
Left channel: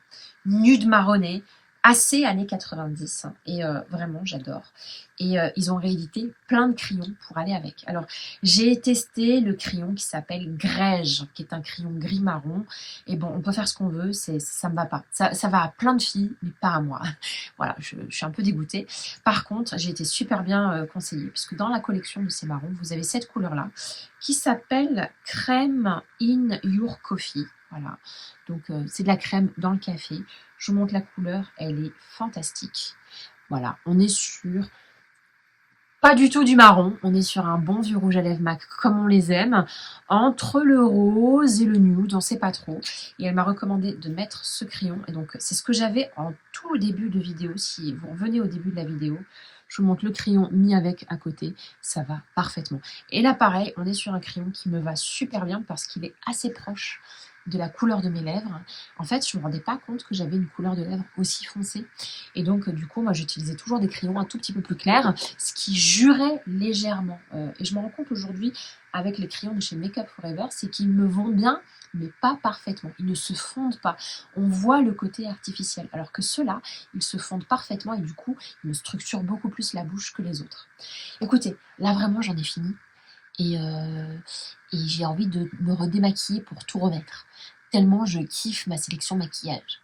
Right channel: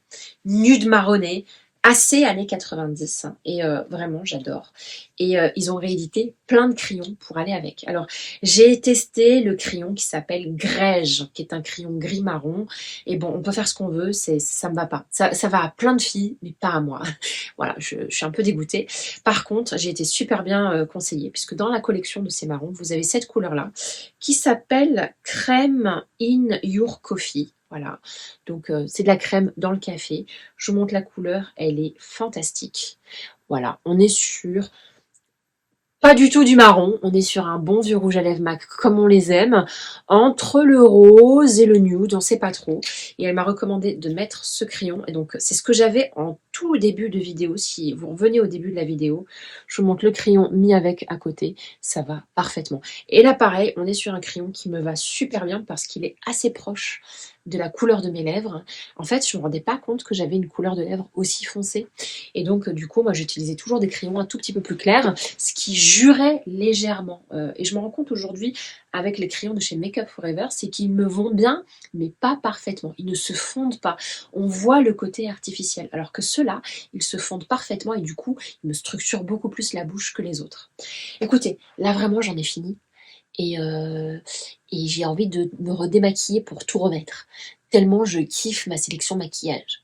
nude marronné, assez années 90. Et vraiment, j'adore. Et ils ont réédité plein de crayons pour aller avec. Alors, j'ai testé le crayon qui s'appelle Grège, qui est un crayon gris-marron. Et bon, on peut faire ce qu'on veut, ça me va pas. Ça va à plein de filles, mais pas à moi. Voilà, je suis un peu dégoûtée. Par contre, j'ai été super bien conseillée, puisque dans la collection de ces marrons, vous avez cette couleur-là, qui s'appelle Crème in Your Coffee. Voilà, donc c'est de la crème dans le café. Je vous montre la couleur, elle est fantastique. Voilà, on est sur pas du tout du marron, on est sur un bon vieux rouge à lèvres MAC comme on les aime, entre le rose et le nude, on sait pas trop. Et elle m'a recommandé de mettre ce crayon, et donc c'est ce que j'avais en tout début de vidéo. Si vous revenez au début de la vidéo, je vous montre le crayon mis avec à côté, ça va parfaitement. Et là pareil, on est sur un crayon qui me va super bien parce qu'il est assez proche de la couleur de mes lèvres. En fait, je ne me rendais pas compte que j'avais une couleur de lèvres aussi foncée. Et donc, du coup, moi, j'utilisais toujours des crayons un tout petit peu plus clairs, ce qui jurait légèrement. Et je me rends compte aujourd'hui, avec les crayons de chez Make Up For Ever, c'est qu'ils me vont bien, mais pas parfaitement. Ils ne se fondent pas. On voit le côté artificiel. Alors que ceux-là, ils se fondent parfaitement et du coup, ils me structurent beaucoup plus la bouche que les autres. Écoutez, là, vraiment, j'en ai fini. Et j'ai envie de me redémaquiller pour tout remettre. Tellement je kiffe ma sélection maquillage.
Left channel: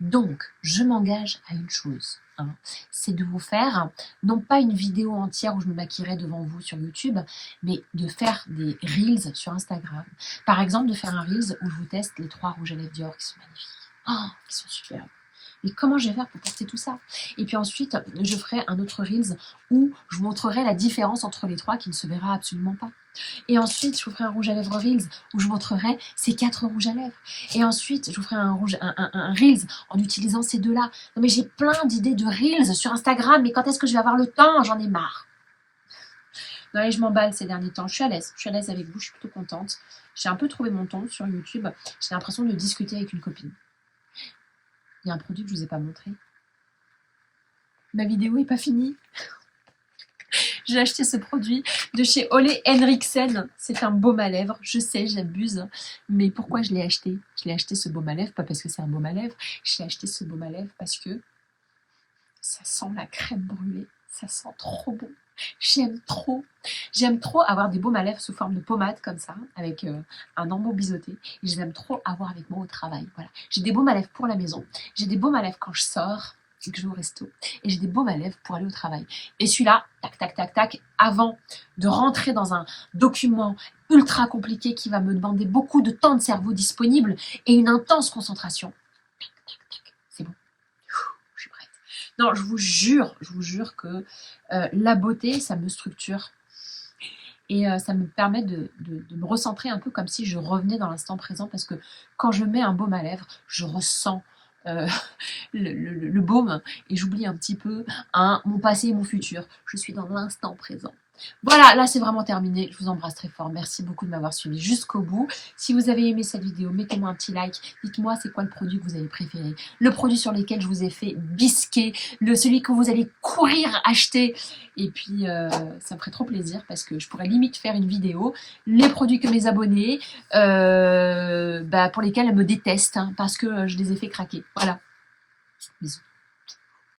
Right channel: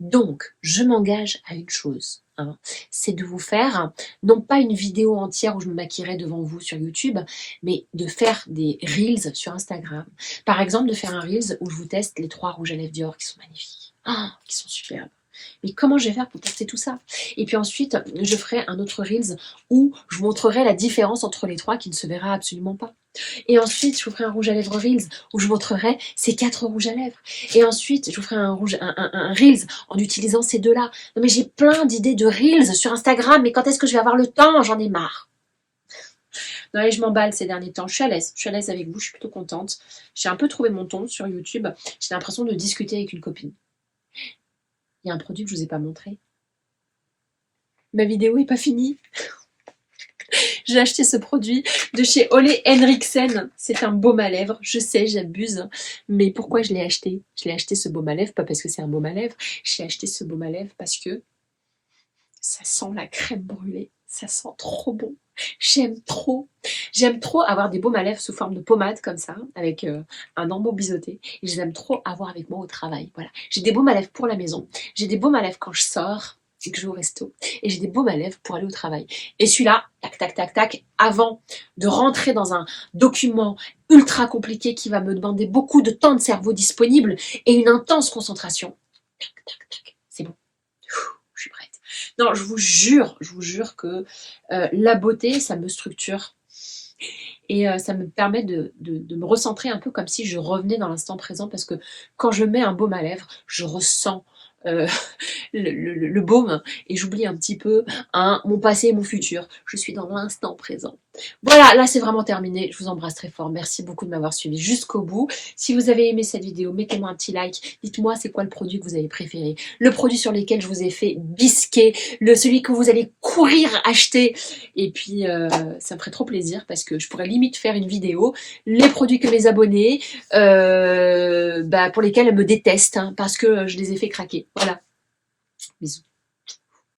Donc, je m'engage à une chose, hein, c'est de vous faire, non pas une vidéo entière où je me maquillerai devant vous sur YouTube, mais de faire des Reels sur Instagram. Par exemple, de faire un Reels où je vous teste les 3 rouges à lèvres Dior qui sont magnifiques, qui sont superbes. Mais comment je vais faire pour tester tout ça? Et puis ensuite, je ferai un autre Reels où je vous montrerai la différence entre les 3 qui ne se verra absolument pas. Et ensuite, je vous ferai un rouge à lèvres Reels où je montrerai ces 4 rouges à lèvres. Et ensuite, je vous ferai un Reels en utilisant ces 2-là. Non mais j'ai plein d'idées de Reels sur Instagram, mais quand est-ce que je vais avoir le temps? J'en ai marre. Non, allez, je m'emballe ces derniers temps. Je suis à l'aise avec vous, je suis plutôt contente. J'ai un peu trouvé mon ton sur YouTube. J'ai l'impression de discuter avec une copine. Il y a un produit que je ne vous ai pas montré. Ma vidéo n'est pas finie. J'ai acheté ce produit de chez Ole Henriksen. C'est un baume à lèvres. Je sais, j'abuse. Mais pourquoi je l'ai acheté? Je l'ai acheté ce baume à lèvres, pas parce que c'est un baume à lèvres. J'ai acheté ce baume à lèvres parce que ça sent la crème brûlée. Ça sent trop bon. J'aime trop. J'aime trop avoir des baumes à lèvres sous forme de pommade comme ça, avec un embout biseauté. Et j'aime trop avoir avec moi au travail. Voilà. J'ai des baumes à lèvres pour la maison. J'ai des baumes à lèvres quand je sors et que je vais au resto. Et j'ai des baumes à lèvres pour aller au travail. Et celui-là, tac, tac, tac, tac, avant de rentrer dans un document ultra compliqué qui va me demander beaucoup de temps de cerveau disponible et une intense concentration. Tac, tac, tac. C'est bon. Je suis prête. Non, je vous jure que la beauté, ça me structure. Et ça me permet de me recentrer un peu comme si je revenais dans l'instant présent parce que quand je mets un baume à lèvres, je ressens le baume et j'oublie un petit peu mon passé et mon futur. Je suis dans l'instant présent. Voilà, là c'est vraiment terminé. Je vous embrasse très fort. Merci beaucoup de m'avoir suivi jusqu'au bout. Si vous avez aimé cette vidéo, mettez-moi un petit like. Dites-moi c'est quoi le produit que vous avez préféré. Le produit sur lequel je vous ai fait bisquer. Celui que vous allez courir acheter. Et puis ça me ferait trop plaisir parce que je pourrais limite faire une vidéo. Les produits que mes abonnés, pour lesquels elles me détestent. Parce que je les ai fait craquer. Voilà. Bisous.